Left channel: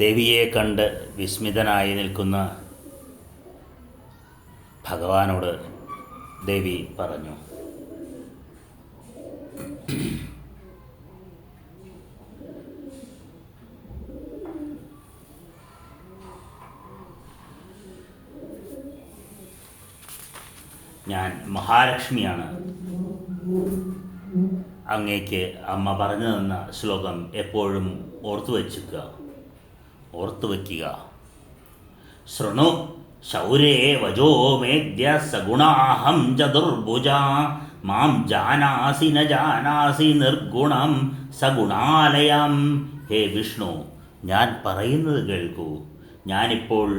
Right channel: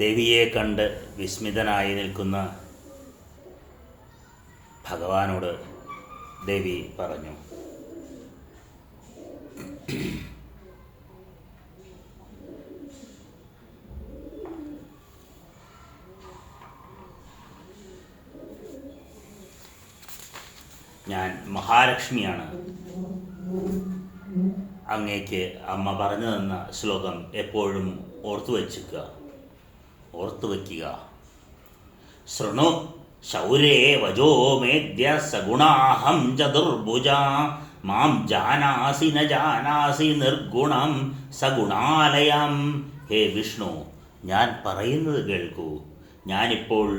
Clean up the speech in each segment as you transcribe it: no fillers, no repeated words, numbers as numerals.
ദേവിയെ കണ്ട് വിസ്മിതനായി നിൽക്കുന്ന ഭഗവാനോട് ദേവി പറഞ്ഞു, ഞാൻ മഹാലക്ഷ്മിയാണ്. അങ്ങേക്ക് അമ്മ പറഞ്ഞു തന്ന ശ്ലോകം എപ്പോഴും ഓർത്തു വയ്ക്കുക. ശൃണു ശൗരേ വജോ മേദ്യ സഗുണാഹം ചതുർഭുജ മാം ജാനാസി ന ജാനാസി നിർഗുണം സഗുണാലയം. ഹേ വിഷ്ണു, ഞാൻ പറയുന്നത് കേൾക്കൂ. ഞാനിപ്പോൾ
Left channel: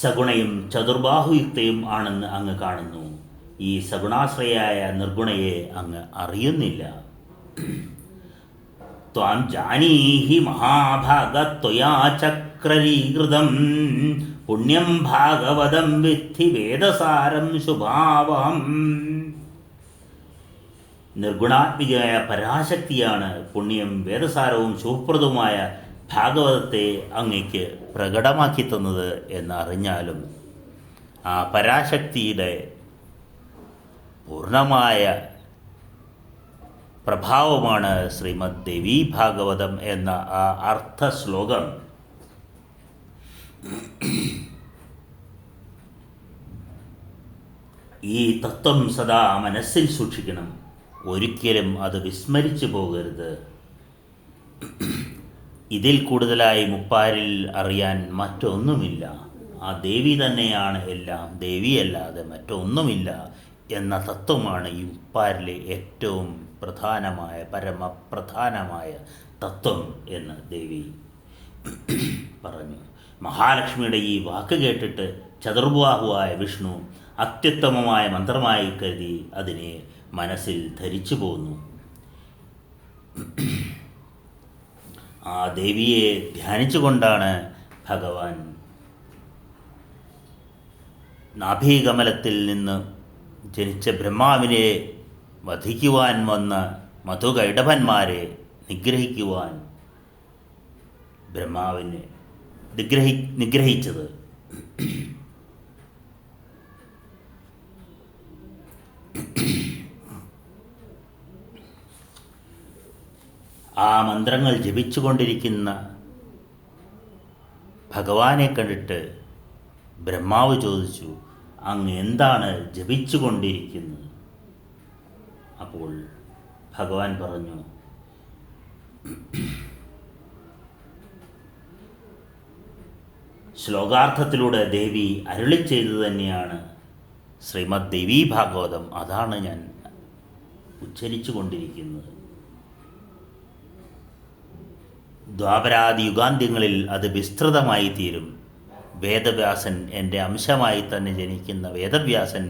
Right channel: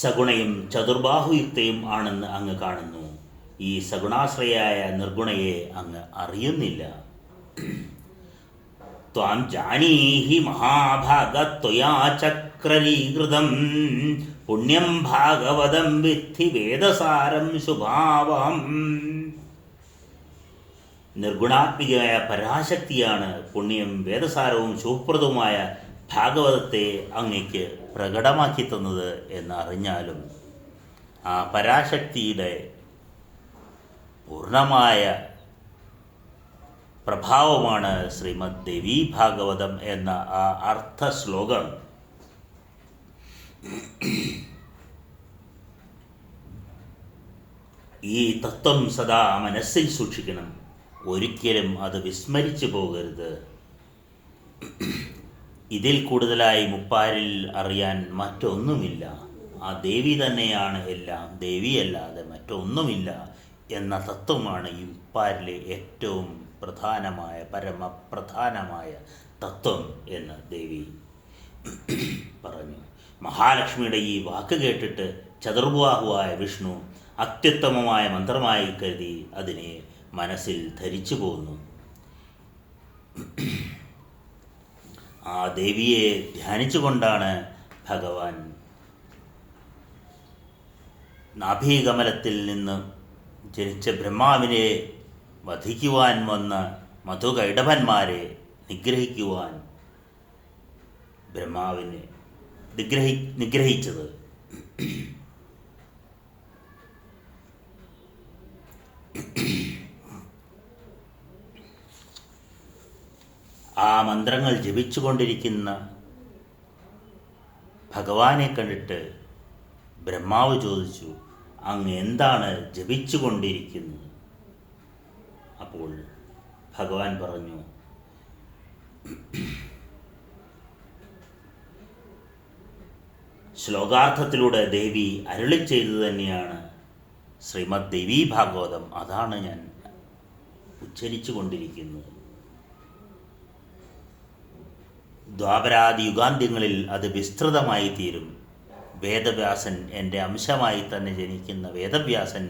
സഗുണയും ചതുർബാഹുയുക്തയും ആണെന്ന് അങ്ങ് കാണുന്നു. ഈ സഗുണാശ്രയായ നിർഗുണയെ അങ്ങ് അറിയുന്നില്ല. ത്വാം ജാനീഹി മഹാഭാഗ ത്വയാ ചക്രീകൃതം പുണ്യം ഭാഗവതം വിദ്ധി വേദസാരം ശുഭാവം. നിർഗുണാത്മികയായ പരാശക്തിയാണ് പുണ്യം വേദസാരവും ശുഭപ്രദവുമായ ഭാഗവതത്തെ അങ്ങയ്ക്ക് പ്രകടമാക്കി തന്നത് എന്നറിഞ്ഞാലും ആ പരാശക്തിയുടെ പൂർണ്ണമായ പ്രഭാവമാണ് ശ്രീമദ് ദേവീ ഭാഗവതം എന്ന ആ അർത്ഥ ശ്ലോകം ഈ തത്വം സദാ മനസ്സിൽ സൂക്ഷിക്കണം. ഒരിക്കലും അത് വിസ്മരിച്ചു പോകരുത്. ഇതിൽ കൂടുതലായി മുപ്പാരിൽ അറിയാൻ മറ്റൊന്നുമില്ല. ആ ദേവി തന്നെയാണ് എല്ലാം, ദേവിയല്ലാതെ മറ്റൊന്നുമില്ല എന്ന തത്വമാണ് ഈ മുപ്പാരിലെ ഏറ്റവും പ്രധാനമായ പരമപ്രധാനമായ തത്വം എന്ന് ദേവി പറഞ്ഞു. മഹാലക്ഷ്മിയുടെ ഈ വാക്ക് കേട്ടിട്ട് ചതുർബാഹുവായ വിഷ്ണു അത്യുത്തമമായ മന്ത്രമായി കരുതി അതിനെ മനസ്സിൽ ധരിച്ചു പോന്നു. ആ ദേവിയെ ധ്യാനിച്ചുകൊണ്ടാണ് ഭഗവാൻ നാഭീകമലത്തിൽ നിന്ന് ജനിച്ച ബ്രഹ്മാവിനെ വധിക്കുവാൻ വന്ന മധുകൈടഭന്മാരെ നിഗ്രഹിക്കുവാൻ ബ്രഹ്മാവിനെ നിഗ്രഹിച്ചത്. ആ മന്ത്രങ്ങൾ ജപിച്ചുകൊണ്ടിരിക്കുന്ന ഭഗവാനെ കണ്ടിട്ട് ബ്രഹ്മാവ് ചോദിച്ചു, അങ്ങ് എന്താണ് ജപിച്ചുകൊണ്ടിരിക്കുന്നത്? അപ്പോൾ ഭഗവാൻ പറഞ്ഞു, ശ്ലോകാർത്ഥത്തിലൂടെ ദേവി അരുളി ചെയ്തു തന്നെയാണ് ശ്രീമദ് ദേവീ ഭാഗവതം. അതാണ് ഞാൻ ഉച്ചരിച്ചു കൊണ്ടിരിക്കുന്നത്. ദ്വാപരാദി യുഗാന്ത്യങ്ങളിൽ അത് വിസ്തൃതമായി തീരും. വേദവ്യാസൻ, എൻ്റെ അംശമായി തന്നെ ജനിക്കുന്ന വേദവ്യാസൻ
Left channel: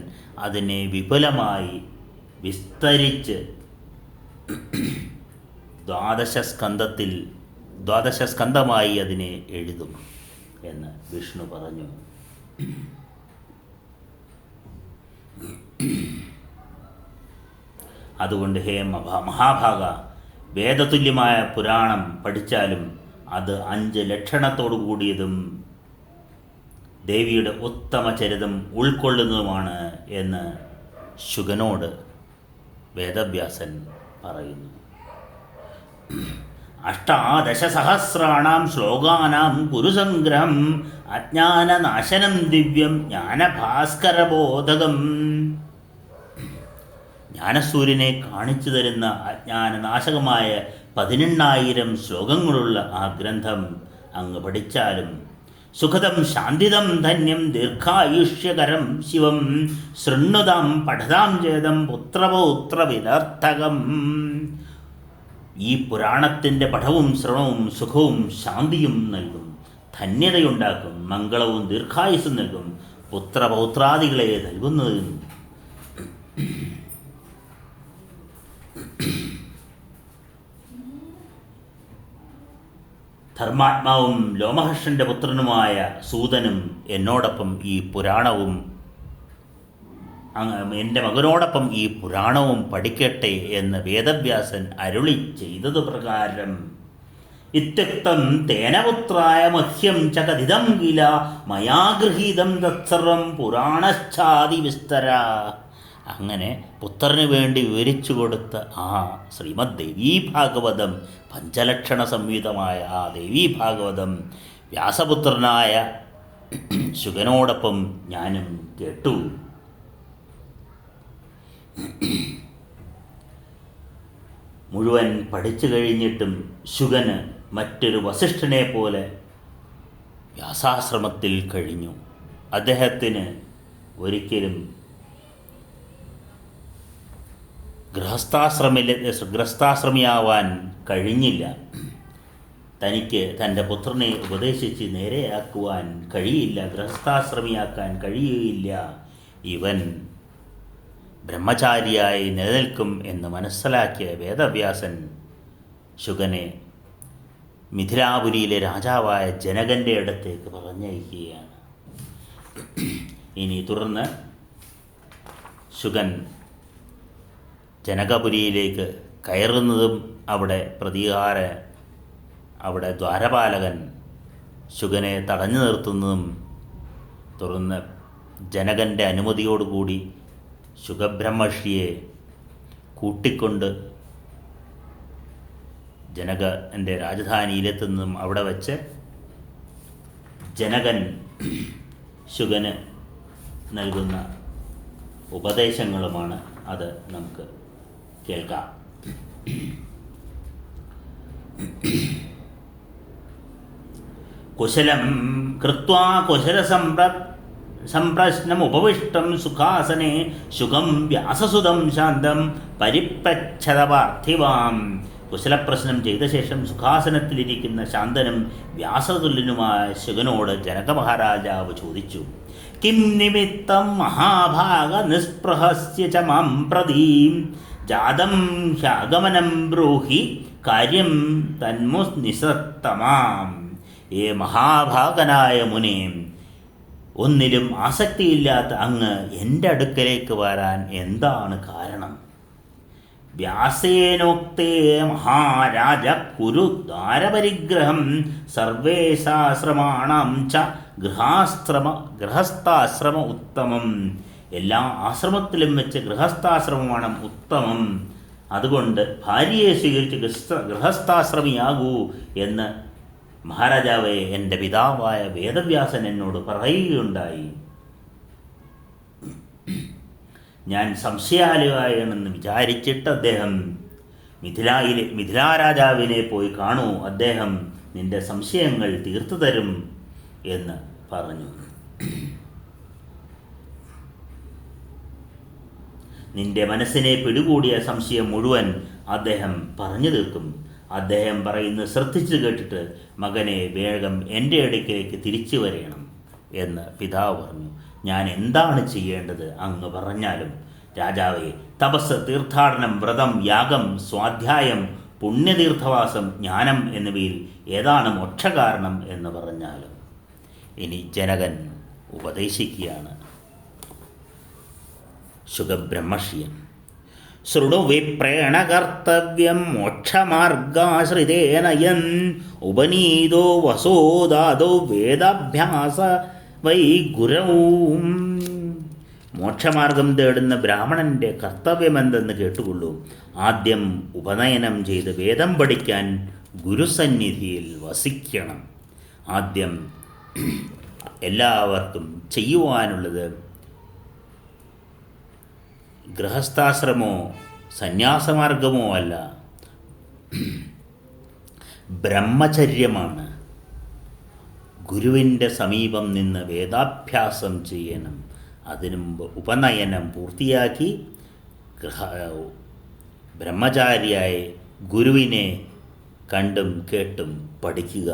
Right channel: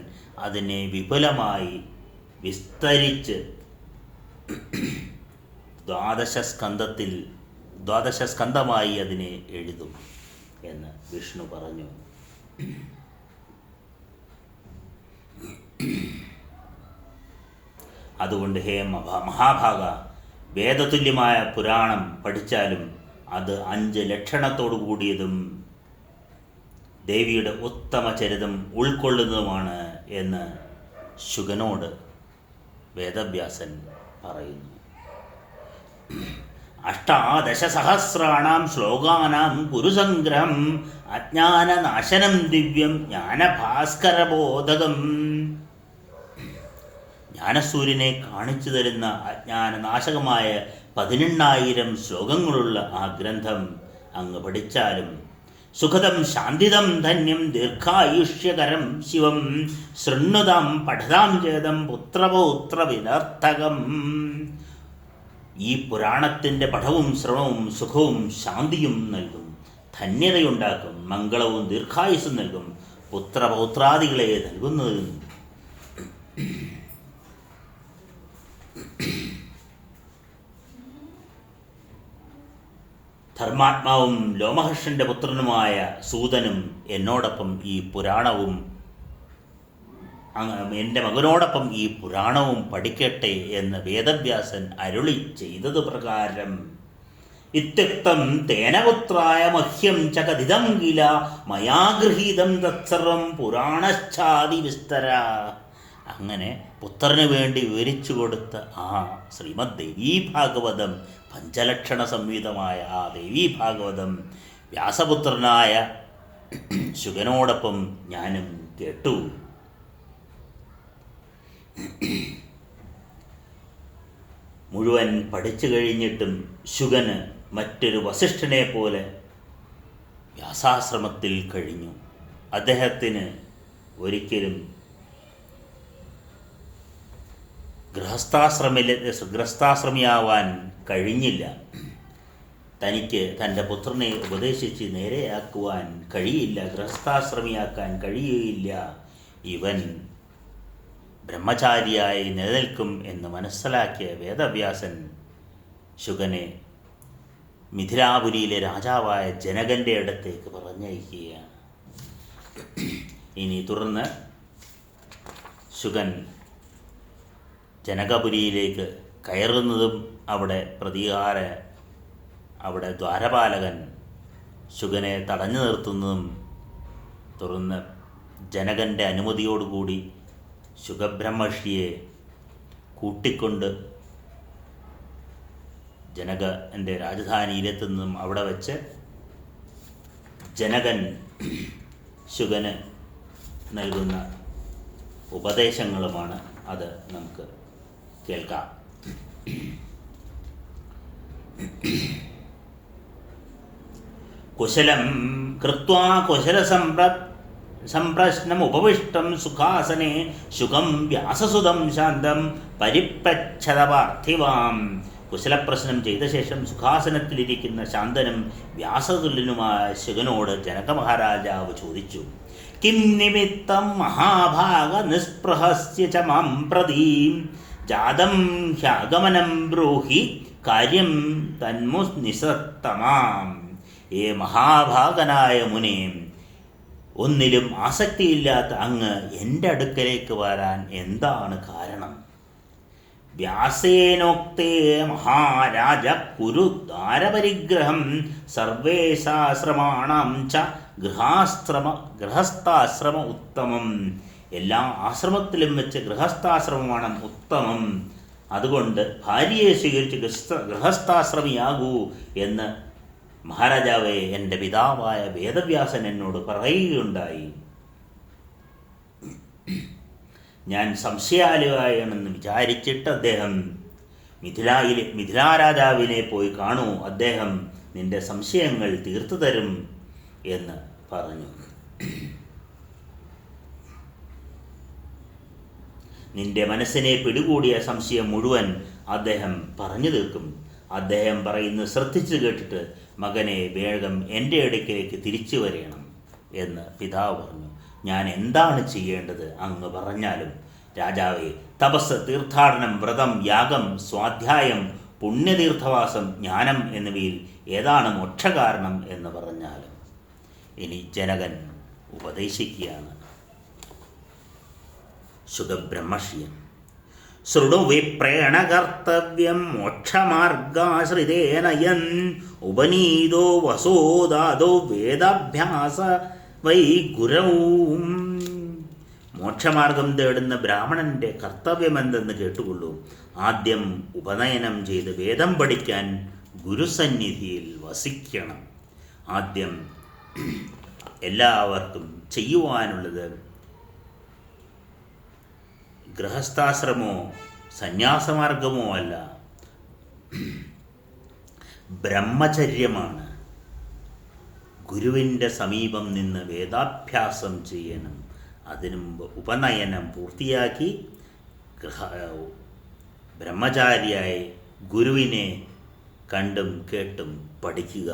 അതിനെ വിപുലമായി വിസ്തരിച്ച് ദ്വാദശസ്കന്ധമായി അതിനെ എഴുതും എന്ന് വിഷ്ണു പറഞ്ഞു. അതുകൊണ്ട് ഹേ മഹാഭാഗ, വേദതുല്യമായ പുരാണം പഠിച്ചാലും അത് 5 ലക്ഷണത്തോടു കൂടിയതും ദേവിയുടെ ഉത്തമ ചരിതം ഉൾക്കൊള്ളുന്നതുമാണ് എന്ന് ശുഗനോട് വേദവ്യാസൻ പറയുന്നു. 18 ശ്ലോകാനാം കുരുസംഗ്രഹം അജ്ഞാനനാശനം ദിവ്യം ജ്ഞാനഭാസ്കരബോധകം. ജ്ഞാനസൂര്യനെ കാണിച്ചു തരുന്ന അജ്ഞാനനാശകമായ 18,000 ശ്ലോകങ്ങളുള്ള ആ ഗ്രന്ഥം അങ്ങ് പഠിച്ചാലും സുഖദം ശാന്തിദം ധന്യം ദീർഘായുഷ്യകരം ശിവം ശൃണ്വതാം പഠതാം ചേതം പുത്രപൗത്ര വിനർത്ഥകം. ഈ പുരാണത്തിൻ്റെ പഠവും ശ്രവണവും സുഖവും ശാന്തിയും നൽകും, ധന്യതയുണ്ടാക്കും, മംഗളവും ദീർഘായുസ്സും നൽകും, പുത്രപൗത്രാദികളെ നൽകുന്നതും. ധർമാത്മാവും ലോമഹർഷൻ്റെ പുത്രനുമായ സൂതനും എന്നോടൊപ്പം ഈ പുരാണവും എൻ്റെ മകനോടൊപ്പം ഈ പുരാണവും പഠിക്കട്ടെ എന്ന് വേദവ്യാസൻ അരുളി ചെയ്തതു പ്രകാരം ഇത്യുക്തം തേന പുത്രായ മഹ്യം ച കഥിതം കില മയാ ഗൃഹീതം തത്സർവം പുരാണശ്ചാതി വിസ്തര. അങ്ങനെ പുത്രന് വേണ്ടി വിവരിച്ചു കൊടുത്ത ആ ശ്രീമദ് ദേവീഭാഗവതം, പഞ്ചലക്ഷണ സംഹിതമായ ആ ദേവീഭാഗവതം വ്യാസപുത്രനായ ശുകനോടൊപ്പം ഞാനും കേട്ടു. മുഴുവൻ പഠിച്ചു കഴിഞ്ഞിട്ടും ശുകന് മറ്റൊരു വസിഷ്ഠനെ പോലെ വ്യാസാശ്രമത്തിൽ കഴിഞ്ഞു. അദ്ദേഹത്തിന് ഒരിക്കലും ഗൃഹസ്ഥാശ്രമിയാവാൻ കഴിഞ്ഞില്ല. തനിക്ക് തൻ്റെ പുത്രനെ ഉപദേശിച്ച് നേരെയാക്കുവാൻ കഴിയില്ല, ഗൃഹസ്ഥാശ്രമിയാക്കാൻ കഴിയുകയില്ല. ഇവൻ ബ്രഹ്മചാരിയായി നിലനിൽക്കും എന്ന് മനസ്സിലാക്കിയ വേദവ്യാസൻ ശുകനെ മിഥിലാപുരിയിലെ രാജാവായ ജനകൻ്റെ അടുത്തേക്ക് പറഞ്ഞയക്കുകയാണ്. ഇനി തുടർന്ന് ശുകൻ ജനകപുരിയിലേക്ക് കയറുന്നതും അവിടെ ദ്വാരപാലകൻ ശുകനെ തടഞ്ഞു നിർത്തുന്നതും, തുടർന്ന് ജനകൻ്റെ അനുമതിയോടുകൂടി ശുകബ്രഹ്മർഷിയെ കൂട്ടിക്കൊണ്ട് ജനകൻ്റെ രാജധാനിയിലെത്തുന്നതും അവിടെ വച്ച് ജനകൻ ശുകന് നൽകുന്ന ഉപദേശങ്ങളുമാണ്. അത് നമുക്ക് കേൾക്കാം. കുശലം കൃത്വാ സംപ്രശ്നമുപവിഷ്ടം സുഖാസനെ ശുകം വ്യാസസുതം ശാന്തം പരിപ്രച്ഛത പാർത്ഥിവാം. കുശലപ്രശ്നം ചെയ്ത ശേഷം സുഖാസനത്തിലിരിക്കുന്ന ശാന്തനും വ്യാസതുല്യനുമായ ശുകനോട് ജനക മഹാരാജാവ് ചോദിച്ചു, കിം നിമിത്തം മഹാഭാഗ നിസ്പൃഹസ്യ ച മാം പ്രതീം ജാതം ഹ്യാഗമനം ബ്രൂഹി കാര്യം തന്മുനിസത്തമാം. ഏ മഹാഭാഗനായ മുനെ, ഒന്നിലും ആസക്തിയില്ലാത്ത അങ്ങ് എൻ്റെ അടുക്കലേക്ക് വരാൻ എന്താണ് കാരണം? വ്യാസേനോക്തേ മഹാരാജ കുരു ദ്വാരപരിഗ്രഹം സർവേശാശ്രമാണാം ച ഗൃഹസ്ഥാശ്രമ ഉത്തമം. എല്ലാ ആശ്രമത്തിലും വെച്ച് ഗൃഹസ്ഥാശ്രമമാണ് ഉത്തമം. അതുകൊണ്ട് ഭാര്യയെ സ്വീകരിച്ച് ഗൃഹസ്ഥാശ്രമിയാകൂ എന്ന് മഹാരാജാവേ, എൻ്റെ പിതാവായ വേദവ്യാസൻ എന്നോട് പറയുകയുണ്ടായി. ഞാൻ സംശയാലുവാണെന്ന് വിചാരിച്ചിട്ട് അദ്ദേഹം മിഥിലാരാജാവിനെ പോയി കാണൂ, അദ്ദേഹം നിന്റെ സംശയങ്ങൾ തീർത്തു തരും എന്ന് പറഞ്ഞു. നിന്റെ മനസ്സിനെ പിടികൂടിയ സംശയം മുഴുവൻ അദ്ദേഹം പറഞ്ഞു തീർക്കും. അദ്ദേഹം പറയുന്നത് ശ്രദ്ധിച്ചു കേട്ടിട്ട് മകനെ വേഗം എൻ്റെ അടുക്കിലേക്ക് തിരിച്ചു വരയണം എന്ന് പിതാവ് പറഞ്ഞു. ഞാൻ എന്താണ് ചെയ്യേണ്ടത് അങ്ങ് പറഞ്ഞാലും. രാജാവേ, തപസ്, തീർത്ഥാടനം, വ്രതം, യാഗം, സ്വാധ്യായം, പുണ്യതീർത്ഥവാസം, ജ്ഞാനം എന്നിവയിൽ ഏതാണ് മോക്ഷകാരണം എന്ന് പറഞ്ഞാലും. ഇനി ജനകൻ ഉപദേശിക്കുകയാണ് ശുകബ്രഹ്മർഷിയെ. ശൃണു വിപ്രേണ കർത്തവ്യം മോക്ഷമാർഗാശ്രിതേന യൻ ഉപനീതോ വസോദാദോ വേദാഭ്യാസ വൈ ഗുരവും. മോക്ഷമാർഗം തേടുന്ന ബ്രാഹ്മണൻ്റെ കർത്തവ്യമെന്തെന്ന് കേട്ടുകൊള്ളൂ. ആദ്യം ഉപനയനം ചെയ്ത് വേദം പഠിക്കാൻ ഗുരുസന്നിധിയിൽ വസിക്കണം. ആദ്യം എല്ലാവർക്കും ചെയ്യുവാനുള്ളത് ഗൃഹസ്ഥാശ്രമോ സന്യാസമാർഗമോ അല്ല, ബ്രഹ്മചര്യമാണ്. ഗുരുവിൻ്റെ സമീപം നിന്ന് വേദാഭ്യാസം ചെയ്യണം. അതിനു മുമ്പ് ഉപനയനം പൂർത്തിയാക്കി ബ്രഹ്മചാരിയായി ഗുരുവിനെ കണ്ടും കേട്ടും പഠിക്കുക.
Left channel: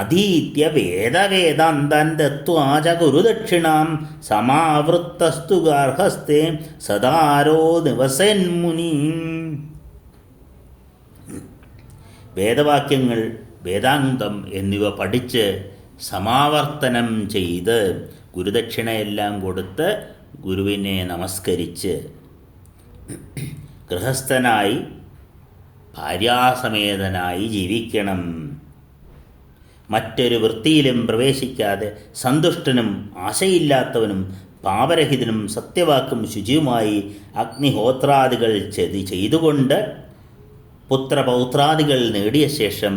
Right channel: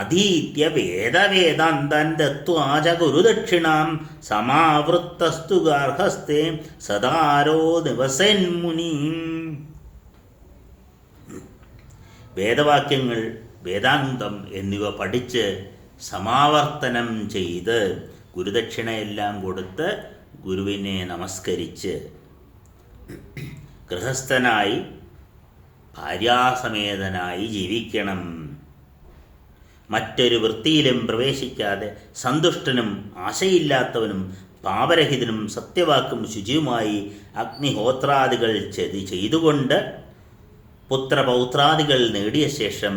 അധീത്യ വേദവേദാന്തൻ ദത്വാ ച ഗുരുദക്ഷിണാം സമാവൃത്തസ്തു ഗാർഹസ്ഥേ സദാരോ നിവസന്മുനി. വേദവാക്യങ്ങൾ, വേദാന്തം എന്നിവ പഠിച്ച് സമാവർത്തനം ചെയ്ത് ഗുരുദക്ഷിണയെല്ലാം കൊടുത്ത് ഗുരുവിനെ നമസ്കരിച്ച് ഗൃഹസ്ഥനായി ഭാര്യാസമേതനായി ജീവിക്കണം. മറ്റൊരു വൃത്തിയിലും പ്രവേശിക്കാതെ സന്തുഷ്ടനും ആശയില്ലാത്തവനും പാപരഹിതനും സത്യവാക്കും ശുചിയുമായി അഗ്നിഹോത്രാദികൾ ചെയ്തുകൊണ്ട് പുത്രപൗത്രാദികൾ നേടിയ ശേഷം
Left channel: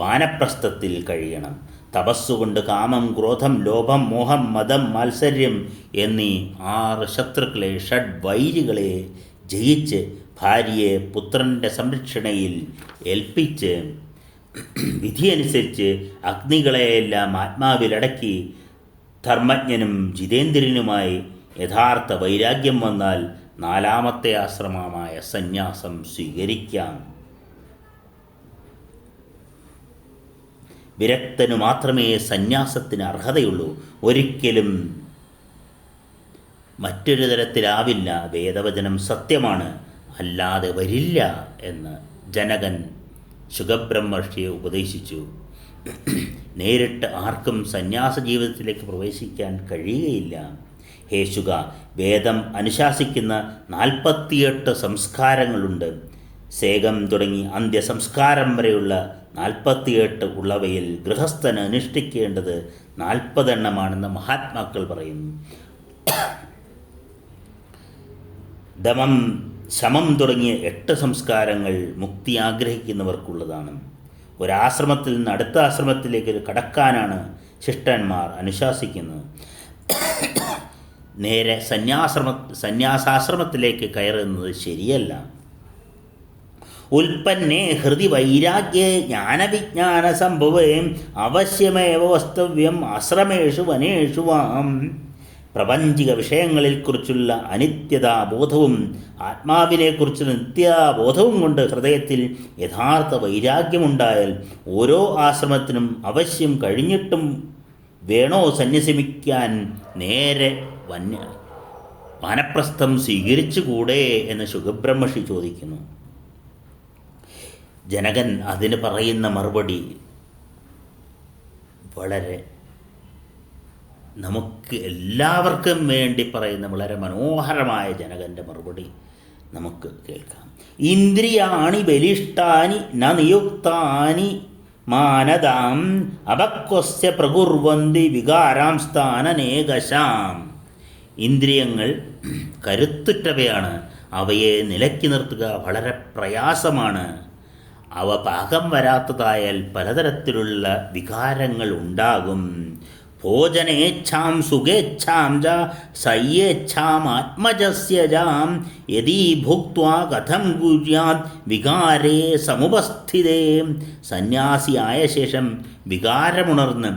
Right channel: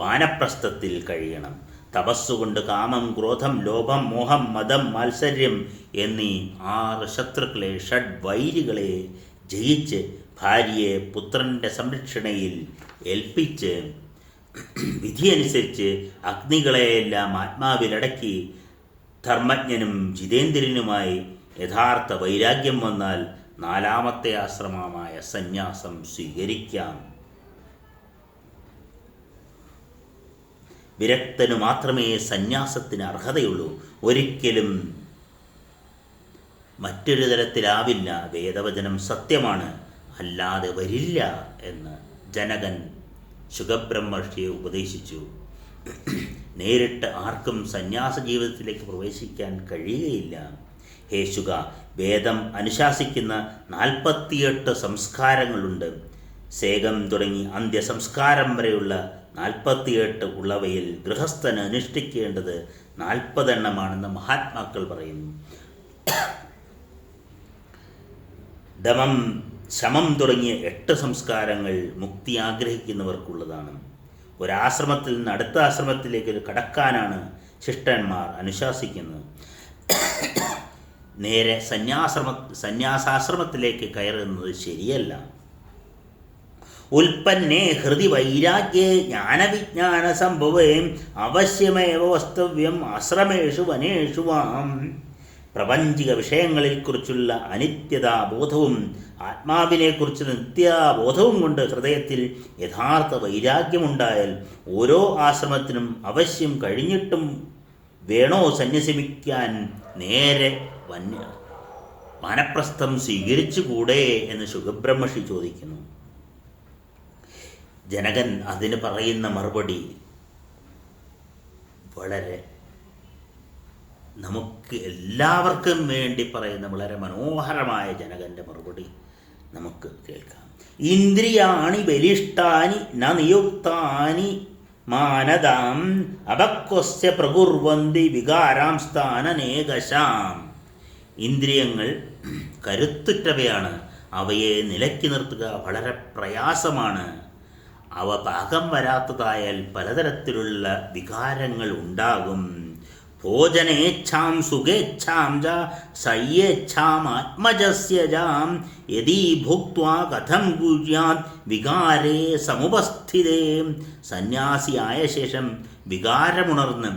വാനപ്രസ്ഥത്തിൽ കഴിയണം. തപസ്സുകൊണ്ട് കാമം, ക്രോധം, ലോഭം, മോഹം, മദം, മാത്സര്യം എന്നീ 6 ശത്രുക്കളെ, ഷഡ്വൈരികളെ ജയിച്ച് ഭാര്യയെ പുത്രൻ്റെ സംരക്ഷണയിൽ ഏൽപ്പിച്ച് വിധിയനുസരിച്ച് അഗ്നികളെയെല്ലാം ആത്മാവിലടക്കി ധർമ്മജ്ഞനും ജിതേന്ദ്രനുമായി യഥാർത്ഥ വൈരാഗ്യം വന്നാൽ 4ാമത്തെ ആശ്രമമായ സന്യാസം സ്വീകരിക്കാം. വിരക്തനു മാത്രമേ സന്യാസത്തിന് അർഹതയുള്ളൂ. ഒരിക്കലും മറ്റൊരു തരത്തിലാവില്ല. വേദവചനം സത്യമാണ്, അല്ലാതെ വരില്ല എന്ന് ജനകൻ ശുകബ്രഹ്മർഷിയെ ഉപദേശിച്ചു. നേരിട്ട് ആർക്കും സന്യാസ ജീവിതത്തിലേക്ക് പ്രവേശിക്കാൻ കഴിയുകയില്ല. ഹേ ശുക, വേദം അനുശാസിക്കുന്ന 48 സംസ്കാരങ്ങളുണ്ട്. സേകം തുടങ്ങി അന്ത്യസംസ്കാരം വരെയുള്ള 48 ഉള്ളവയിൽ ഗൃഹസ്ഥന് അനുഷ്ഠിക്കേണ്ടത് 40 എണ്ണമാണെന്ന് മഹാത്മാക്കൾ പറയുന്നു. ദമം, ശമം തുടങ്ങിയ 8 സംസ്കാരങ്ങൾ മുക്തി ആഗ്രഹിക്കുന്നവർക്കുള്ളതാണ്. ഒരാശ്രമത്തിൽ നിന്ന് അടുത്ത ആശ്രമത്തിലേക്ക് കടക്കാനാണ് ശിഷ്ടന്മാർ അനുശാസിക്കുന്നത്. നേരെ സന്യാസാശ്രമത്തിലേക്ക് കയറുന്നത് ശരിയല്ല. ഉൽപ്പന്നേ ഹൃദി വൈരാഗ്യേ ജ്ഞാനവിജ്ഞാന സംഭവേ അവശ്യമേവ വസ്തവ്യം ആശ്രമേഷു വനേഷു വാം. പ്രപഞ്ചിക വിഷയങ്ങളെക്കുറിച്ചുള്ള അനിത്യതാബോധവും ആത്മാവിനെക്കുറിച്ച് നിത്യാബോധവും കൊണ്ട് ഹൃദയത്തിൽ യഥാർത്ഥ വൈരാഗ്യമുണ്ടായാൽ ഓരോ ആശ്രമത്തിനും അവശ്യം കഴിഞ്ഞിട്ടും വേണോ സന്യസിക്കാൻ നേരെ വാനപ്രസ്ഥം സ്വീകരിച്ചുകൂടെ എന്ന് ശുകബ്രഹ്മർഷി ചോദിക്കുന്നു. ജനകൻ അതിന് പറയുന്ന മറുപടി വളരെ നമുക്ക് എല്ലാവർക്കും വേണ്ടി പറയുന്ന വളരെ മനോഹരമായ ജനകൻ്റെ മറുപടി നമുക്ക് കേൾക്കാം. ഇന്ദ്രിയാണി ബലിഷ്ഠാനി ന നിയുക്താനി മാനദാം അപക്വസ്യ പ്രകുർവന്തി വികാരാം സ്ഥാനനേകശാം. ഇന്ദ്രിയങ്ങൾ കരുത്തുറ്റവയാണ്. അവയെ നിലയ്ക്ക് നിർത്തുക വളരെ പ്രയാസമാണ്. അവ പാകം വരാത്തതായാൽ പലതരത്തിലുള്ള വികാരങ്ങൾ ഉണ്ടാകും. ഭോജനേച്ഛാം സുഖേച്ഛാം ച സയ്യേച്ഛാം ആത്മജസ്യ ജാം യദി ഭുക്ത്വാ കഥം കുര്യാത് വികാരേ സമുപസ്ഥിതേ. സന്യാസിയായ ശേഷം വികാരമുണർന്ന്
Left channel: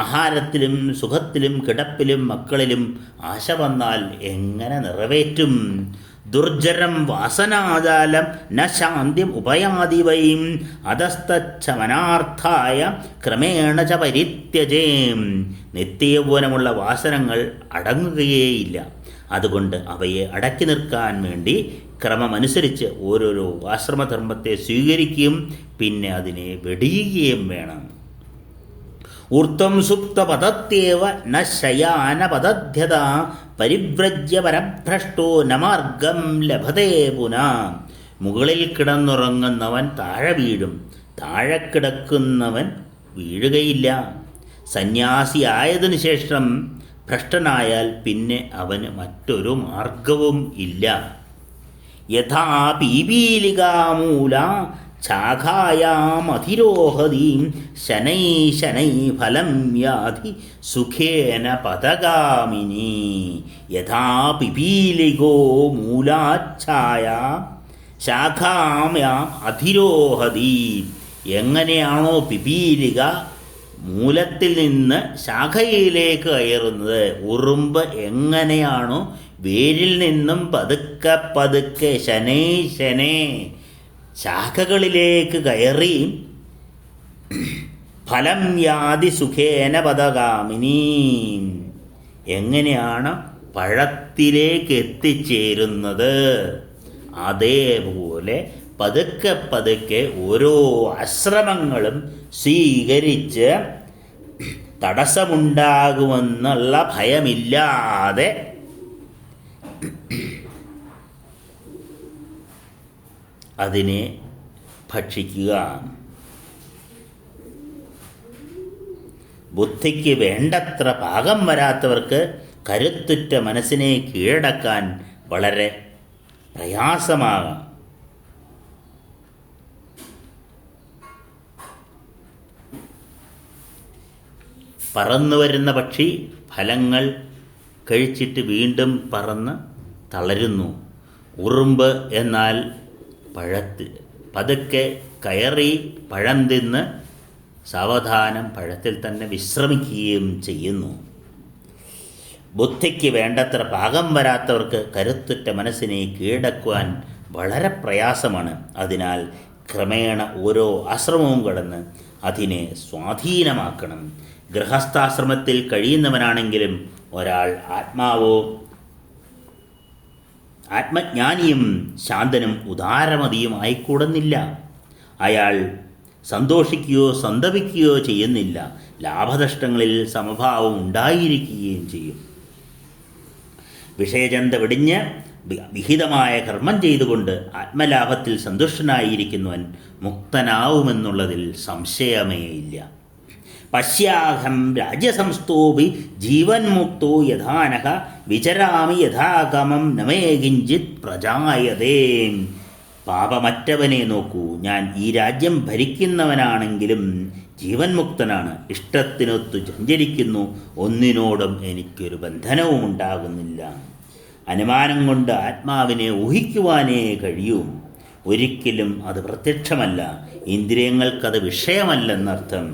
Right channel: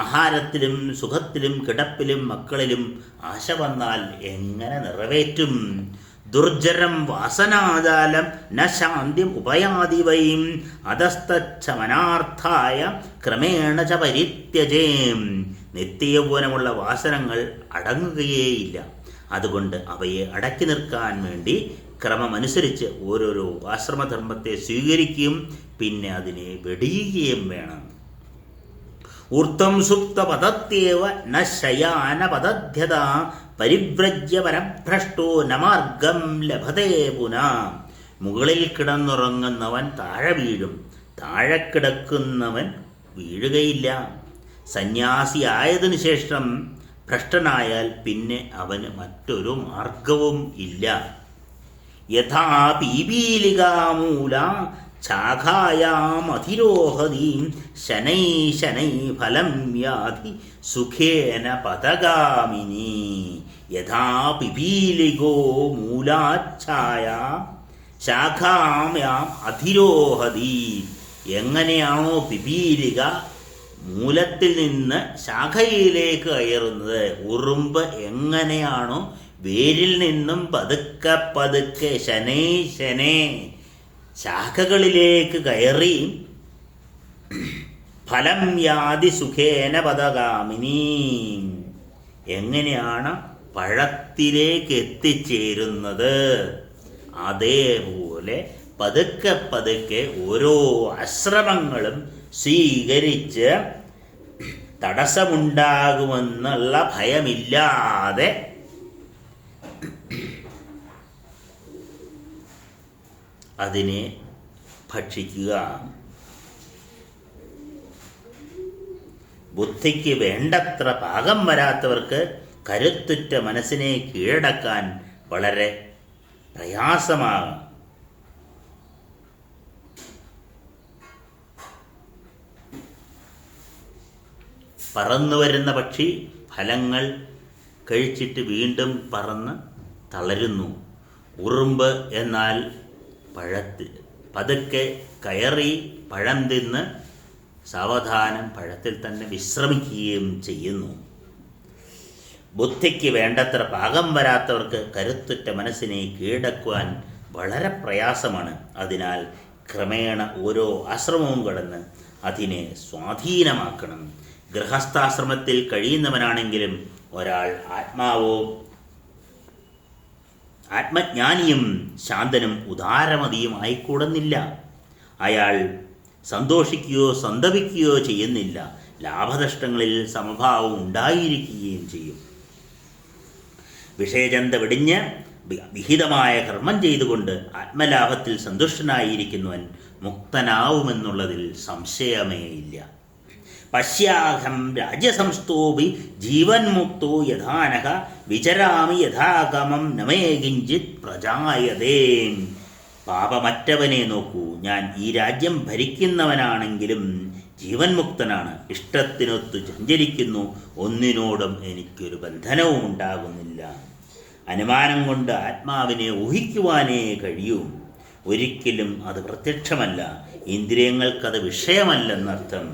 ആഹാരത്തിലും സുഖത്തിലും കിടപ്പിലും മക്കളിലും ആശ വന്നാൽ എങ്ങനെ നിറവേറ്റും? ദുർജരം വാസനാജാലം ന ശാന്തിം ഉപയാതി വൈം അധസ്തച്ഛമനാർത്ഥായ ക്രമേണ ച പരിത്യജേം. നിത്യയൗവനമുള്ള വാസനകൾ അടങ്ങുകയേയില്ല. അതുകൊണ്ട് അവയെ അടക്കി നിർത്താൻ വേണ്ടി ക്രമമനുസരിച്ച് ഓരോരോ ആശ്രമധർമ്മത്തെ സ്വീകരിക്കുകയും പിന്നെ അതിനെ വെടിയുകയും വേണം. ഊർധ്വം സുപ്തപദത്യേവ ന ശയാനപദധ്യത പരിവ്രജ്യ പരഭ്രഷ്ടോ ന മാർഗം ലഭതേ പുനാ. മുകളിൽ കിടന്നുറങ്ങുന്നവൻ താഴെ വീഴും, താഴെ കിടക്കുന്നവൻ വീഴുകയില്ല. സന്യാസിയായതിനു ശേഷം ഭ്രഷ്ടനായാൽ പിന്നെ അവന് മറ്റൊരു മാർഗവും ഇല്ല. യഥാ പീപീലികാമൂല ശാഖായാമധിരോഹതീം ശനൈ ശനൈ ഫലം യാതി സുഖേന പദഗാമിനി. യഥാ പിപീലികോ മൂലാച്ഛായ ശാഖായാം അധിരോഹതി. എങ്ങനെയാണോ പിപീലിക മൂലത്തിൽ നിന്ന് ശാഖയിലേക്ക് കയറുന്നത്, ഉറുമ്പ് എങ്ങനെയാണോ വേരിൽ നിന്നും പതുക്കെ പതുക്കെ ശനൈ ശനേ ശാഖകളിലേക്ക് കയറി ഫലം യാതി സുഖേന പദഗാമിനി, എങ്ങനെയാണ് പഴത്തിലേക്ക് എത്തിച്ചേരുന്നത്, അതേപോലെ പതുക്കെ പതുക്കെ ഓരോ ആശ്രമങ്ങളും സ്വീകരിച്ച് തടസ്സമുണ്ടാകുമെന്നുള്ള ഭയമില്ലാതെ അതിനെ ഭക്ഷിക്കുക. ബുദ്ധിക്ക് വേണ്ടത്ര പാകം വരാത്തവർക്ക് കരുത്തുറ്റ മനസ്സിനെ കീഴടക്കാൻ വളരെ പ്രയാസമാകാം. പറന്നു വരുന്ന പക്ഷി ഫലങ്ങൾ കഴിച്ചിട്ട് വീണ്ടും പറന്ന് തളരുന്നു. ഉറുമ്പ് എന്നാൽ പതുക്കെ കയറി പഴം തിന്ന് സാവധാനം പഴത്തിൽ തന്നെ വിശ്രമിക്കുകയും ചെയ്യുന്നു. ബുദ്ധിക്ക് വേണ്ടത്ര പാകം വരാത്തവർക്ക് കരുത്തുറ്റ മനസ്സിനെ കീഴടക്കുവാൻ വളരെ പ്രയാസമാണ്. അതിനാൽ ക്രമേണ ഓരോ ആശ്രമവും കടന്ന് അതിനെ സ്വാധീനമാക്കണം. ഗൃഹസ്ഥാശ്രമത്തിൽ കഴിയുന്നവനാണെങ്കിലും ഒരാൾ ആത്മജ്ഞാനിയും ശാന്തനും ഉദാരമതിയും ആയിക്കൂടുന്നില്ല. അയാൾ സന്തോഷിക്കുകയോ സന്തപിക്കുകയോ ചെയ്യുന്നില്ല. ലാഭനഷ്ടങ്ങളിൽ സമഭാവം ഉണ്ടായിരിക്കുകയും ചെയ്യും. വിഷയചന്ത വെടിഞ്ഞ് വിഹിതമായ കർമ്മം ചെയ്തുകൊണ്ട് ആത്മലാഭത്തിൽ സന്തുഷ്ടനായിരിക്കുന്നവൻ മുക്തനാവുമെന്നുള്ളതിൽ സംശയമേയില്ല. പശ്യാഹം രാജ്യസംസ്ഥോപി ജീവൻ മുക്തോ യഥാനഃ വിചരാമി യഥാകമം നമേ കിഞ്ചിത് പ്രജായതേ. പാപമറ്റവനെ നോക്കൂ, ഞാൻ ഈ രാജ്യം ഭരിക്കുന്നവനാണെങ്കിലും ജീവൻ മുക്തനാണ്. ഇഷ്ടത്തിനൊത്തു സഞ്ചരിക്കുന്നു, ഒന്നിനോടും എനിക്കൊരു ബന്ധനവും ഉണ്ടാകുന്നില്ല. അനുമാനം കൊണ്ട് ആത്മാവിനെ ഊഹിക്കുവാനേ കഴിയൂ. ഒരിക്കലും അത് പ്രത്യക്ഷമല്ല. ഇന്ദ്രിയങ്ങൾക്കത് വിഷയമല്ലെന്നർത്ഥം.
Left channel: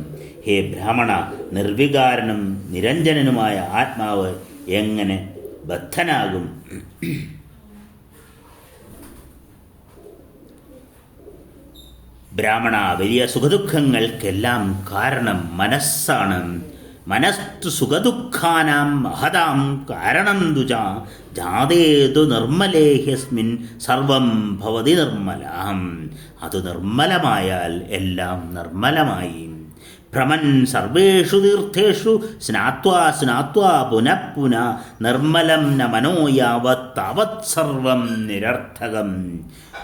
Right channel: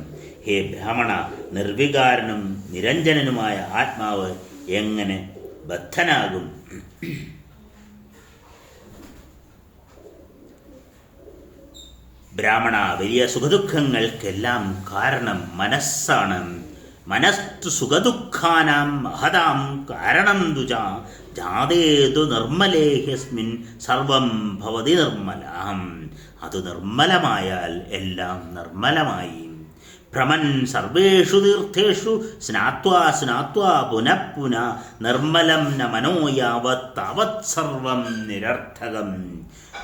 ഹേ ബ്രാഹ്മണ, നിർവികാരനും നിരഞ്ജനനുമായ ആത്മാവ് എങ്ങനെ ബദ്ധനാകും? ബ്രാഹ്മണ, വലിയ സുഖദുഃഖങ്ങൾക്കെല്ലാം കാരണം മനസ്സാണ്. മനസ്തു സുഖദുഃഖാനാം മഹതാം കാരണം തുജ ജാതേതു നിർമ്മലേഹ്യസ്മിൻ സർവം ഭവതി നിർമ്മലാം. അത് നിർമ്മലമായാൽ എല്ലാം നിർമ്മലമായി. ഭ്രമൻ സർവേഷു തീർത്ഥേഷു സ്നാത്വാ സ്നാത്വാ പുനഃ പുനഃ നിർമ്മലം ന മനോ യാവത് താവത് സർവം നിരർത്ഥകം.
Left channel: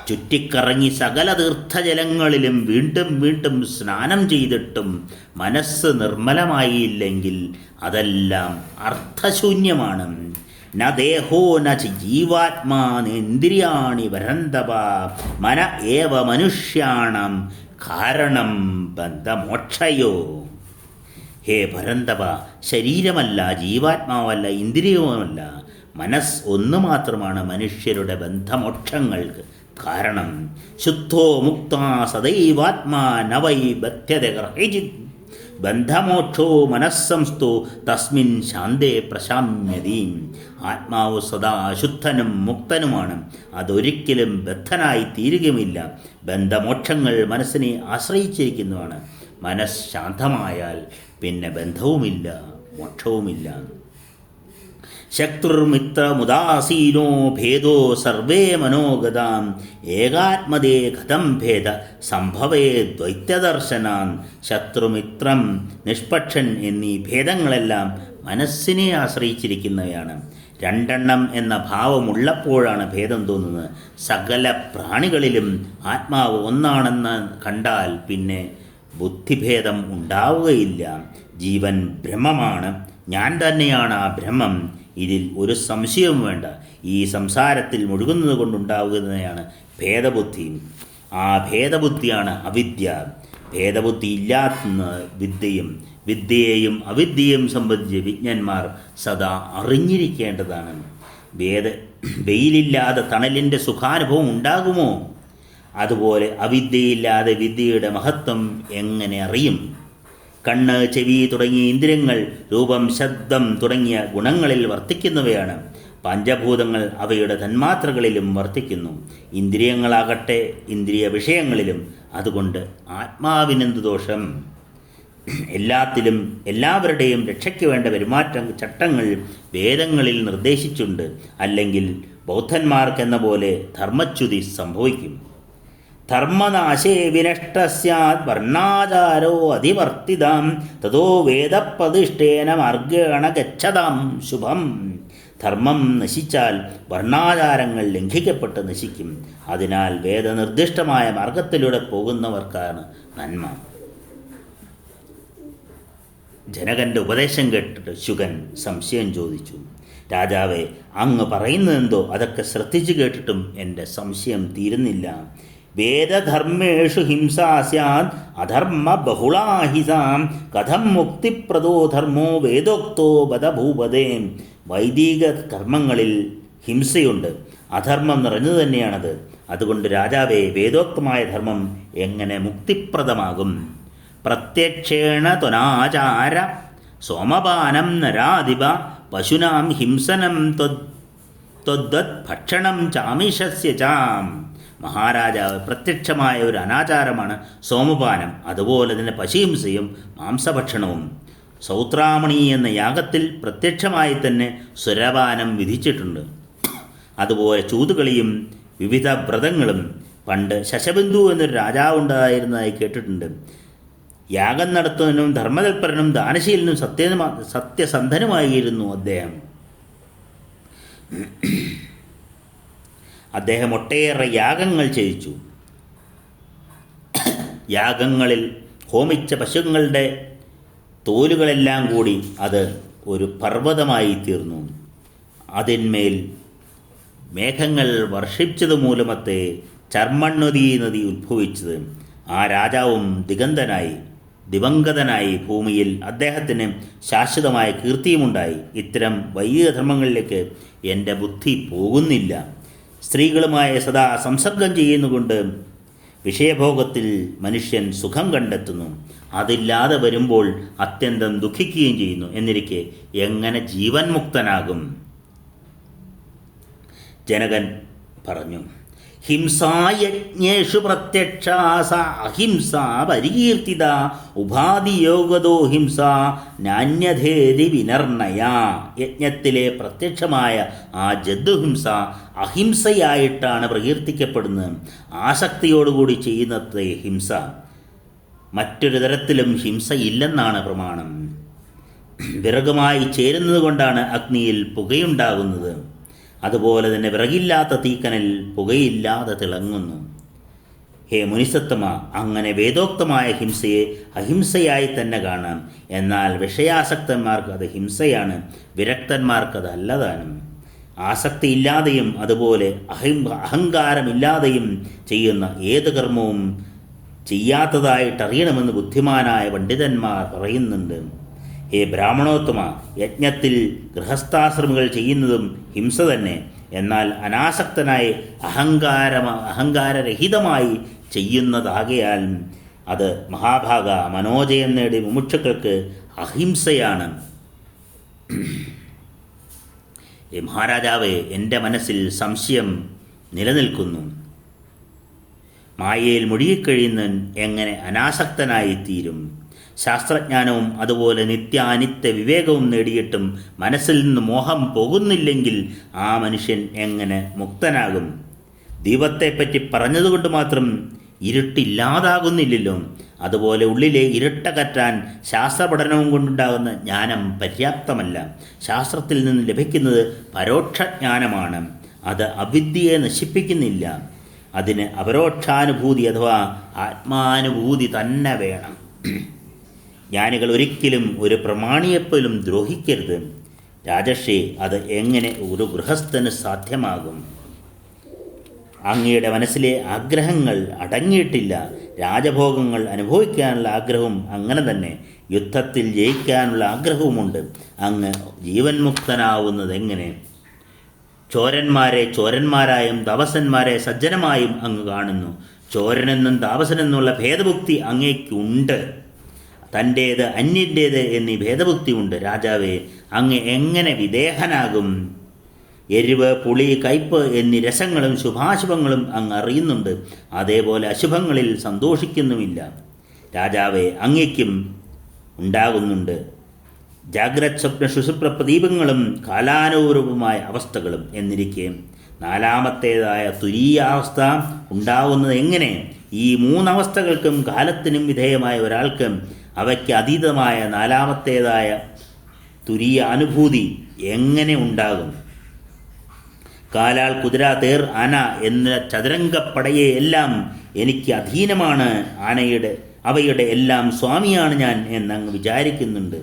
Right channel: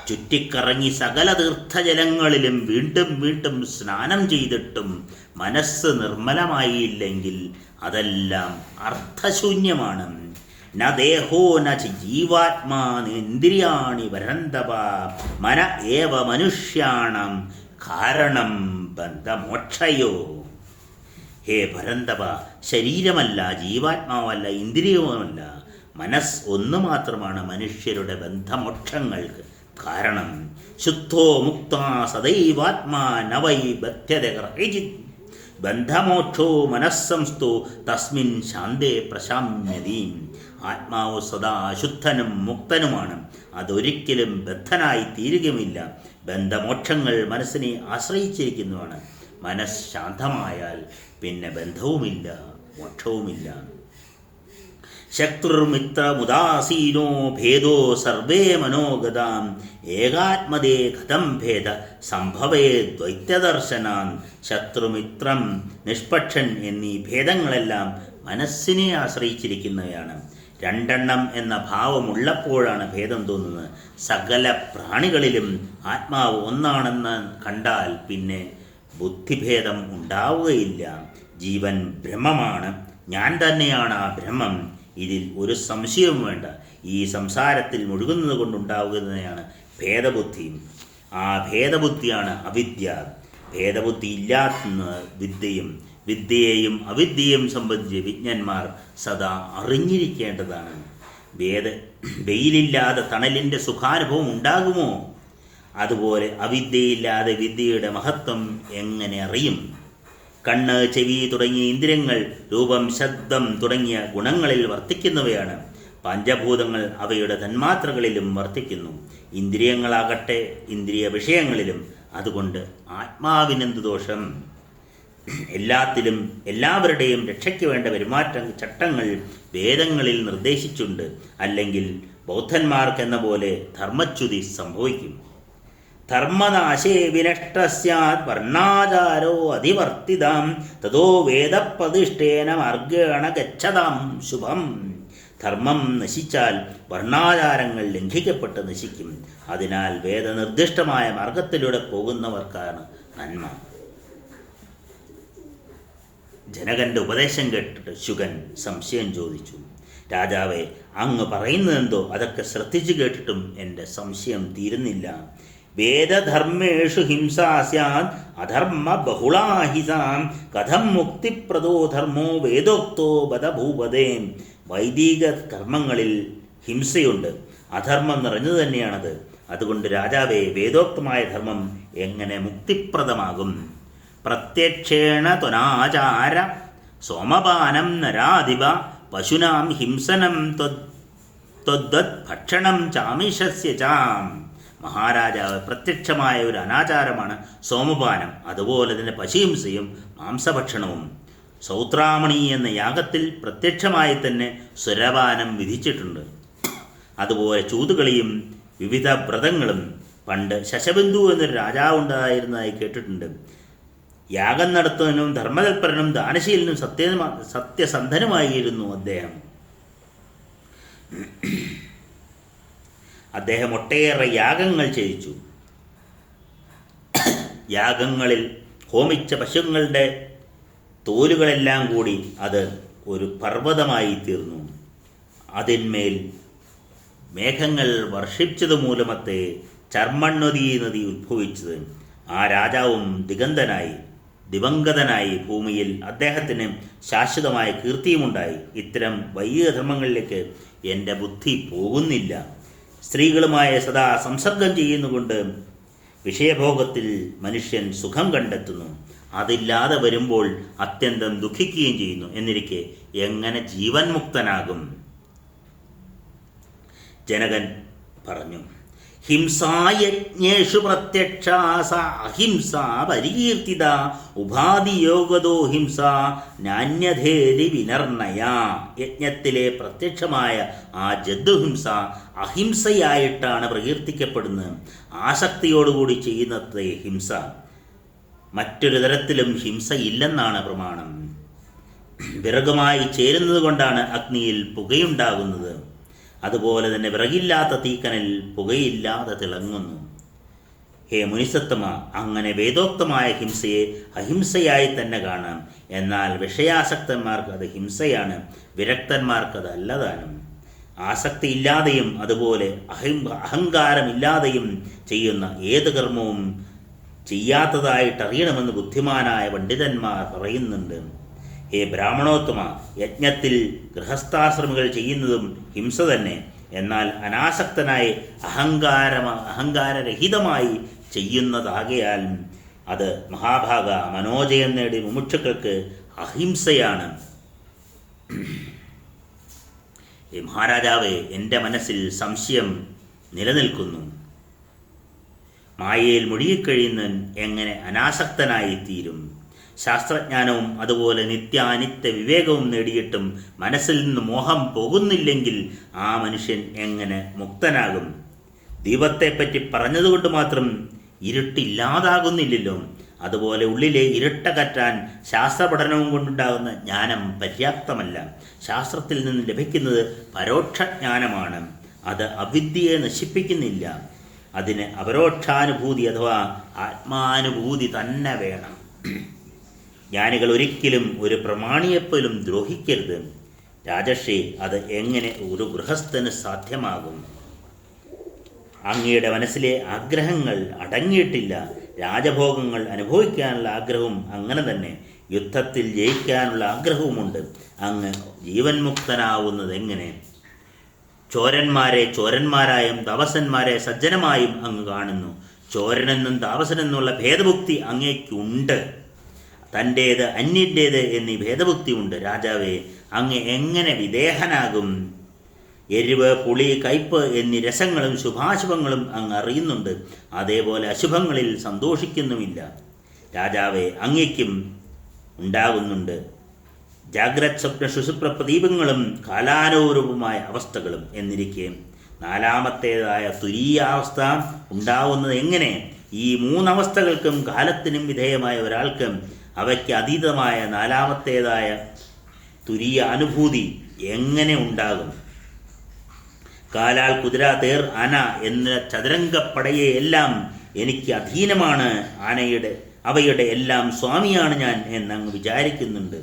ചുറ്റിക്കറങ്ങി സകല തീർത്ഥജലങ്ങളിലും വീണ്ടും വീണ്ടും സ്നാനം ചെയ്തിട്ടും മനസ്സ് നിർമ്മലമായില്ലെങ്കിൽ അതെല്ലാം അർത്ഥശൂന്യമാണ്. ന ദേഹോ ന ജീവാത്മാ ഇന്ദ്രിയാണി വരന്തവ മന ഏവ മനുഷ്യാണം കാരണം ബന്ധമോക്ഷയോ. ഹേ പരന്തപ, ശരീരമല്ല, ജീവാത്മാവല്ല, ഇന്ദ്രിയവുമല്ല, മനസ്സ് ഒന്നു മാത്രമാണ് മനുഷ്യരുടെ ബന്ധമോക്ഷങ്ങൾക്ക് കാരണം. ശുദ്ധോ മുക്ത സദൈവാത്മാ നവൈ ബധ്യത ഗ്രഹിജിത് ബന്ധമോക്ഷോ മനസ്സംസ്ഥോ തസ്മിൻ ശാന്തേ പ്രശാമ്യതി. ആത്മാവ് സദാ ശുദ്ധനും മുക്തനുമാണ്. അതൊരിക്കലും ബദ്ധനായി തീരുകയുമില്ല. ബന്ധമോക്ഷങ്ങൾ മനസ്സിനെ ആശ്രയിച്ചിരിക്കുന്നതാണ്. മനസ്സ് ശാന്തമായാൽ പിന്നെ ബന്ധവുമില്ല, മോക്ഷവുമില്ല. ശത്രുർമിത്രമുദാസീനോ ഭേദോ സർവേ മനോഗതാം ഏകാത്മദേ കഥം ഭേദ സംഭവേ ദ്വൈത്യദർശനാൻ. ശത്രുമിത്രം നിഷ്പക്ഷൻ എന്നീ ഭേദങ്ങളെല്ലാം മനസ്സിനെ ആശ്രയിച്ചിരിക്കുന്നവയാണ്. രണ്ടെണ്ണം എന്ന ഭാവമുള്ളപ്പോഴാണ് ഭേദം തോന്നുന്നത്. സകല പ്രാണികളിലും ആത്മാവ് ഒന്നാണെന്ന് കണ്ടാൽ പിന്നെ ബുദ്ധിഭേദം ഉണ്ടാവുകയില്ല. ജീവൻ ബ്രഹ്മമാണ്, ഞാൻ തന്നെയാണ് ആ ബ്രഹ്മം. ഇതിൽ ഒരു സംശയവും വേണ്ട. ഈ സംസാരത്തിൽ മുഴുകുന്നത് കൊണ്ടുണ്ടാകുന്നതാണ് ഭേദബുദ്ധി. ആ ഭേദബുദ്ധിയാണ് അവിദ്യ. ഭേദബുദ്ധി ഇല്ലാത്ത വിദ്യയെയും അവിദ്യയെയും സംബന്ധിച്ച് വിജ്ഞന്മാർ സദാ അറിഞ്ഞിരിക്കേണ്ടതാണ്. വെയിലില്ലാതെ തണലിൻ്റെ സുഖാനുഭവം ഉണ്ടാകുമോ? അതുപോലെ അവിദ്യയില്ലാതെ വിദ്യയുടെ മഹത്വം എങ്ങനെ അറിയും? കണ്ണ്, ചെവി തുടങ്ങിയ ഇന്ദ്രിയങ്ങൾ രൂപം, ശബ്ദം തുടങ്ങിയ ഗുണങ്ങളിൽ വർത്തിക്കുന്നവയാണ്. പഞ്ചഭൂതങ്ങൾ അവയുടെ തന്മാത്രകളിലും വർത്തിക്കുന്നു. ഇന്ദ്രിയങ്ങളാകട്ടെ ഇന്ദ്രിയ വിഷയങ്ങളിലും. അതുകൊണ്ട് ആത്മാവിനെന്ത് ദോഷം? എല്ലാത്തിലും എല്ലാവരുടെയും രക്ഷയ്ക്ക് വേണ്ട പെരുമാറ്റ ചട്ടങ്ങൾ വേദങ്ങളിൽ നിർദ്ദേശിച്ചുണ്ട്. അല്ലെങ്കിൽ ബൗദ്ധന്മാർക്കെന്ന പോലെ ധർമ്മച്യുതി സംഭവിക്കും. ധർമ്മനാശേ വിനഷ്ട സ്യാത് വർണ്ണാചാരോ അതിവർത്തിതാം തതോ വേദപ്രതിഷ്ഠേന മാർഗേണ ഗച്ഛതാം ശുഭം. ധർമ്മം നശിച്ചാൽ വർണ്ണാചാരങ്ങൾ ലംഘിക്കപ്പെട്ട് നശിക്കും. അതിനാൽ വേദനിർദ്ദിഷ്ടമായ മാർഗത്തിലൂടെ പോകുന്നവർക്കാണ് നന്മ. ജനകന്റെ ഉപദേശം കേട്ടിട്ട് ശുകൻ സംശയം ചോദിച്ചു. രാജാവേ, അങ്ങ് പറയുന്നതെന്തോ അതൊക്കെ ശ്രദ്ധിച്ചു കേട്ടിട്ടും എൻ്റെ സംശയം തീരുന്നില്ല. വേദധർമ്മേഷു ഹിംസാ സ്യാത് അധർമ്മ ബഹുളാഹിസാം കഥം മുക്തിപ്രദോ ധർമ്മോ വേദോക്തോ ബദ ഭൂപതേ. വൈദിക കർമ്മങ്ങളിൽ ഹിംസയുണ്ട്, അധർമ്മം നിറഞ്ഞു തന്നെയാണത്. അതുകൊണ്ട് രാജാവേ, വേദോക്തമായ ധർമ്മം എങ്ങനെ മുക്തിപ്രദമാകും? പ്രത്യക്ഷേണ ത്വനാചാര സോമപാനം നരാധിപ പശുനാം ഹിംസനം ത്വദ്വത് ഭക്ഷണം ചാമിഷസ്യ ചാം. മഹാരാജാവ്, പ്രത്യക്ഷമായ ഒരു അനാചാരമാണ് സോമപാനം, അതുപോലെ തന്നെ പശുഹിംസയും മാംസഭക്ഷണവും. സൗത്രാമണി എന്ന യാഗത്തിൽ പ്രത്യക്ഷമായി തന്നെ സുരപാനം വിധിച്ചിട്ടുണ്ട്. അതുപോലെ ചൂതുകളിയും വിവിധ വ്രതങ്ങളും. പണ്ട് ശശബിന്ദു എന്നൊരു രാജാവുണ്ടായിരുന്നതായി കേട്ടിട്ടുണ്ട്. യാഗം നടത്തുന്നതിനും ധർമ്മതൽപരനും ദാനശീലനും സത്യസന്ധനുമായിരുന്നു അദ്ദേഹം. അദ്ദേഹം ഒട്ടേറെ യാഗങ്ങൾ ചെയ്യിച്ചു. യാഗങ്ങളിൽ ഹോമിച്ച പശുക്കളുടെ തോലുകളെല്ലാം കൂടി അത് ഒരു പർവ്വതമായി തീർന്നു. അതിന്മേൽ മേഘങ്ങൾ വർഷിച്ചത് മൂലമത്തെ ചർമ്മണ്വതി നദി ഉദ്ഭവിച്ചത്. ആ രാജാവും ദിവംഗതനായി ഭൂമിയിൽ അദ്ദേഹത്തിന് ശാശ്വതമായ കീർത്തിയുമുണ്ടായി. ഇത്തരം വൈദിക ധർമ്മങ്ങളിലേക്ക് എൻ്റെ ബുദ്ധി പോകുന്നില്ല. സ്ത്രീകളുമായി സദാ സംസർഗം ചെയ്യുന്നുകൊണ്ട് വിഷയഭോഗത്തിൽ മനുഷ്യൻ സുഖം കണ്ടെത്തുന്നു. അതില്ലാതെ വരുമ്പോൾ അത്യന്തം ദുഃഖിക്കുകയും ചെയ്യുന്നു. എന്നിരിക്കെ എങ്ങനെ ജീവൻ മുക്തനാകും? ജനകൻ പറഞ്ഞു, ഹിംസായജ്ഞേഷു പ്രത്യക്ഷാ സ അഹിംസ പരികീർത്തിത ഉപാധിയോഗതോ ഹിംസ നാന്യധേതി വിനർണയ. യജ്ഞത്തിലെ പ്രത്യക്ഷമായ ആ ജന്തുഹിംസ അഹിംസയായിട്ടാണ് പ്രകീർത്തിക്കപ്പെടുന്നത്. ആസക്തിയോടുകൂടി ചെയ്യുന്നത്തെ ഹിംസ. മറ്റൊരു തരത്തിലും ഹിംസ ഇല്ലെന്നാണ് പ്രമാണം. വിറകുമായി ചേരുന്നത് കൊണ്ടാണ് അഗ്നിയിൽ പുകയുണ്ടാകുന്നത്. അതുപോലെ തന്നെ വിറകില്ലാത്ത തീക്കനൽ പുകയില്ലാതെ തിളങ്ങുന്നു. ഹേ മുനിസത്തമ, അങ്ങനെ വേദോക്തമായ ഹിംസയെ അഹിംസയായി തന്നെ കാണാം. എന്നാൽ വിഷയാസക്തന്മാർക്ക് അത് ഹിംസയാണ്, വിരക്തന്മാർക്കത് അല്ലതാനും. ആസക്തിയില്ലാതെയും അതുപോലെ അഹങ്കാരമില്ലാതെയും ചെയ്യുന്ന ഏത് കർമ്മവും ചെയ്യാത്തതായിട്ടറിയണമെന്ന് ബുദ്ധിമാനായ പണ്ഡിതന്മാർ പറയുന്നുണ്ട്. ഹേ ബ്രാഹ്മണോത്തമ, യജ്ഞത്തിൽ ഗൃഹസ്ഥാശ്രമികൾ ചെയ്യുന്നതും ഹിംസ തന്നെ. എന്നാൽ അനാസക്തനായി അഹങ്കാരരഹിതമായി ചെയ്യുന്നതാകയാൽ അത് മഹാഭാഗ മനോജയം നേടി മുമുക്ഷുക്കൾക്ക് അഹിംസയാണ്. മഹാരാജാവേ, എൻ്റെ മനസ്സിൽ സംശയം നിലനിൽക്കുന്നു. മായയിൽ മുഴുകിക്കഴിയുന്നവൻ എങ്ങനെ അനാസക്തനായി തീരും? ശാസ്ത്രജ്ഞാനവും അതുപോലെ നിത്യാനിത്യ വിവേകവും നേടിയിട്ടും മനസ്സിൽ നിന്ന് മോഹം പോകുന്നില്ലെങ്കിൽ ആ മനുഷ്യൻ എങ്ങനെ മുക്തനാകും? ദീപത്തെപ്പറ്റി പറഞ്ഞതുകൊണ്ട് മാത്രം ഇരുട്ടില്ലാതാകുന്നില്ലല്ലോ. അതുപോലെ ഉള്ളിലെ ഇരുട്ടകറ്റാൻ ശാസ്ത്രപഠനവും കൊണ്ടുണ്ടാകുന്ന ജ്ഞാനം പര്യാപ്തമല്ല. ശാസ്ത്രത്തിൽ നിന്ന് ലഭിക്കുന്നത് പരോക്ഷജ്ഞാനമാണ്. അത് അവിദ്യയെ നശിപ്പിക്കുന്നില്ല. അതിന് അപരോക്ഷാനുഭൂതി അഥവാ ആത്മാനുഭൂതി തന്നെ വേണം. ജ്ഞാനികൾ ഒരിക്കലും ഒരു പ്രമാണിയെപ്പോലും ദ്രോഹിക്കരുത്. രാജർഷി, അത് എങ്ങനെ ഒരു ഗൃഹസ്ഥന് സാധ്യമാകും? അങ്ങയുടെ മനസ്സിലെ ആഗ്രഹങ്ങൾ അടങ്ങിയിട്ടില്ല. രാജഭോഗങ്ങൾ അനുഭവിക്കാനുള്ള ആഗ്രഹവും അങ്ങനെ തന്നെ. യുദ്ധത്തിൽ ജയിക്കാനുള്ള ആഗ്രഹവുമുണ്ട്. അങ്ങ് ജീവൻ മുക്തനാവുന്നത് എങ്ങനെ? ചോരന്മാരെ ചോരന്മാരായും താപസന്മാരെ സജ്ജനമായും അങ്ങ് കാണുന്നു. ചോരനെന്നും താപസനെന്നുള്ള ഭേദബുദ്ധി അങ്ങേക്കുണ്ട്. തൻ്റേത് അന്യൻ്റേത് എന്നീ ഭേദബുദ്ധി ഉണ്ട്. രാജാവേ, അങ്ങ് എങ്ങനെ വിദേഹനാകും? എരിവ്, പുളി, കയ്പ് എന്നീ രസങ്ങളും ശുഭാശുഭങ്ങളും അങ്ങ് അറിയുന്നുണ്ട്. അതേപോലെ അശുഭങ്ങളിൽ സന്തോഷിക്കുന്നുമില്ല. രാജാവേ, അങ്ങയ്ക്കും ഉണ്ടാകുന്നുണ്ട് ജാഗ്രത് സ്വപ്ന സുഷുപ്ത പ്രദീപങ്ങളും കാലാനുരൂപമായ അവസ്ഥകളും. എന്നിരിക്കെ നാലാമത്തേതായ തുരീയാവസ്ഥ ഉണ്ടാവുന്നത് എങ്ങനെ? ഈ മൂന്നവസ്ഥകൾക്കും കാലത്തിനും വിധേയമായ ഒരാൾക്ക് അവയ്ക്ക് അതീതമായ നാലാമത്തേതായ തുരീയ അനുഭൂതി എങ്ങനെ ഉണ്ടാകും? കാലാൾ, കുതിര, തേർ, ആന എന്ന ചതുരംഗപ്പടയെ എല്ലാം എനിക്ക് അധീനമാണ്. അവയുടെ എല്ലാം സ്വാമിയാണ് ഞാൻ എന്നങ്ങ് വിചാരിക്കുന്നുണ്ട്.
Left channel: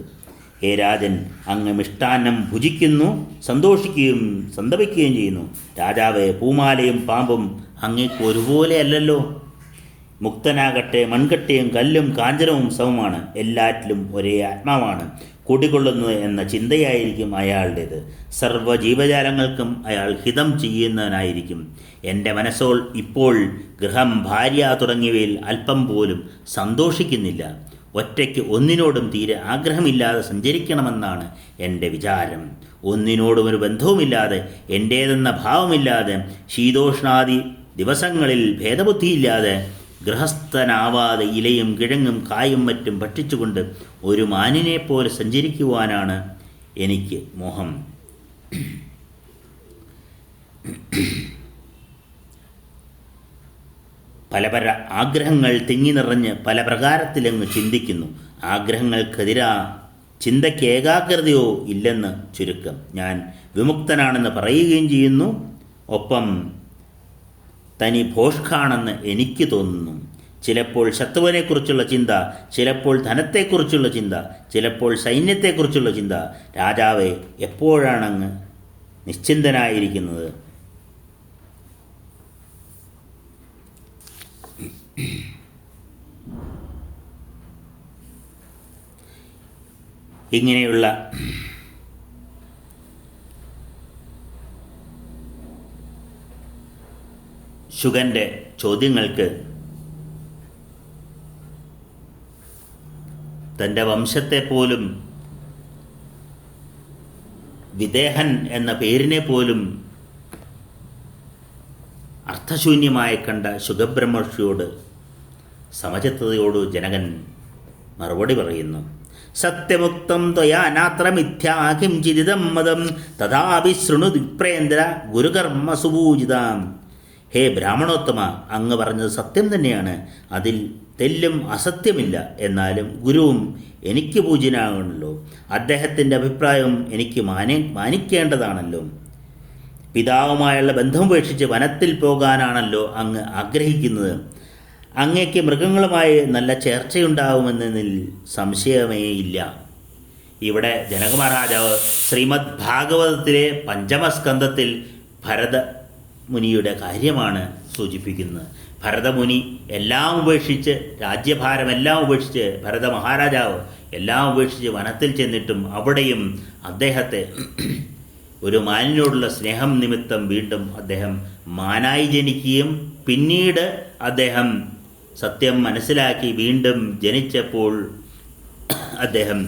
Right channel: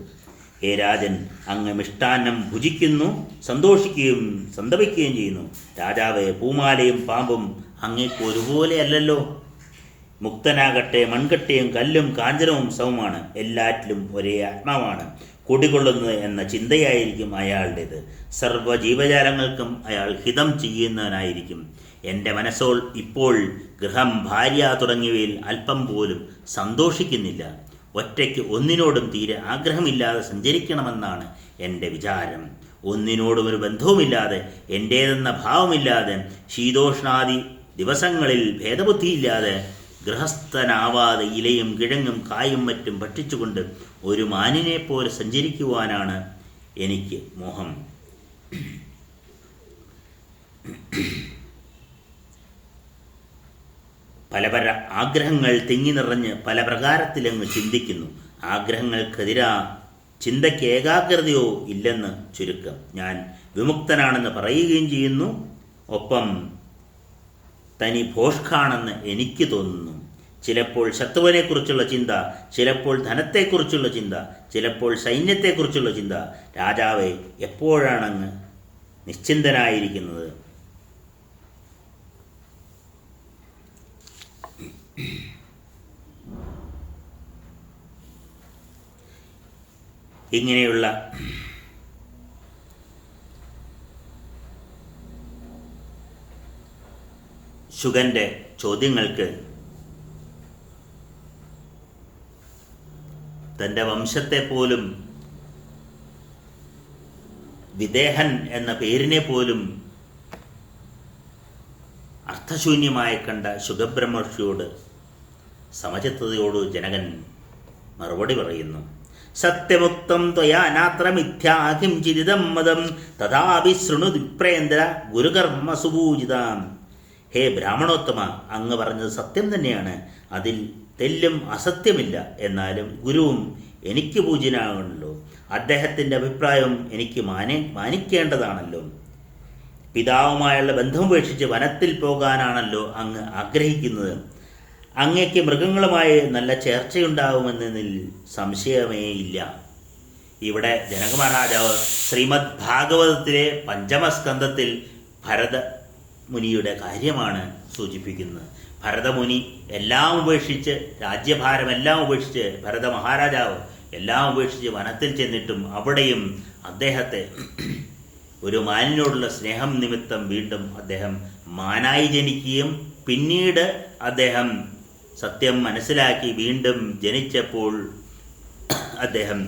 ഹേ രാജൻ, അങ്ങ് മിഷ്ടാന്നം ഭുജിക്കുന്നു, സന്തോഷിക്കുകയും സന്തപിക്കുകയും ചെയ്യുന്നു. രാജാവേ, പൂമാലയും പാമ്പും അങ്ങേക്ക് ഒരുപോലെ അല്ലല്ലോ. മുക്തനാകട്ടെ മൺകട്ടയും കല്ലും കാഞ്ചനവും സമമാണ്. എല്ലാറ്റിലും ഒരേ ആത്മാവാണ് കുടികൊള്ളുന്നത് എന്ന ചിന്തയായിരിക്കും അയാളുടേത്. സർവ്വ ജീവജാലങ്ങൾക്കും അയാൾ ഹിതം ചെയ്യുന്നവനായിരിക്കും. എൻ്റെ മനസ്സോൾ ഇപ്പോൾ ഗൃഹം, ഭാര്യ തുടങ്ങിയവയിൽ അല്പം പോലും സന്തോഷിക്കുന്നില്ല. ഒറ്റയ്ക്ക് ഒന്നിനോടും തീരെ ആഗ്രഹമില്ലാതെ സഞ്ചരിക്കണമെന്നാണ് എൻ്റെ വിചാരം. ഒന്നിനോടും ഒരു ബന്ധവുമില്ലാതെ, എൻ്റേതെന്ന ഭാവമില്ലാതെ, ശീതോഷ്ണാദി ദിവസങ്ങളിൽ ഭേദബുദ്ധിയില്ലാതെ, ഗൃഹസ്ഥനാവാതെ ഇലയും കിഴങ്ങും കായും മറ്റും ഭക്ഷിച്ചുകൊണ്ട് ഒരു മാനിനെപ്പോലെ സഞ്ചരിക്കുവാനാണ് എനിക്ക് മോഹം. പല ആഗ്രഹങ്ങൾ തിങ്ങി നിറഞ്ഞ് പല പ്രകാരത്തിലങ്ങ് ചിന്തിക്കുന്നു. ആഗ്രഹങ്ങൾക്കെതിരാ ചിന്തയ്ക്ക് ഏകാഗ്രതയോ ഇല്ലെന്ന് ചുരുക്കം. ഞാൻ വിമുക്തനാണെന്ന് പറയുകയും ചെയ്യുന്നു. ഒപ്പം തനി ഭോഷ്കാണെന്ന് എനിക്ക് തോന്നുന്നു. ചിലപ്പോൾ ശത്രുവിനെക്കുറിച്ചുള്ള ചിന്ത, ചിലപ്പോൾ ധനത്തെക്കുറിച്ചുള്ള ചിന്ത, ചിലപ്പോൾ സൈന്യത്തെക്കുറിച്ചുള്ള ചിന്ത. രാജാവേ, എപ്പോഴാണങ്ങ് നിശ്ചിന്തനായിരിക്കുന്നത്? ഇങ്ങനെയുള്ള ശുഗന്റെ ചോദ്യങ്ങൾക്ക് തൻ്റെ വംശത്തെ പോലും, വിദേഹൻ എന്ന പേരിനെ പോലും അർത്ഥശൂന്യമായി കണ്ട ശുഗബ്രഹ്മർഷിയോട് സമചിത്തതയോട് ജനകൻ മറുപടി പറയുന്നു. സത്യമുക്തം ത്വയാ നാത്ര മിഥ്യാ കിംചിദിദം മതം തഥാപി ശൃണു വിപ്രേന്ദ്ര ഗുരുകർമ്മ സുപൂജിതാം. ഹേ ബ്രാഹ്മണോത്തമ, അങ്ങ് പറഞ്ഞത് സത്യം തന്നെയാണ്. അതിൽ തെല്ലും അസത്യമില്ല. എന്നാലും ഗുരുവും എനിക്ക് പൂജ്യനാണല്ലോ. അദ്ദേഹത്തിൻ്റെ അഭിപ്രായം എനിക്ക് മാനിക്കേണ്ടതാണല്ലോ. പിതാവുമായുള്ള ബന്ധമുപേക്ഷിച്ച് വനത്തിൽ പോകാനാണല്ലോ അങ്ങ് ആഗ്രഹിക്കുന്നത്. അങ്ങേക്ക് മൃഗങ്ങളുമായി നല്ല ചേർച്ചയുണ്ടാവുമെന്നതിൽ സംശയമേ ഇല്ല. ഇവിടെ ജനക മഹാരാജാവ് ശ്രീമദ് ഭാഗവതത്തിലെ പഞ്ചമസ്കന്ധത്തിൽ ഭരതമുനിയുടെ കാര്യമാണ് സൂചിപ്പിക്കുന്നത്. ഭരതമുനി എല്ലാം ഉപേക്ഷിച്ച്, രാജ്യഭാരമെല്ലാം ഉപേക്ഷിച്ച്, ഭരത മഹാരാജാവ് എല്ലാം ഉപേക്ഷിച്ച് വനത്തിൽ ചെന്നിട്ടും അവിടെയും അദ്ദേഹത്തെ ഒരു മാനിനോടുള്ള സ്നേഹം നിമിത്തം വീണ്ടും അദ്ദേഹം മാനായി ജനിക്കുകയും പിന്നീട് അദ്ദേഹം സത്യം മനസ്സിലാക്കി വീണ്ടും ജനിച്ചപ്പോൾ അദ്ദേഹം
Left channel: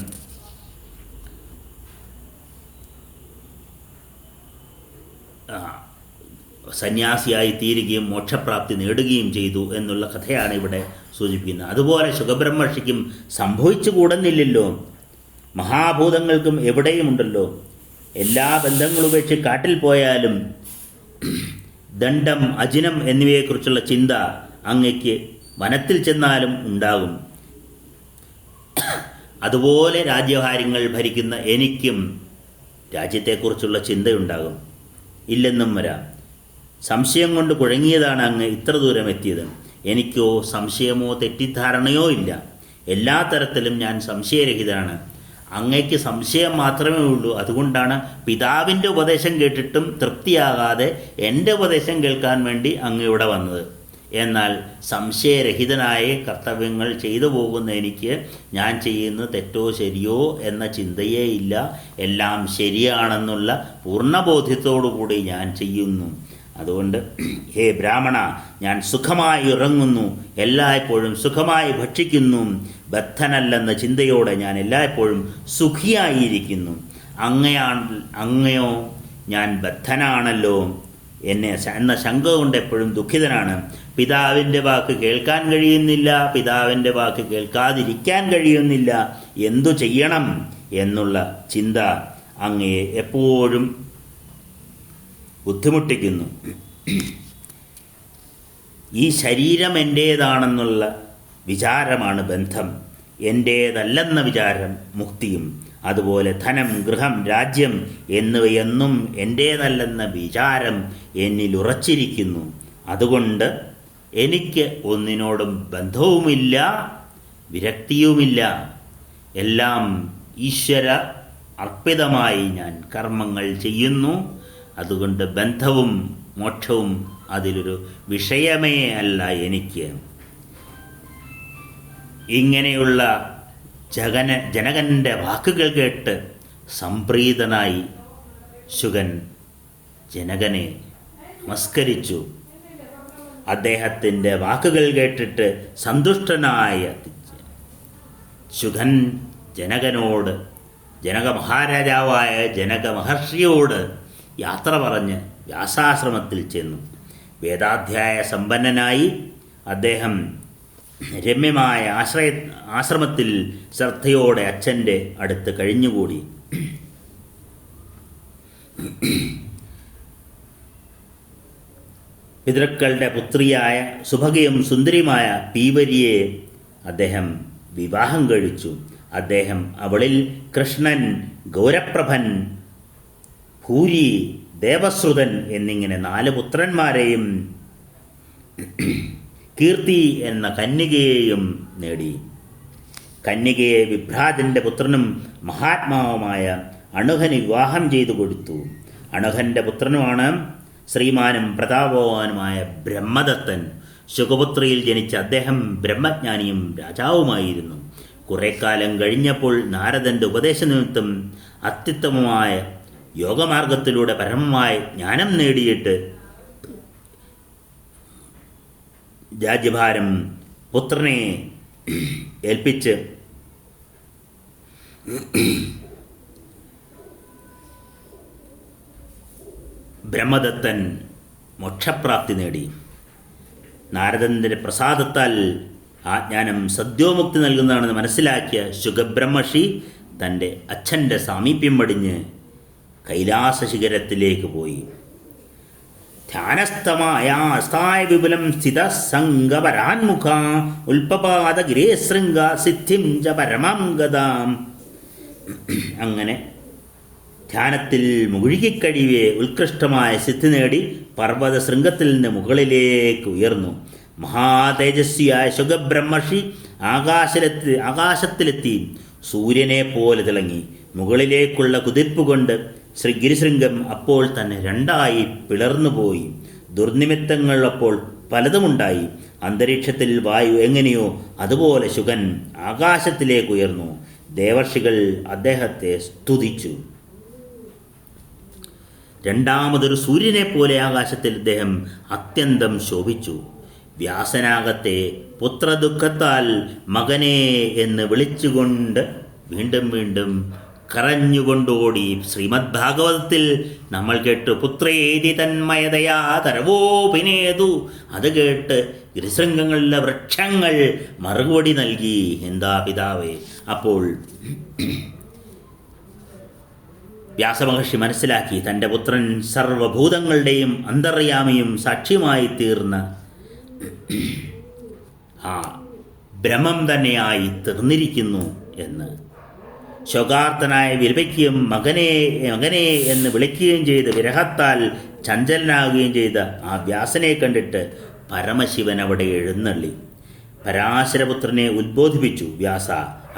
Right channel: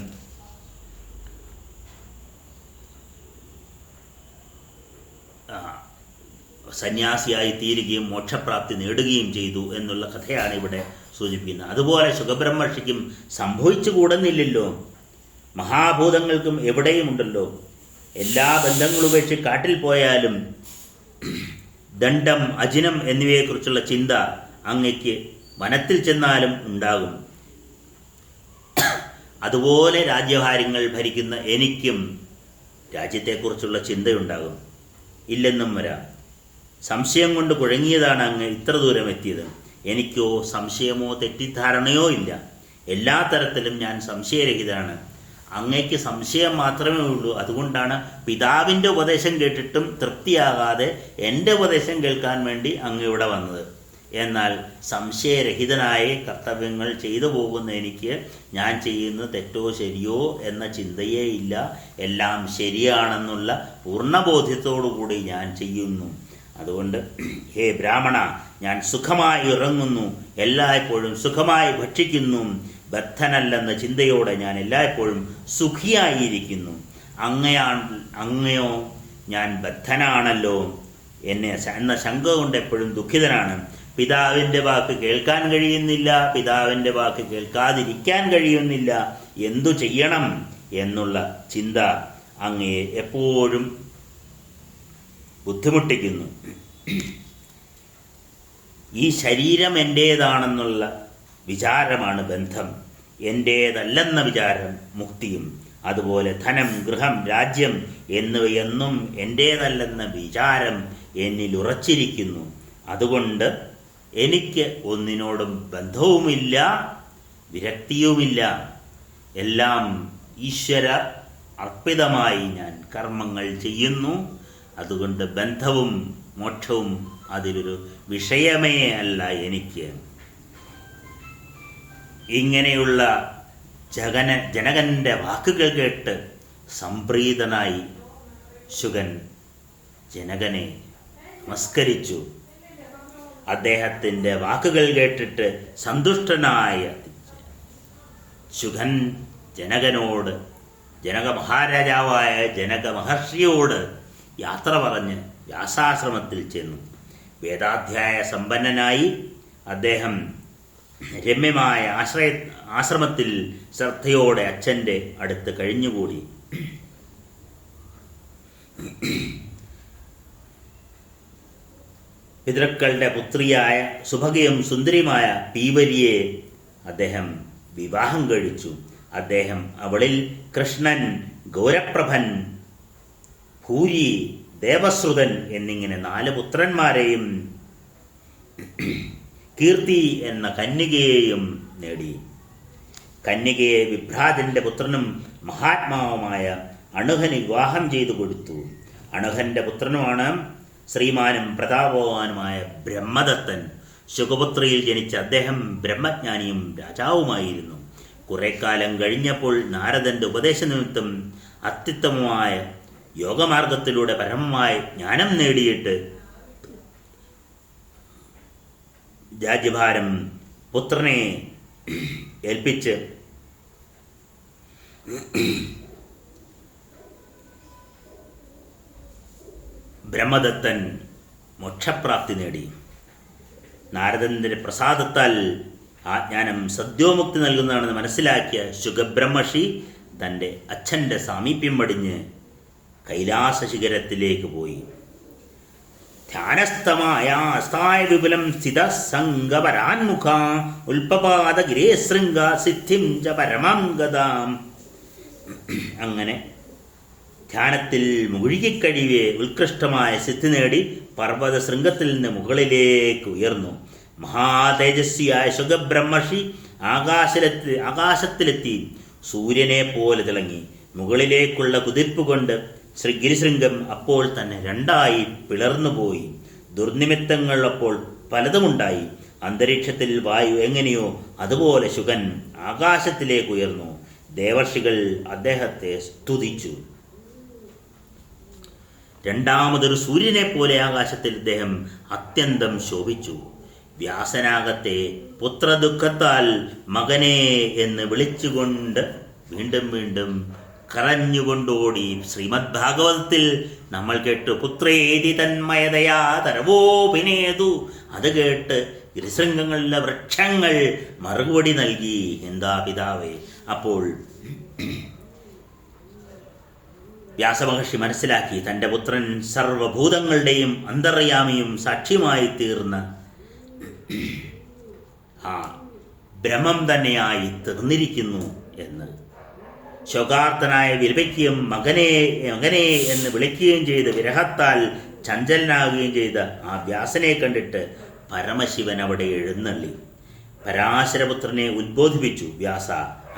സന്യാസിയായി തീരുകയും മോക്ഷപ്രാപ്തി നേടുകയും ചെയ്തു എന്നുള്ള കഥയാണ് ഇവിടെ സൂചിപ്പിക്കുന്നത്. അതുപോലെ ശുഗബ്രഹ്മർഷിക്കും സംഭവിച്ചുകൂടുന്നില്ലല്ലോ. മഹാഭൂതങ്ങൾക്കും എവിടെയുമുണ്ടല്ലോ. എല്ലാ ബന്ധങ്ങളും ഉപേക്ഷിച്ച് കാട്ടിൽ പോയാലും ദണ്ഡം, അജിനം എന്നിവയെക്കുറിച്ചുള്ള ചിന്ത അങ്ങയ്ക്ക് വനത്തിൽ ചെന്നാലും ഉണ്ടാകും. അതുപോലെ രാജ്യഭാരങ്ങൾ ഭരിക്കുന്ന എനിക്കും രാജ്യത്തെക്കുറിച്ചുള്ള ചിന്തയുണ്ടാകും. ഇല്ലെന്നും വരാം. സംശയം കൊണ്ട് കുഴങ്ങിയതാണ് അങ്ങ് ഇത്ര ദൂരം എത്തിയത്. എനിക്കോ സംശയമോ തെറ്റിദ്ധാരണയോ ഇല്ല. എല്ലാ തരത്തിലും ഞാൻ സംശയരഹിതനാണ്. അങ്ങയ്ക്ക് സംശയം മാത്രമേ ഉള്ളൂ. അതുകൊണ്ടാണ് പിതാവിൻ്റെ ഉപദേശം കേട്ടിട്ടും തൃപ്തിയാകാതെ എൻ്റെ ഉപദേശം കേൾക്കാൻ വേണ്ടി അങ്ങ് ഇവിടെ വന്നത്. എന്നാൽ സംശയരഹിതനായ കർത്തവ്യങ്ങൾ ചെയ്തു പോകുന്ന എനിക്ക് ഞാൻ ചെയ്യുന്നത് തെറ്റോ ശരിയോ എന്ന ചിന്തയേ ഇല്ല. എല്ലാം ശരിയാണെന്നുള്ള പൂർണ്ണബോധ്യത്തോടുകൂടി ഞാൻ ചെയ്യുന്നു. അതുകൊണ്ട് ഹേ ബ്രാഹ്മണ, ഞാൻ സുഖമായി ഉറങ്ങുന്നു, എല്ലായ്പ്പോഴും സുഖമായി ഭക്ഷിക്കുന്നു. ബദ്ധനല്ലെന്ന ചിന്തയോടെ ഞാൻ എല്ലായ്പ്പോഴും സുഖിയായിരിക്കുന്നു. അങ്ങയോ ഞാൻ ബദ്ധനാണല്ലോ എന്ന ശങ്ക കൊണ്ട് എപ്പോഴും ദുഃഖിതനാണ്. പിതാവിൻ്റെ വാക്ക് കേൾക്കാൻ കഴിയുന്നില്ല, പിതാവിൻ്റെ വാക്ക് കേൾക്കാതിരിക്കാൻ കഴിയുന്നില്ല. എന്തു ചെയ്യണം എന്നുള്ള ചിന്ത അങ്ങയെ എപ്പോഴും ബുദ്ധിമുട്ടിക്കുന്നു. ഈ ശരീരം എൻ്റേതാണെന്നുള്ള വിചാരമാണ് ബന്ധം, എൻ്റേതല്ലെന്ന വിചാരം മുക്തിയും. അതുപോലെ ധനം, ഗൃഹം, രാജ്യം എന്നിവയൊന്നും എൻ്റേതല്ലെന്ന വിചാരം എന്നിൽ ഉറച്ചിരിക്കുന്നു. അതുകൊണ്ട് എനിക്ക് ഒന്നിനോടും ബന്ധവുമില്ല, വിരക്തിയുമില്ല. എല്ലാം ഈശ്വര അർപ്പിതമായി ഞാൻ കർമ്മങ്ങൾ ചെയ്യുന്നു. അതുകൊണ്ട് ബന്ധവും മോക്ഷവും അതിലൊരു വിഷയമേ അല്ല എനിക്ക്. ഇങ്ങനെയുള്ള ജനകൻ്റെ വാക്കുകൾ കേട്ട് സംപ്രീതനായി ശുകൻ ജനകനെ നമസ്കരിച്ചു. അദ്ദേഹത്തിൻ്റെ വാക്കുകൾ കേട്ടിട്ട് സന്തുഷ്ടനായ ശുകൻ ജനകനോട്, ജനക മഹാരാജാവായ ജനക മഹർഷിയോട് യാത്ര പറഞ്ഞ് വ്യാസാശ്രമത്തിൽ ചെന്നു. വേദാധ്യായ സമ്പന്നനായി അദ്ദേഹം രമ്യമായ ആശ്രമത്തിൽ ശ്രദ്ധയോടെ അച്ഛൻ്റെ അടുത്ത് കഴിഞ്ഞുകൂടി. പിതൃക്കളുടെ പുത്രിയായ സുഭഗയും സുന്ദരിയുമായ പീവലിയെ അദ്ദേഹം വിവാഹം കഴിച്ചു. അദ്ദേഹം അവളിൽ കൃഷ്ണൻ, ഗൗരപ്രഭൻ, ഭൂരി, ദേവശ്രുതൻ എന്നിങ്ങനെ 4 പുത്രന്മാരെയും കീർത്തി എന്ന കന്യകയെയും നേടി. കന്യകയെ വിഭ്രാജന്റെ പുത്രനും മഹാത്മാവുമായ അണുഹന് വിവാഹം ചെയ്തു കൊടുത്തു. അണുഹന്റെ പുത്രനുമാണ് ശ്രീമാനും പ്രതാപവാനുമായ ബ്രഹ്മദത്തൻ. ശുഗപുത്രിയിൽ ജനിച്ച അദ്ദേഹം ബ്രഹ്മജ്ഞാനിയും രാജാവുമായിരുന്നു. കുറേക്കാലം കഴിഞ്ഞപ്പോൾ നാരദന്റെ ഉപദേശനിമിത്തം അത്യുത്തമമായ യോഗമാർഗത്തിലൂടെ പരമമായ ജ്ഞാനം നേടിയിട്ട് രാജ്യഭാരം പുത്രനെ ഏൽപ്പിച്ച് ബ്രഹ്മദത്തൻ മോക്ഷപ്രാപ്തി നേടി. നാരദന്റെ പ്രസാദത്താൽ ആ ജ്ഞാനം സദ്യോമുക്തി നൽകുന്നതാണെന്ന് മനസ്സിലാക്കിയ ശുഗബ്രഹ്മർഷി തൻ്റെ അച്ഛൻ്റെ സാമീപ്യം പടിഞ്ഞ് കൈലാസ ശിഖരത്തിലേക്ക് പോയി. ധ്യാനസ്ഥമായ വിപുലം സ്ഥിത സംഗപരാൻമുഖ ഉൽപപാത ഗിരേശൃംഗ സിദ്ധിം ച പരമാം ഗതാം. അങ്ങനെ ധ്യാനത്തിൽ മുഴുകിക്കഴിവേ ഉത്കൃഷ്ടമായ സിദ്ധി നേടി പർവ്വത ശൃംഗത്തിൽ നിന്ന് മുകളിലേക്ക് ഉയർന്നു. മഹാതേജസ്വിയായ ശുഗബ്രഹ്മർഷി ആകാശത്തിലെത്തി സൂര്യനെ പോലെ തിളങ്ങി. മുകളിലേക്കുള്ള കുതിപ്പ് കൊണ്ട് ഗിരിശൃംഗം അപ്പോൾ തന്നെ 2ആയി പിളർന്നുപോയി. ദുർനിമിത്തങ്ങൾ അപ്പോൾ പലതുമുണ്ടായി. അന്തരീക്ഷത്തിൽ വായു എങ്ങനെയോ അതുപോലെ ശുഗൻ ആകാശത്തിലേക്ക് ഉയർന്നു. ദേവർഷികൾ അദ്ദേഹത്തെ സ്തുതിച്ചു. രണ്ടാമതൊരു സൂര്യനെ പോലെ ആകാശത്തിൽ അദ്ദേഹം അത്യന്തം ശോഭിച്ചു. വ്യാസനാകത്തെ പുത്രദുഃഖത്താൽ മകനെ എന്ന് വിളിച്ചുകൊണ്ട് വീണ്ടും വീണ്ടും കരഞ്ഞുകൊണ്ടോടി. ശ്രീമദ് ഭാഗവതത്തിൽ നമ്മൾ കേട്ടു, പുത്രേതി തന്മയതയാ തരവോപിനേതു. അത് കേട്ട് ഗിരിശൃംഗങ്ങളിലെ വൃക്ഷങ്ങൾ മറുപടി നൽകി, എന്താ പിതാവേ. അപ്പോൾ വ്യാസമഹർഷി മനസ്സിലാക്കി, തൻ്റെ പുത്രൻ സർവഭൂതങ്ങളുടെയും അന്തർയാമിയും സാക്ഷിയുമായി തീർന്ന ആ ബ്രഹ്മം തന്നെയായി തീർന്നിരിക്കുന്നു എന്ന്. ശോകാർത്തനായ വിലപിക്കുകയും മകനെ മകനെ എന്ന് വിളിക്കുകയും ചെയ്ത് വിരഹത്താൽ ചഞ്ചലനാകുകയും ചെയ്ത ആ വ്യാസനെ കണ്ടിട്ട് പരമശിവൻ അവിടെ എഴുന്നള്ളി പരാശരപുത്രനെ ഉദ്ബോധിപ്പിച്ചു. വ്യാസ,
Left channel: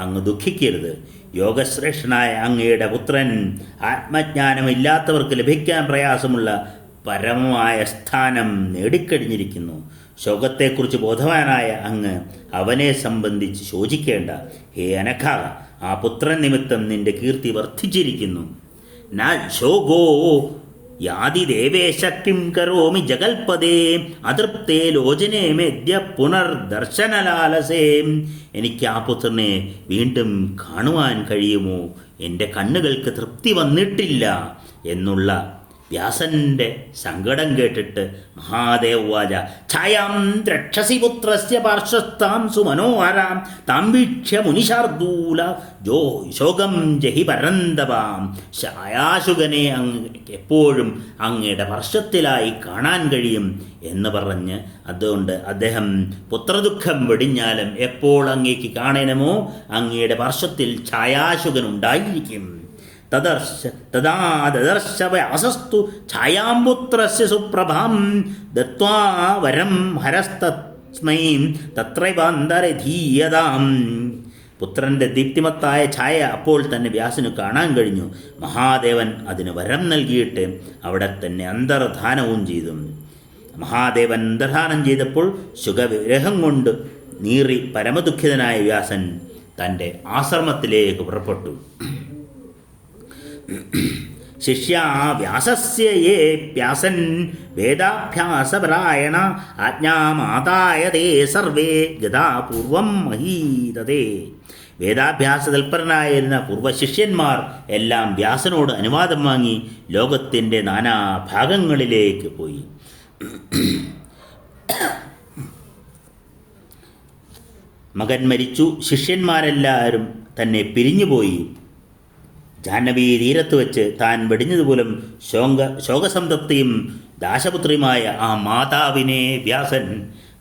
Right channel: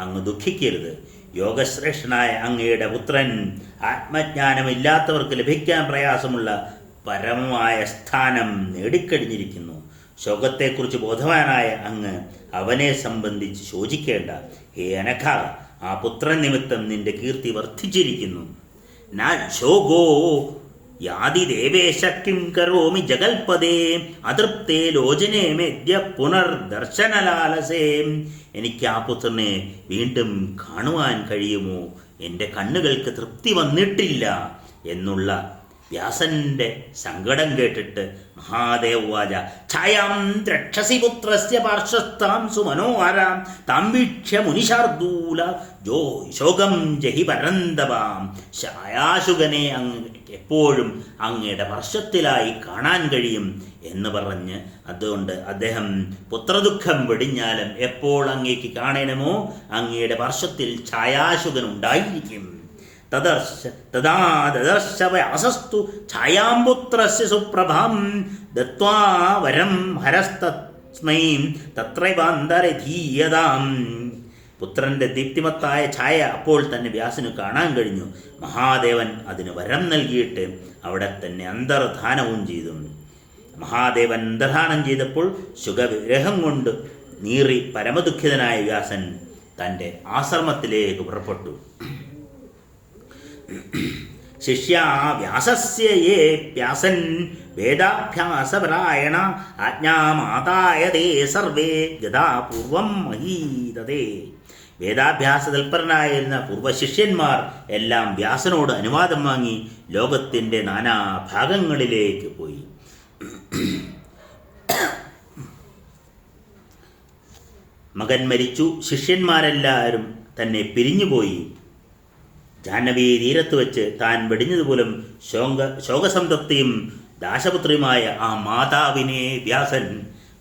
അങ്ങ് ദുഃഖിക്കരുത്. യോഗശ്രേഷ്ഠനായ അങ്ങയുടെ പുത്രൻ ആത്മജ്ഞാനമില്ലാത്തവർക്ക് ലഭിക്കാൻ പ്രയാസമുള്ള പരമമായ സ്ഥാനം നേടിക്കഴിഞ്ഞിരിക്കുന്നു. ശോകത്തെക്കുറിച്ച് ബോധവാനായ അങ്ങ് അവനെ സംബന്ധിച്ച് ശോചിക്കേണ്ട. ഹേ അനഘ, ആ പുത്രൻ നിമിത്തം നിന്റെ കീർത്തി വർദ്ധിച്ചിരിക്കുന്നു. ന ശോകോ യാതി ദേവേശ കിം കരോമി ജഗൽപദേ അതൃപ്തേ ലോചനേ മേദ്യ പുനർദർശനലാലസേ. എനിക്ക് ആ പുത്രനെ വീണ്ടും കാണുവാൻ കഴിയുമോ? എൻ്റെ കണ്ണുകൾക്ക് തൃപ്തി വന്നിട്ടില്ല എന്നുള്ള വ്യാസന്റെ സങ്കടം കേട്ടിട്ട് മഹാദേവ വാച ഛായാം ദ്രക്ഷസി പുത്രസ്യ പാർശ്വസ്ഥാം സുമനോഹരാം താം വീക്ഷ്യ മുനിശാർദൂല ശോകം ജഹി പരന്തപാം. ഛായാശുകനെ എപ്പോഴും അങ്ങയുടെ പാർശ്വത്തിലായി കാണാൻ കഴിയും എന്ന് പറഞ്ഞ് അതുകൊണ്ട് അദ്ദേഹം പുത്രദുഃഖം വെടിഞ്ഞാലും എപ്പോൾ അങ്ങേക്ക് കാണണമോ അങ്ങയുടെ പാർശ്വത്തിൽ ഛായാശുകനുണ്ടായിരിക്കും. തദാ ദദർശ വ്യാസസ്തു ഛായാംപുത്രസ്യ സുപ്രഭാം ദത്വാ വരം ഹരസ്തസ്മൈ തത്രൈവാന്തരധീയതാം. പുത്രന്റെ ദീപ്തിമത്തായ ഛായ അപ്പോൾ തന്നെ വ്യാസന് കാണാൻ കഴിഞ്ഞു. മഹാദേവൻ അതിന് വരം നൽകിയിട്ട് അവിടെ തന്നെ അന്തർധാനവും ചെയ്തു. മഹാദേവൻ അന്തർധാനം ചെയ്തപ്പോൾ സുഖവിരഹം കൊണ്ട് നീറി പരമദുഃഖിതനായ വ്യാസൻ തൻ്റെ ആശ്രമത്തിലേക്ക് പുറപ്പെട്ടു. ശിഷ്യ വ്യാസസ്യ യേ വ്യാസൻ വേദാഭ്യാസപരായണ ആജ്ഞാമാതായതേ സർവേ യഥാപൂർവം മഹീതതേ. വേദാഭ്യാസ തൽപരനായിരുന്ന പൂർവശിഷ്യന്മാർ എല്ലാം വ്യാസനോട് അനുവാദം വാങ്ങി ലോകത്തിൻ്റെ നാനാഭാഗങ്ങളിലേക്ക് പോയി. മകൻ മരിച്ചു. ശിഷ്യന്മാരെല്ലാവരും തന്നെ പിരിഞ്ഞുപോയി. ജാഹ്നവി തീരത്ത് വെച്ച് താൻ വെടിഞ്ഞതുപോലും ശോകസംതപ്തിയും ദാശപുത്രിയുമായ ആ മാതാവിനെ വ്യാസൻ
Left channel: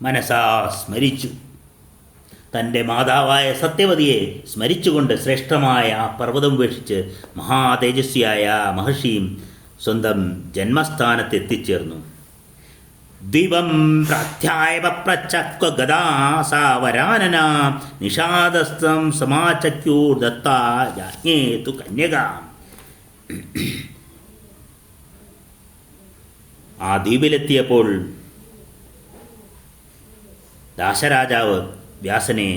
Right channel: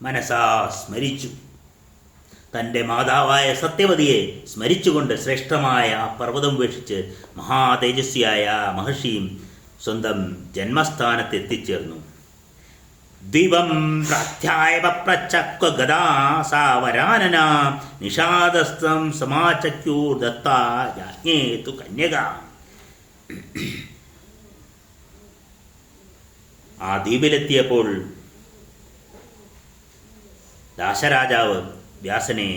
മനസാ സ്മരിച്ചു. തൻ്റെ മാതാവായ സത്യവതിയെ സ്മരിച്ചുകൊണ്ട് ശ്രേഷ്ഠമായ ആ പർവ്വതം ഉപേക്ഷിച്ച് മഹാതേജസ്വിയായ മഹർഷിയും സ്വന്തം ജന്മസ്ഥാനത്തെത്തിച്ചേർന്നു. ദിവം പ്രാധ്യായ പപ്രച്ചക്വ ഗദാ സാവരാനന നിഷാദസ്തം സമാചക്യൂർ ദത്താ യാജ്ഞേതു കന്യക. ആ ദ്വീപിലെത്തിയപ്പോൾ ദാശരാജാവ് വ്യാസനെ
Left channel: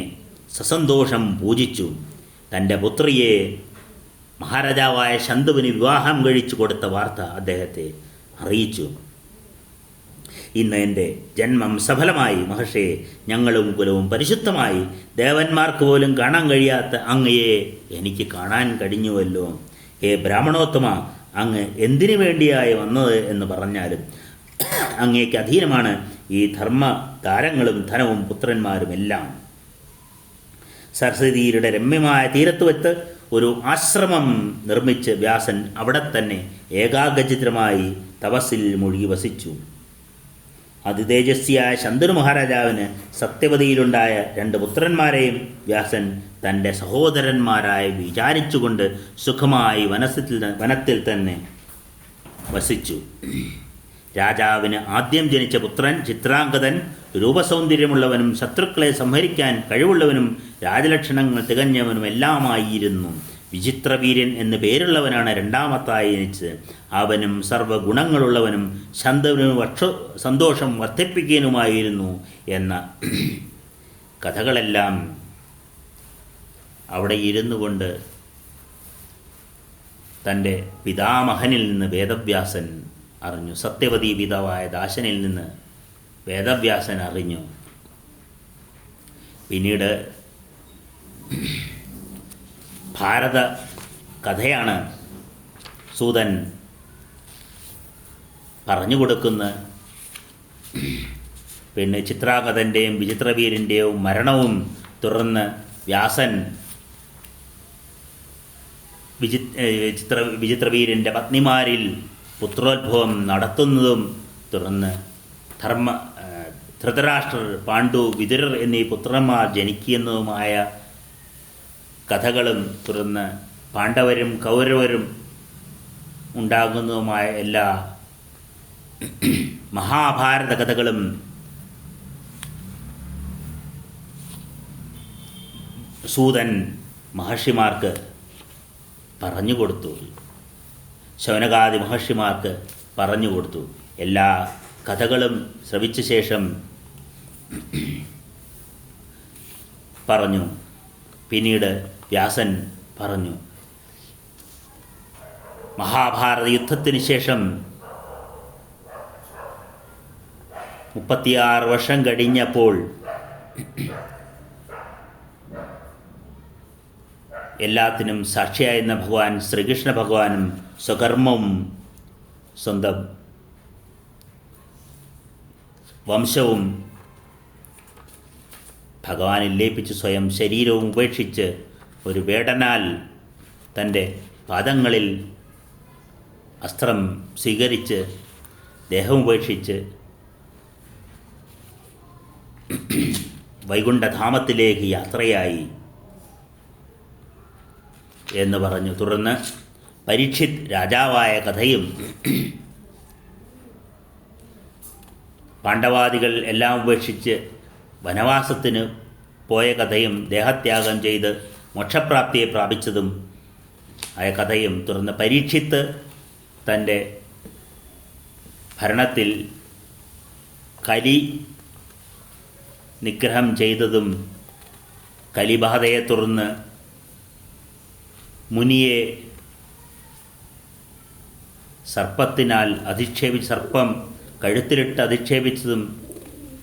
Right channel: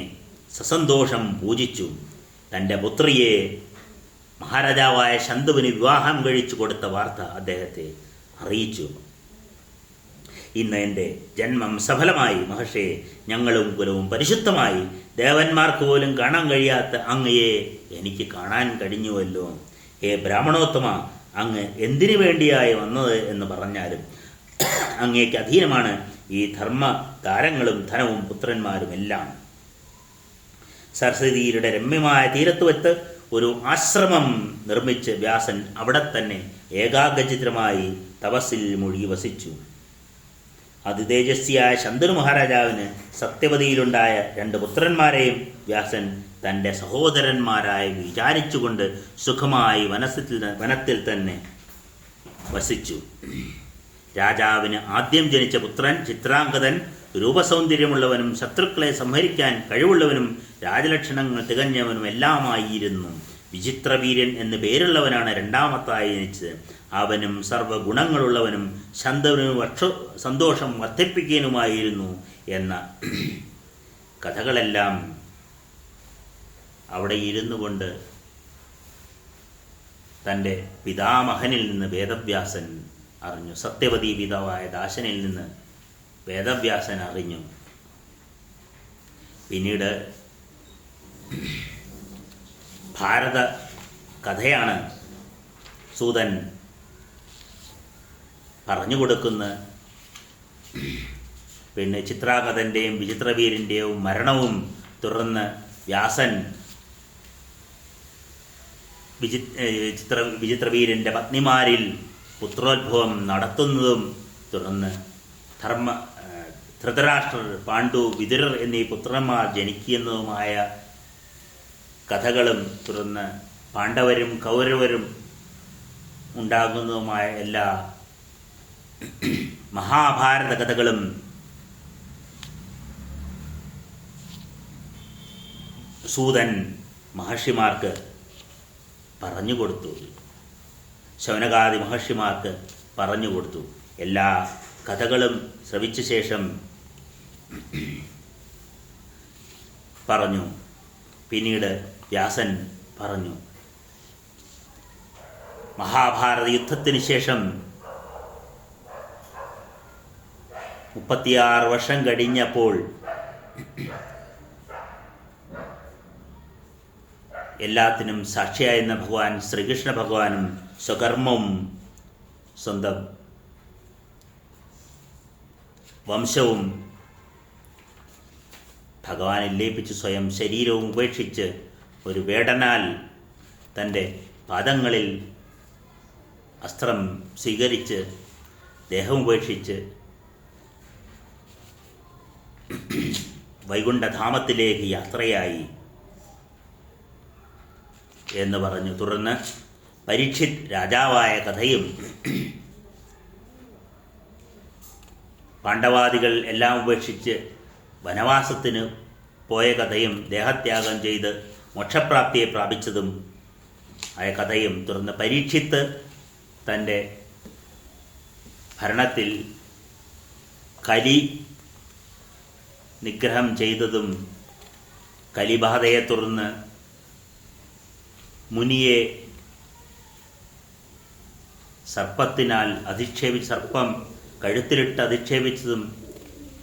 സസന്തോഷം പൂജിച്ചു. തൻ്റെ പുത്രിയെ മഹാരാജാവായ ശന്തനുവിന് വിവാഹം കഴിച്ചു കൊടുത്ത വാർത്ത അദ്ദേഹത്തെ അറിയിച്ചു. ഇന്ന് എൻ്റെ ജന്മം സഫലമായി മഹർഷേ. ഞങ്ങളും കുലവും പരിശുദ്ധമായി. ദേവന്മാർക്ക് പോലും കാണാൻ കഴിയാത്ത അങ്ങയെ എനിക്ക് കാണാൻ കഴിഞ്ഞുവല്ലോ. ഹേ ബ്രാഹ്മണോത്തമ, അങ്ങ് എന്തിനു വേണ്ടിയായി വന്നത് എന്ന് പറഞ്ഞാലും അങ്ങേക്ക് അധീനമാണ് ഈ ധർമ്മ താരങ്ങളും ധനവും പുത്രന്മാരും എല്ലാം. സരസ്വതിയുടെ രമ്യമായ തീരത്തുവെത്ത് ഒരു ആശ്രമം നിർമ്മിച്ച് വ്യാസൻ അവിടെ തന്നെ ഏകാഗ്രചിത്രമായി തപസ്സിൽ മുഴുകി വസിച്ചു. അതിതേജസ്വിയായ ശന്തനു മഹാരാജാവിന് സത്യവതിയിലുണ്ടായ 2 പുത്രന്മാരെയും വ്യാസൻ തൻ്റെ സഹോദരന്മാരായി വിചാരിച്ചുകൊണ്ട് സുഖമായി വനത്തിൽ തന്നെ വസിച്ചു. രാജാവിന് ആദ്യം ജനിച്ച പുത്രൻ ചിത്രാംഗതൻ രൂപസൗന്ദര്യമുള്ളവനും ശത്രുക്കളെ സംഹരിക്കാൻ കഴിവുള്ളവനും രാജലക്ഷണങ്ങൾ തികഞ്ഞവനും എല്ലാമായിരുന്നു. വിചിത്രവീര്യൻ എന്നു പേരുള്ളവനാണ് രണ്ടാമത്തായി ജനിച്ചത്. അവനും സർവ്വഗുണങ്ങളുള്ളവനും ശന്തനുവിനും സന്തോഷം വർദ്ധിപ്പിക്കാനുമായിരുന്നു എന്ന കഥകളെല്ലാം അവിടെ ഇരുന്നു കൊണ്ട് തൻ്റെ പിതാമഹനിൽ നിന്ന് വേദവ്യാസൻ അറിഞ്ഞു. സത്യവതി പിതാവായ ദാശനിൽ നിന്ന് വേദവ്യാസൻ അറിഞ്ഞു. പിന്നീട് ഭാരത കഥയാണ് സൂതൻ പറഞ്ഞുകൊടുക്കുന്ന. പിന്നെ ചിത്രാംഗതൻ്റെയും വിചിത്രവീരൻ്റെയും മരണവും തുടർന്ന് വ്യാസൻ വിചിത്രവീരൻ്റെ പത്നിമാരിൽ പുത്രോദ്ഭവം നടത്തുന്നതും തുടർന്ന് ധൃതരാഷ്ട്രർ, പാണ്ഡു, വിതുരർ എന്നീ പുത്രന്മാർ ജനിക്കുന്നതുമായ കഥകളും തുടർന്ന് പാണ്ഡവരും കൗരവരും ഉണ്ടാകുന്നതുമായ എല്ലാ മഹാഭാരത കഥകളും സൂതൻ മഹർഷിമാർക്ക് പറഞ്ഞുകൊടുത്തു. ശൗനകാദി മഹർഷിമാർക്ക് പറഞ്ഞുകൊടുത്തു. എല്ലാ കഥകളും ശ്രവിച്ച ശേഷം പറഞ്ഞു. പിന്നീട് വ്യാസൻ പറഞ്ഞു, മഹാഭാരത യുദ്ധത്തിന് ശേഷം 36 വർഷം കഴിഞ്ഞപ്പോൾ എല്ലാത്തിനും സാക്ഷിയായിരുന്ന ഭഗവാൻ ശ്രീകൃഷ്ണ ഭഗവാനും സ്വകർമ്മവും സ്വന്തം വംശവും ഭഗവാനിൽ ലയിപ്പിച്ച് സ്വയം ശരീരവും ഉപേക്ഷിച്ച് ഒരു വേടനാൽ തൻ്റെ പാദങ്ങളിൽ അസ്ത്രം സ്വീകരിച്ച് ദേഹം ഉപേക്ഷിച്ച് വൈകുണ്ഠധാമത്തിലേക്ക് യാത്രയായി എന്ന് പറഞ്ഞു. തുടർന്ന് പരീക്ഷിത് രാജാവായ കഥയും പാണ്ഡവാദികൾ എല്ലാം ഉപേക്ഷിച്ച് വനവാസത്തിന് പോയ കഥയും ദേഹത്യാഗം ചെയ്ത് മോക്ഷപ്രാപ്തിയെ പ്രാപിച്ചതും ആയ കഥയും, തുടർന്ന് പരീക്ഷിത്ത് തൻ്റെ ഭരണത്തിൽ കലി നിഗ്രഹം ചെയ്തതും കലിബാധയെ തുടർന്ന് മുനിയെ സർപ്പത്തിനാൽ സർപ്പം കഴുത്തിലിട്ട് അധിക്ഷേപിച്ചതും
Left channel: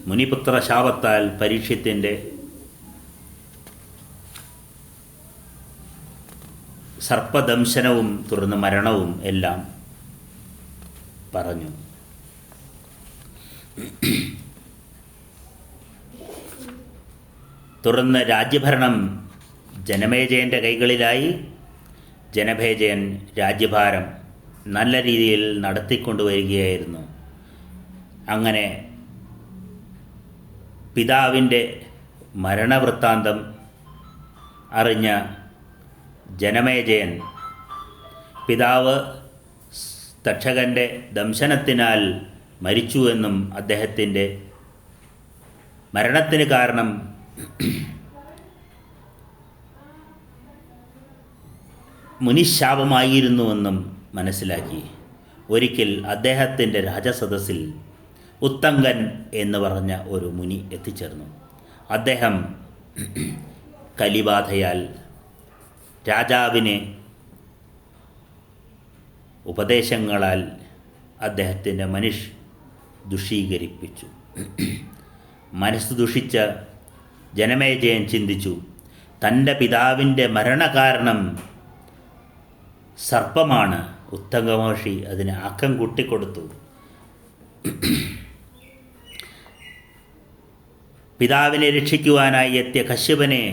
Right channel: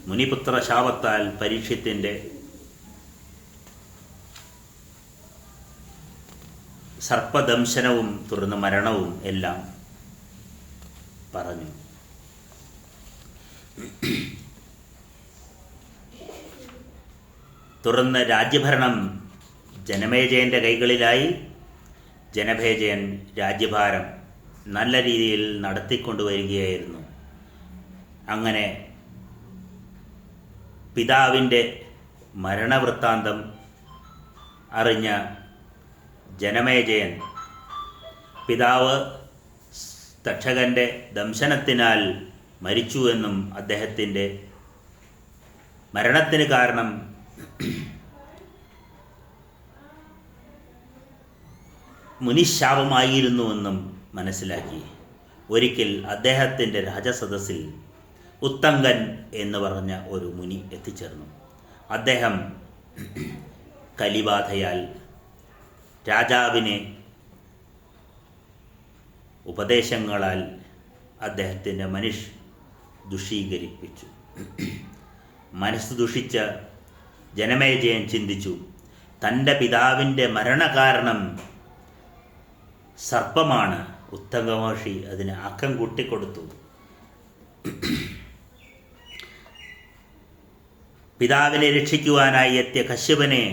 മുനിപുത്ര ശാപത്താൽ പരീക്ഷത്തിൻ്റെ സർപ്പദംശനവും തുടർന്ന് മരണവും എല്ലാം പറഞ്ഞു. തുടർന്ന് രാജ്യഭരണം ജനമേജയൻ്റെ കൈകളിലായി. ജനമേജയൻ രാജ്യഭാരം നല്ല രീതിയിൽ നടത്തിക്കൊണ്ടുവരികയായിരുന്നു. അങ്ങനെ പിതാവിൻ്റെ മരണവൃത്താന്തം അറിഞ്ഞ ജനമേജയൻ പിതാവ് തക്ഷകൻ്റെ ദംശനത്തിനാൽ മരിച്ചുവെന്നും അദ്ദേഹത്തിൻ്റെ മരണത്തിന് കാരണം മുനിശാപമായിരുന്നുവെന്നും മനസ്സിലാക്കി. ഒരിക്കൽ അദ്ദേഹത്തിൻ്റെ രാജസദസ്സിൽ ഉത്തങ്കൻ എന്ന് പറഞ്ഞ ഒരു മുനി എത്തിച്ചേർന്നു. അദ്ദേഹം കലിബാധയാൽ രാജാവിനെ ഉപദേശങ്ങളാൽ അദ്ദേഹത്തിൻ്റെ ദുഷീകരിപ്പിച്ചു. മനസ്സ് ദുഷിച്ച ജനമേജയൻ ചിന്തിച്ചു, തൻ്റെ പിതാവിൻ്റെ മരണകാരണം സർപ്പമാണ്. ഉത്തങ്കമഹർഷി അതിന് ആക്കം കൂട്ടിക്കൊടുത്തു. പിതാവിനെ രക്ഷിക്കുവാനായി എത്തിയ കശ്യപനെ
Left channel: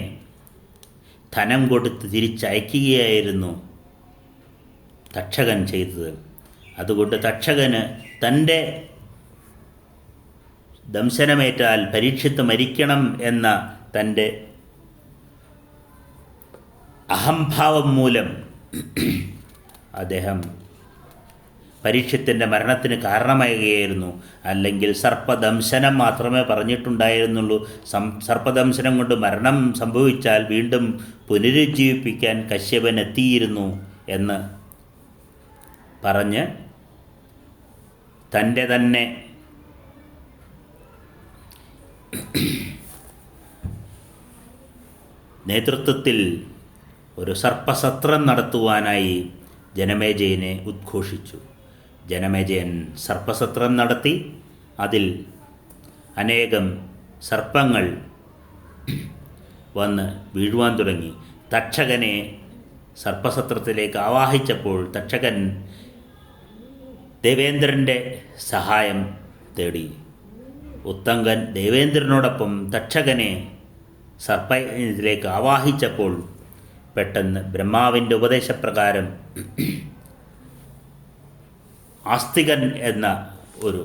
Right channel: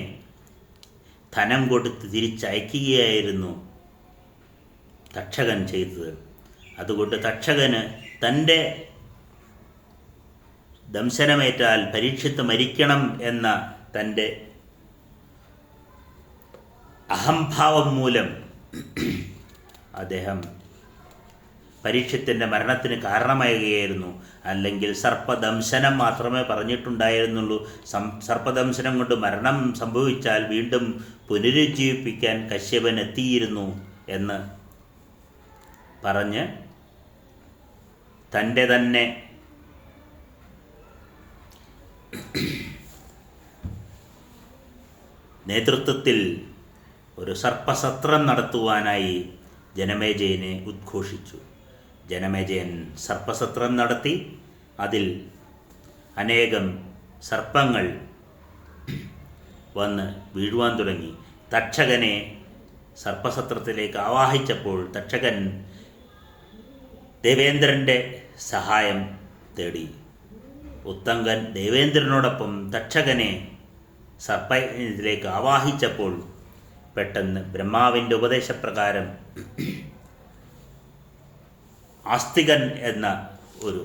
ധനം കൊടുത്ത് തിരിച്ചയക്കുകയായിരുന്നു തക്ഷകൻ ചെയ്തത്. അതുകൊണ്ട് തക്ഷകന് തൻ്റെ ദംശനമേറ്റാൽ പരീക്ഷിത്ത് മരിക്കണം എന്ന തൻ്റെ അഹംഭാവം മൂലം അദ്ദേഹം പരീക്ഷത്തിൻ്റെ മരണത്തിന് കാരണമാകുകയായിരുന്നു. അല്ലെങ്കിൽ സർപ്പദംശനം മാത്രമേ പറഞ്ഞിട്ടുണ്ടായിരുന്നുള്ളൂ. സർപ്പദംശനം കൊണ്ട് മരണം സംഭവിച്ചാൽ വീണ്ടും പുനരുജ്ജീവിപ്പിക്കാൻ കശ്യപൻ എത്തിയിരുന്നു എന്ന് പറഞ്ഞ് തൻ്റെ തന്നെ നേതൃത്വത്തിൽ ഒരു സർപ്പസത്രം നടത്തുവാനായി ജനമേജയനെ ഉദ്ഘോഷിച്ചു. ജനമേജയൻ സർപ്പസത്രം നടത്തി. അതിൽ അനേകം സർപ്പങ്ങൾ വന്ന് വീഴുവാൻ തുടങ്ങി. തക്ഷകനെ സർപ്പസത്രത്തിലേക്ക് ആവാഹിച്ചപ്പോൾ തക്ഷകൻ ദേവേന്ദ്രൻ്റെ സഹായം തേടി. ഉത്തങ്കൻ ദേവേന്ദ്രനോടൊപ്പം തക്ഷകനെ സർപ്പത്തിലേക്ക് ആവാഹിച്ചപ്പോൾ പെട്ടെന്ന് ബ്രഹ്മാവിൻ്റെ ഉപദേശപ്രകാരം ആസ്തികൻ എന്ന ഒരു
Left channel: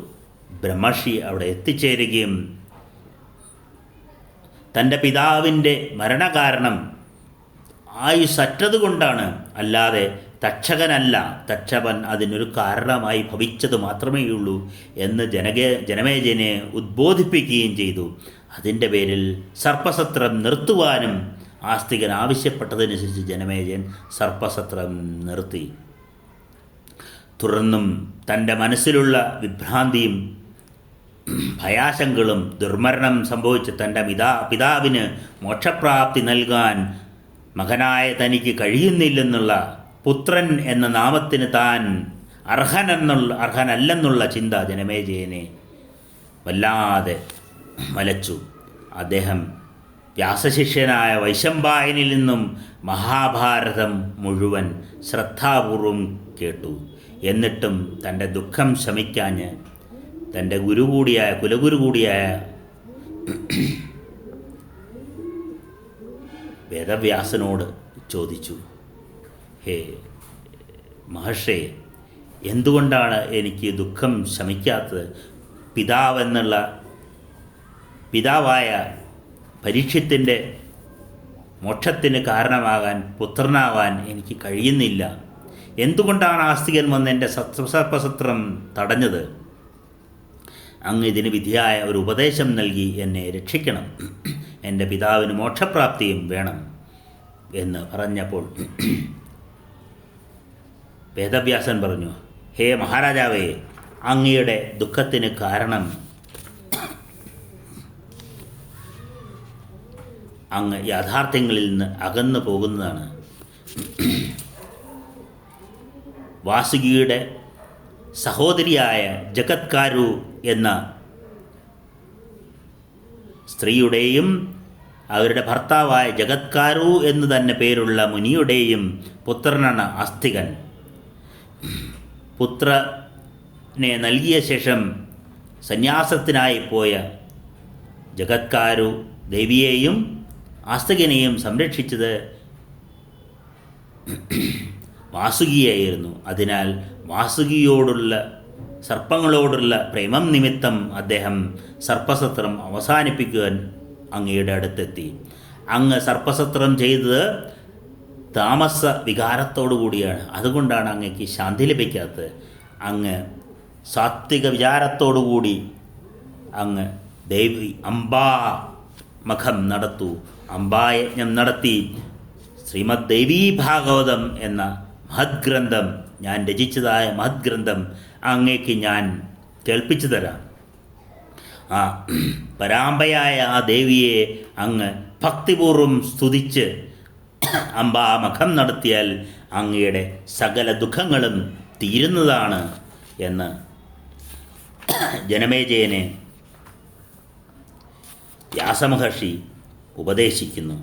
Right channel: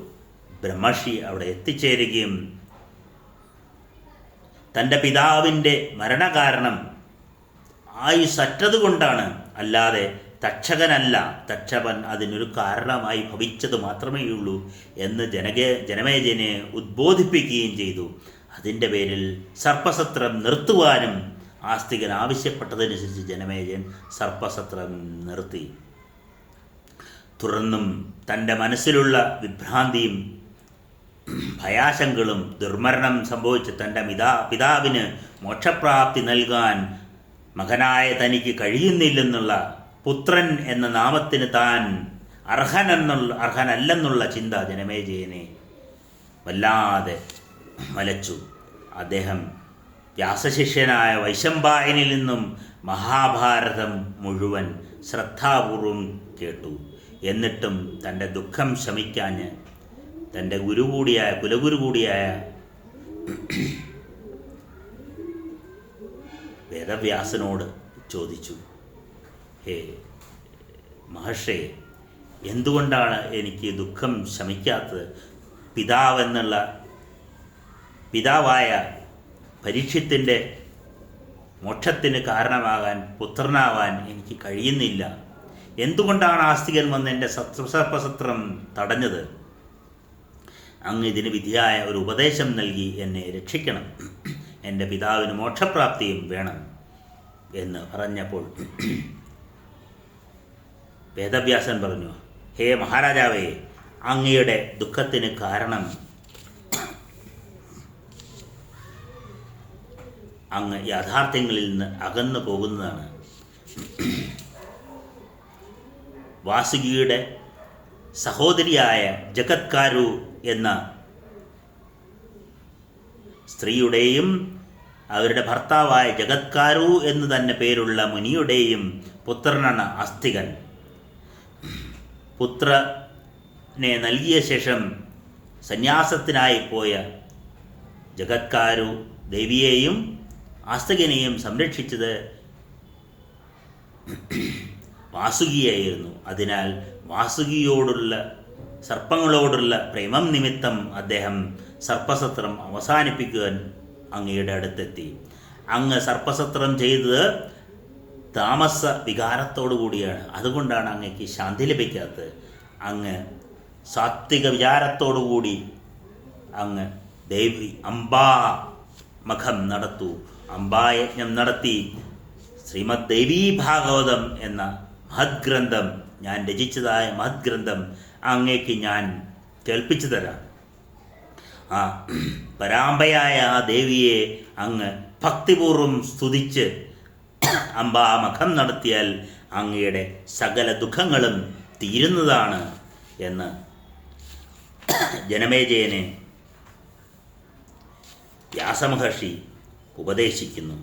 ബ്രഹ്മർഷി അവിടെ എത്തിച്ചേരുകയും തൻ്റെ പിതാവിൻ്റെ മരണകാരണം ആയുസ്സറ്റതുകൊണ്ടാണ്, അല്ലാതെ തക്ഷകനല്ല, തക്ഷകൻ അതിനൊരു കാരണമായി ഭവിച്ചത് മാത്രമേയുള്ളൂ എന്ന് ജനമേജയനെ ഉദ്ബോധിപ്പിക്കുകയും ചെയ്തു. അതിൻ്റെ പേരിൽ സർപ്പസത്രം നിർത്തുവാനും ആസ്തികൻ ആവശ്യപ്പെട്ടതനുസരിച്ച് ജനമേജയൻ സർപ്പസത്രം നിർത്തി. തുടർന്നും തൻ്റെ മനസ്സിലുള്ള വിഭ്രാന്തിയും ഭയാശങ്കകളും ദുർമരണം സംഭവിച്ച തൻ്റെ പിതാവിന് മോക്ഷപ്രാപ്തി നൽകാൻ മകനായ തനിക്ക് കഴിയുന്നില്ലെന്നുള്ള, പുത്രൻ എന്ന നാമത്തിന് താൻ അർഹനല്ലെന്നുള്ള ചിന്ത ജനമേജയനെ വല്ലാതെ വലച്ചു. അദ്ദേഹം വ്യാസശിഷ്യനായ വൈശമ്പായനിൽ നിന്നും മഹാഭാരതം മുഴുവൻ ശ്രദ്ധാപൂർവം കേട്ടു. എന്നിട്ടും തൻ്റെ ദുഃഖം ശമിക്കാഞ്ഞ് തൻ്റെ കുലഗുരു കൂടിയായ വേദവ്യാസനോട് ചോദിച്ചു, ഹേ മഹർഷേ, എന്തുകൊണ്ടാണ് എനിക്ക് ദുഃഖം ശമിക്കാത്തത്? പിതാവായ പരീക്ഷത്തിൻ്റെ മോക്ഷത്തിന് കാരണമാകാൻ, പുത്രനാവാൻ എനിക്ക് കഴിയുന്നില്ല. എന്തുകൊണ്ടാണ് ആസ്തികൻ വന്ന് എൻ്റെ സർപ്പസത്രം തടഞ്ഞത്? അങ്ങ് ഇതിന് വിധിയായ ഒരു ഉപദേശം നൽകി എന്നെ രക്ഷിക്കണം. എൻ്റെ പിതാവിന് മോക്ഷപ്രാപ്തിയും വേണം എന്ന് പറഞ്ഞപ്പോൾ വേദവ്യാസൻ പറഞ്ഞു, ഹേ മഹാരാജാവേ, അങ്ങയുടെ ദുഃഖത്തിന് കാരണം അങ്ങ് യാഥാർത്ഥ്യങ്ങളിൽ നിന്ന് അകന്നു പോകുന്നതാണ്. വാസുകിയുടെ സഹോദരിയായ ജഗത്കാരു എന്ന സ്ത്രീയുടെയും അവരുടെ ഭർത്താവായ ജഗത്കാരു എന്ന് തന്നെ പേരുള്ള മുനിയുടെയും പുത്രനാണ് ആസ്തികൻ. പുത്രനെ നൽകിയ ശേഷം സന്യാസത്തിനായി പോയ ജഗത്കാരു ദേവിയെയും ആസ്തികനെയും സംരക്ഷിച്ചത് വാസുകിയായിരുന്നു. അതിനാൽ സർപ്പങ്ങളോടുള്ള പ്രേമം നിമിത്തം അദ്ദേഹം സർപ്പസത്രം അവസാനിപ്പിക്കുവാൻ അങ്ങയുടെ അടുത്തെത്തി. അങ്ങ് സർപ്പസത്രം ചെയ്തത് താമസ വികാരത്തോടു കൂടിയാണ്. അതുകൊണ്ടാണ് അങ്ങക്ക് ശാന്തി ലഭിക്കാത്തത്. അങ്ങ് സാത്വിക വിചാരത്തോടുകൂടി അങ്ങ് അംബാമഖം നടത്തൂ, അംബായജ്ഞം നടത്തി ശ്രീമദ് ദേവീ ഭാഗവതം എന്ന മഹദ്ഗ്രന്ഥം, ഞാൻ രചിച്ചതായ മഹദ്ഗ്രന്ഥം അങ്ങേക്ക് ഞാൻ കേൾപ്പിച്ചു തരാം. ആ പരാമ്പയായ ആ ദേവിയെ അങ്ങ് ഭക്തിപൂർവം സ്തുതിച്ച് അംബാമഖം നടത്തിയാൽ അങ്ങയുടെ സകല ദുഃഖങ്ങളും തീരുന്നതാണ് എന്ന് ജനമേജയനെ വ്യാസമഹർഷി ഉപദേശിക്കുന്നു.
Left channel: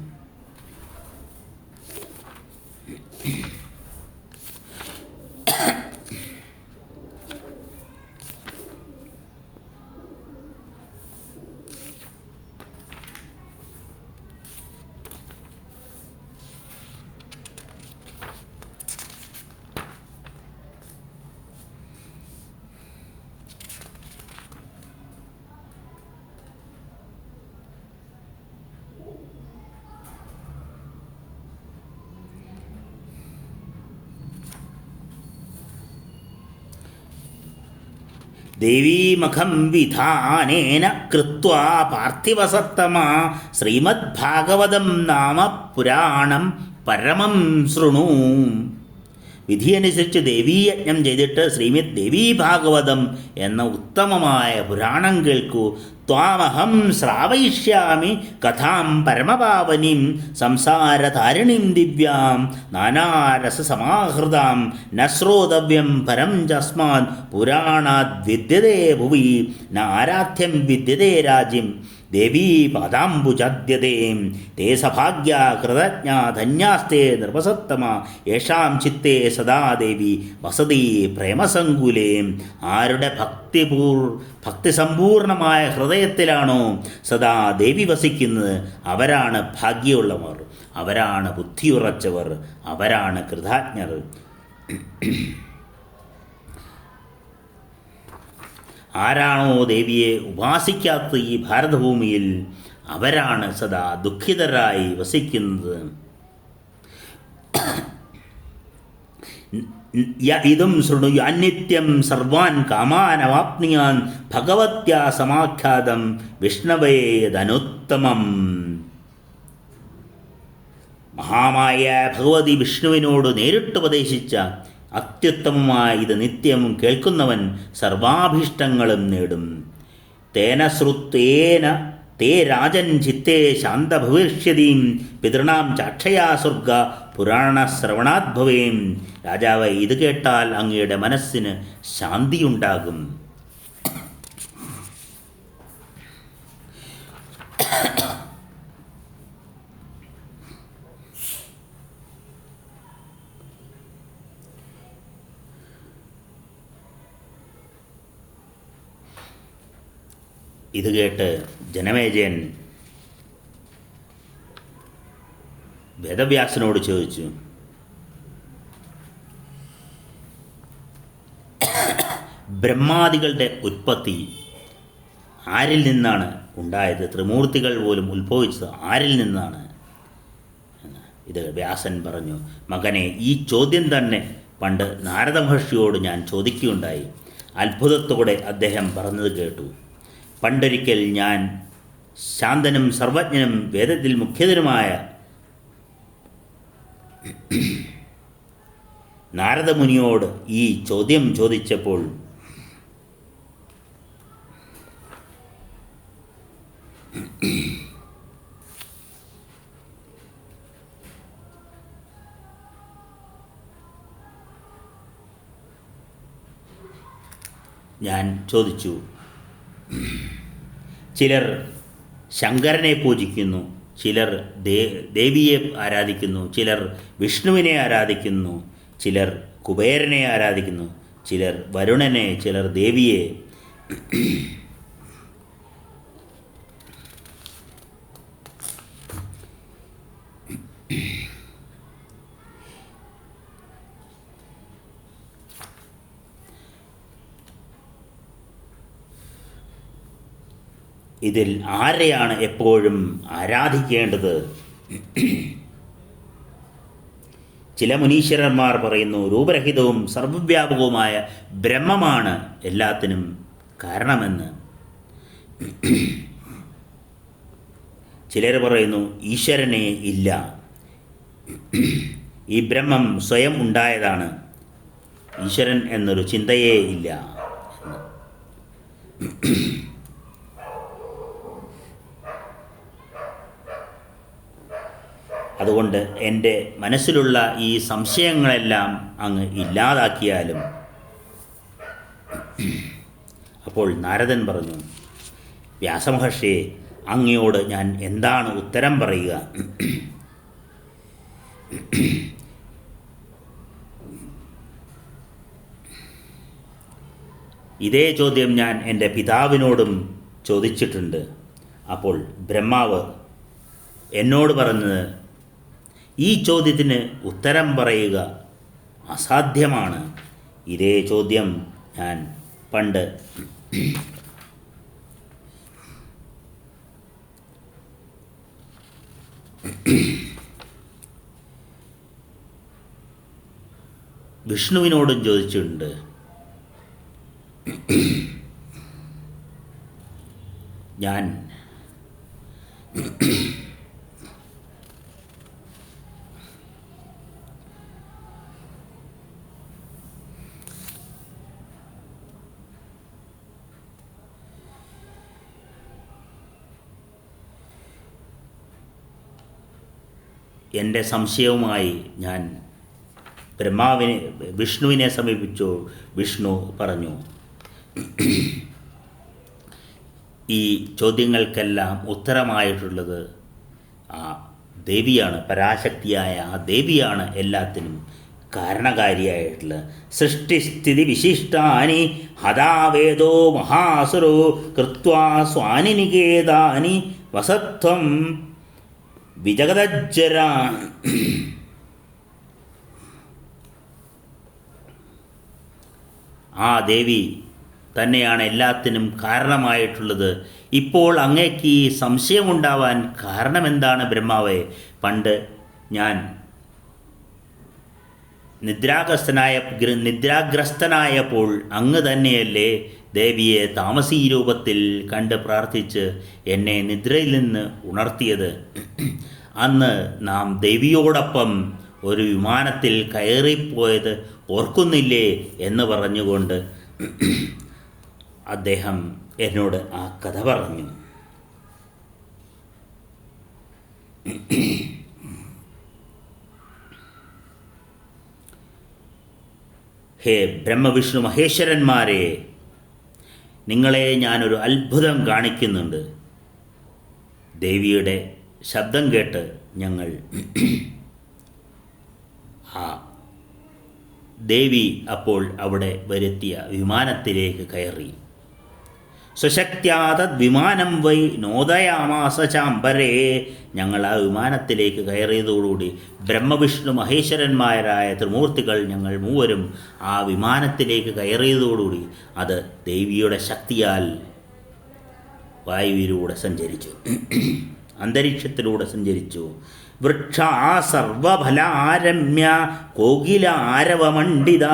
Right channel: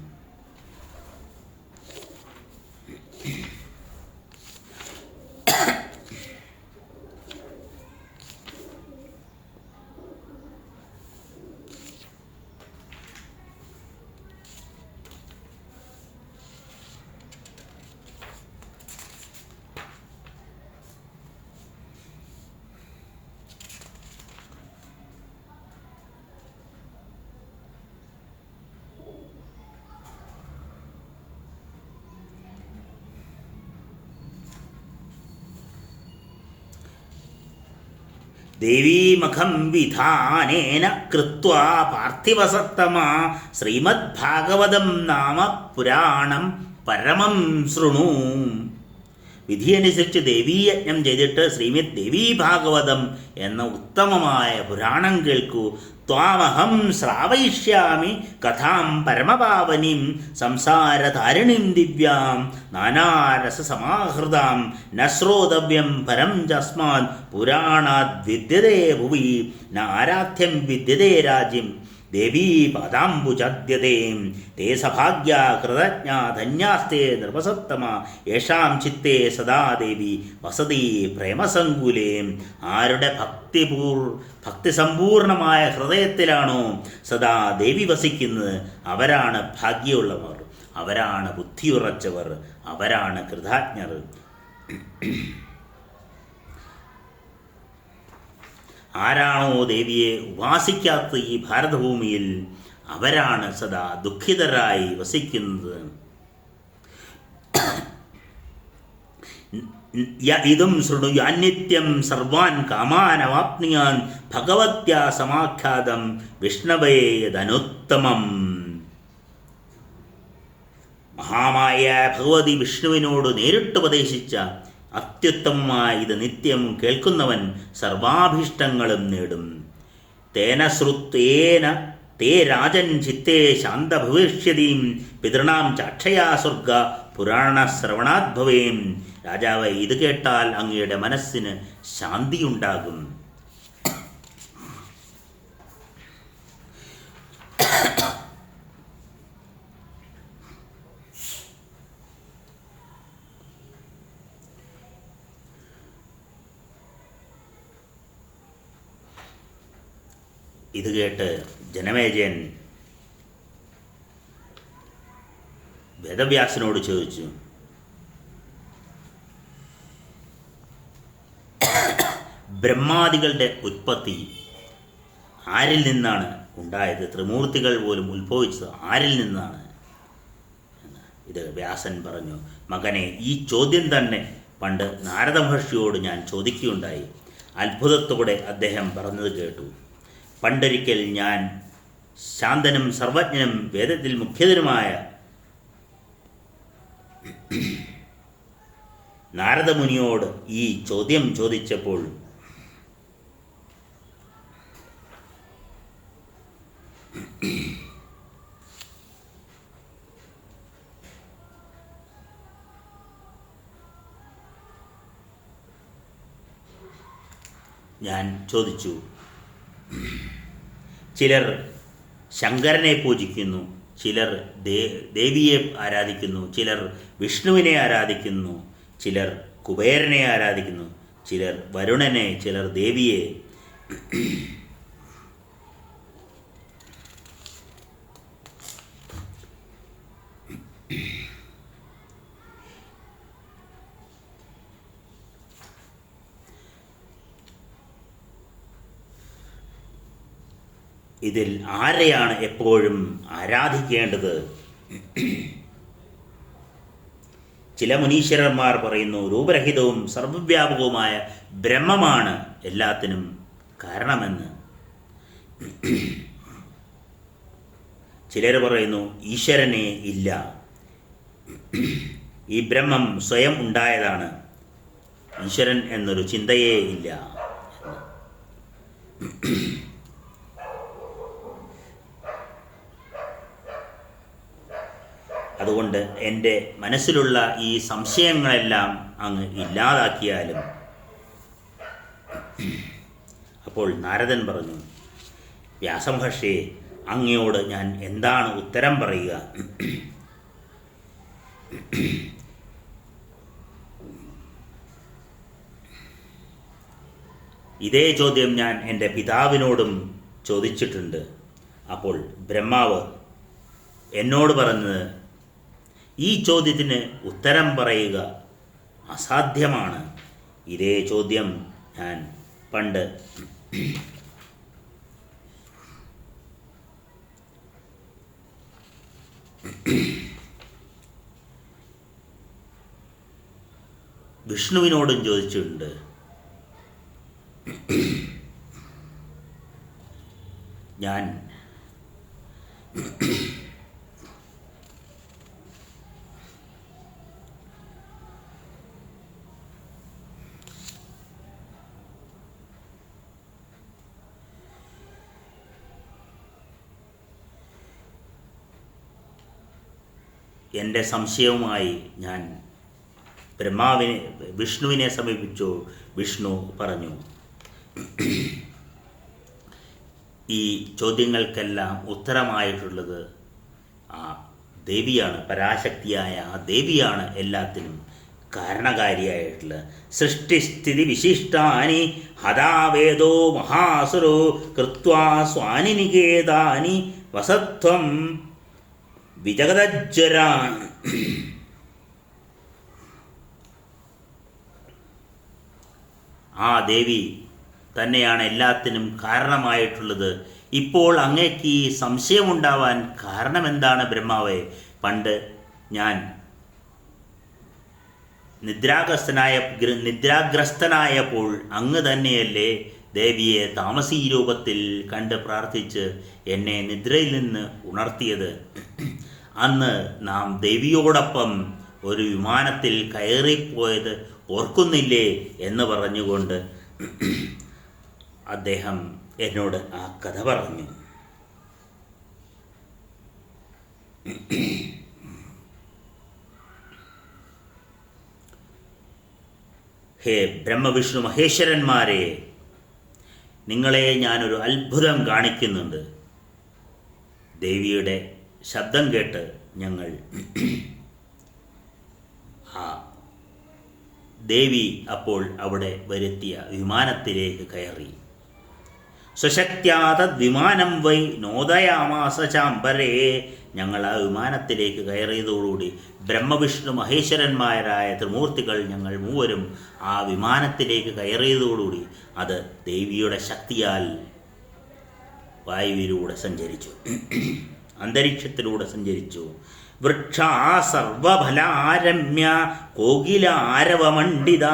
ദേവീമഖം വിധാനേന കൃത്വാ പാർത്ഥിവസത്തമാ ശ്രീമദ്ഭാഗവതം നാമ പുരാണം പരമം ശൃണു. വിധിയനുസരിച്ച് ദേവീയജ്ഞം ചെയ്തിട്ട് ശ്രീമദ് ദേവീ ഭാഗവതം എന്ന ഉത്തമമായ പുരാണം കേൾക്കൂ. ത്വാമഹം ശ്രാവയിഷ്യാമി കഥാം പരമപാവനിം സംസാരതാരിണീം ദിവ്യാം നാനാരസസമാഹൃതാം ന ശ്രോതവ്യം പരം ചസ്മാത് പുരാണാദ് വിദ്യതേ ഭുവി ന ആരാധ്യം വിദ്യതേ രാജ്യം ദേവീ പാദാംബുജാദ്യതേ തേ സഭാഗ്യാ കൃതജ്ഞാ ധന്യാസ്തേ നൃപസത്തമ യേഷാം ചിത്തേ സദാ ദേവി വസതി പ്രേമസങ്കുലേ. ആരുടെ ഭക്തിസമ്പൂർണമായ ഹൃദയത്തിലാണോ സദാ ദേവി വസിക്കുന്നത് അവരാണ് ഭാഗ്യമുള്ളവർ, അവരാണ് ബുദ്ധിയുറച്ചവർ, അവരാണ് കൃതജ്ഞർ. ആരാണോ ദേവിയെ ഉപാസിക്കാത്ത ഈ ഭാരതഭൂമിയിൽ അവരാണ് സദാ ദുഃഖിതരായി വസിക്കുന്നത്. ഇതും ശൃണു അനിത്യം സർവാൻ കാമാനവാപ്നിയാൻ ഭഗവത്യാ സമാഖ്യാതം വിഷ്ണവേദനുത്തമം. മഹാമായ ഭഗവതി വിഷ്ണുവിനോട് നേരിട്ട് ഉപദേശിച്ച അത്യുത്തമമായ ഇത് നിത്യം കേൾക്കുന്നവൻ സർവാഭീഷ്ടങ്ങളും നേടും. തേന ശ്രുത്തേന തേ രാജൻ ചിത്തേ ശാന്തഭവിഷ്യതീം പിതൃണാം ചാക്ഷയാ സ്വർഗ പുരാണശ്രവണാദ്ഭവേം. രാജാവ്, ഇത് കേട്ടാൽ അങ്ങയുടെ മനസ്സിന് ശാന്തിയുണ്ടാകും. ഇത് കേട്ട് ജനമേജയൻ വേദവ്യാസനോട് ചോദിച്ചു, ബ്രഹ്മാദികളുടെ ഉത്പത്തി ആരിൽ നിന്നാണ് ഉണ്ടായത്? ത്രിമൂർത്തികൾ പോലും ഉത്ഭവിച്ചത് ആരിൽ നിന്നാണ്? ഇത് വ്യാസൻ പറഞ്ഞു, മകനെ, ഈ ചോദ്യം തന്നെ പണ്ട് നാരദ മഹർഷിയോട് ഞാൻ ചോദിക്കുകയുണ്ടായി. അത്ഭുതത്തോടെ അദ്ദേഹം പറഞ്ഞത് കേട്ടു. പണ്ടൊരിക്കൽ ഞാൻ ശാന്തനും സർവജ്ഞനും വേദത്തിൽ മുഖ്യതരുമായ നാരദമുനിയോട് ഈ ചോദ്യം ചോദിച്ചപ്പോൾ ഞാൻ ചോദിച്ചു, ചിലർ ശങ്കരനെ പൂജിക്കുന്നു, ചിലർ ദേവിയെ ആരാധിക്കുന്നു, ചിലർ വിഷ്ണുവിനെ ആരാധിക്കുന്നു, ചിലർ കുബേരനെ ആരാധിക്കുന്നു, ചിലർ വരുണനെ, ചിലർ ദേവിയെ. ഇതിൽ ആരെയാണ് എപ്പോഴും ആരാധിക്കേണ്ടത്? ചില മുനീശ്വരന്മാർ പറയുന്നു, രൂപരഹിതവും സർവവ്യാപകവുമായ ബ്രഹ്മമാണ് എല്ലാത്തിനും കാരണമെന്ന്. ചിലർ പറയുന്നു, ഈശ്വരനെ ഇല്ല, ഈ ബ്രഹ്മം സ്വയം ഉണ്ടായതാണ്, ഈശ്വരൻ എന്നൊരു ചിന്തയേ ഇല്ല. അതുകൊണ്ട് എൻ്റെ മനസ്സിലുള്ള ഈ സംശയങ്ങളെല്ലാം അങ്ങ് ഇല്ലാതാക്കിയാലും. അപ്പോൾ നാരദൻ പറഞ്ഞു, വ്യാസമഹർഷിയെ, അങ്ങയോട് ഞാൻ എന്താണ് ഉത്തരം പറയുക? ഇതേ ചോദ്യം ഞാൻ എൻ്റെ പിതാവിനോടും ചോദിച്ചിട്ടുണ്ട്. അപ്പോൾ ബ്രഹ്മാവ് എന്നോട് പറഞ്ഞത്, ഈ ചോദ്യത്തിന് ഉത്തരം പറയുക അസാധ്യമാണ്. ഇതേ ചോദ്യം ഞാൻ പണ്ട് വിഷ്ണുവിനോടും ചോദിച്ചിട്ടുണ്ട്. ഞാൻ എൻ്റെ സംശയവുമായി ഞാൻ വിഷ്ണുവിനെ സമീപിച്ചു. വിഷ്ണു പറഞ്ഞു, ഈ ചോദ്യങ്ങൾക്കെല്ലാം ഉത്തരമായിട്ടുള്ളത് ആ ദേവിയാണ്, പരാശക്തിയായ ആ ദേവിയാണ് എല്ലാത്തിനും കാരണകാരിയായിട്ടുള്ളത്. സൃഷ്ടിസ്ഥിതി വിശിഷ്ടാനി ഹതാവേദോ മഹാസുരോ കൃത്വാ സ്വാനി നികേതാനി വസത്വം വിജഗതജ്ജര. ആ ദേവി തന്നെയാണ് എല്ലാത്തിനും കാരണമായിട്ടുള്ളത്. ഇപ്പോൾ അങ്ങേക്ക് ഈ സംശയമുണ്ടാവാൻ കാരണമെന്താണ് ബ്രഹ്മാവേ? പണ്ട് ഞാൻ നിദ്രാഗ്രസ്തനായപ്പോൾ അങ്ങ് തന്നെയല്ലേ ദേവിയെ താമസീ രൂപത്തിൽ കണ്ട് പ്രാർത്ഥിച്ച് എന്നെ നിദ്രയിൽ നിന്ന് ഉണർത്തിയത്? അന്ന് നാം ദേവിയോടൊപ്പം ഒരു വിമാനത്തിൽ കയറിപ്പോയത് ഓർക്കുന്നില്ലേ എന്ന് പറഞ്ഞുകൊണ്ട് അദ്ദേഹം എന്നോട് ആ കഥ പറഞ്ഞു. ഹേ ബ്രഹ്മവിഷ്ണു മഹേശ്വരന്മാരെ, നിങ്ങളെ ഞാനൊരു അത്ഭുതം കാണിക്കുന്നുണ്ട്. ദേവിയുടെ ശബ്ദം കേട്ട് ഞങ്ങൾ ആ ദേവി അപ്പോൾ അവിടെ വരുത്തിയ വിമാനത്തിലേക്ക് കയറി. സ്വശക്ത്യാ തദ്വിമാനം വൈ നോദയാമാസ ചാമ്പരേ. ഞങ്ങൾ ആ വിമാനത്തിലേക്ക് കയറിയതോടുകൂടി ബ്രഹ്മവിഷ്ണു മഹേശ്വരന്മാരായ ത്രിമൂർത്തികൾ ഞങ്ങൾ മൂവരും ആ വിമാനത്തിലേക്ക് കയറിയതോടുകൂടി അത് ദേവിയുടെ ശക്തിയാൽ വായുവിലൂടെ സഞ്ചരിച്ചു, അന്തരീക്ഷത്തിലൂടെ സഞ്ചരിച്ചു. വൃക്ഷാ സർവഫലാരമ്യ കോകിലാരവമണ്ഡിത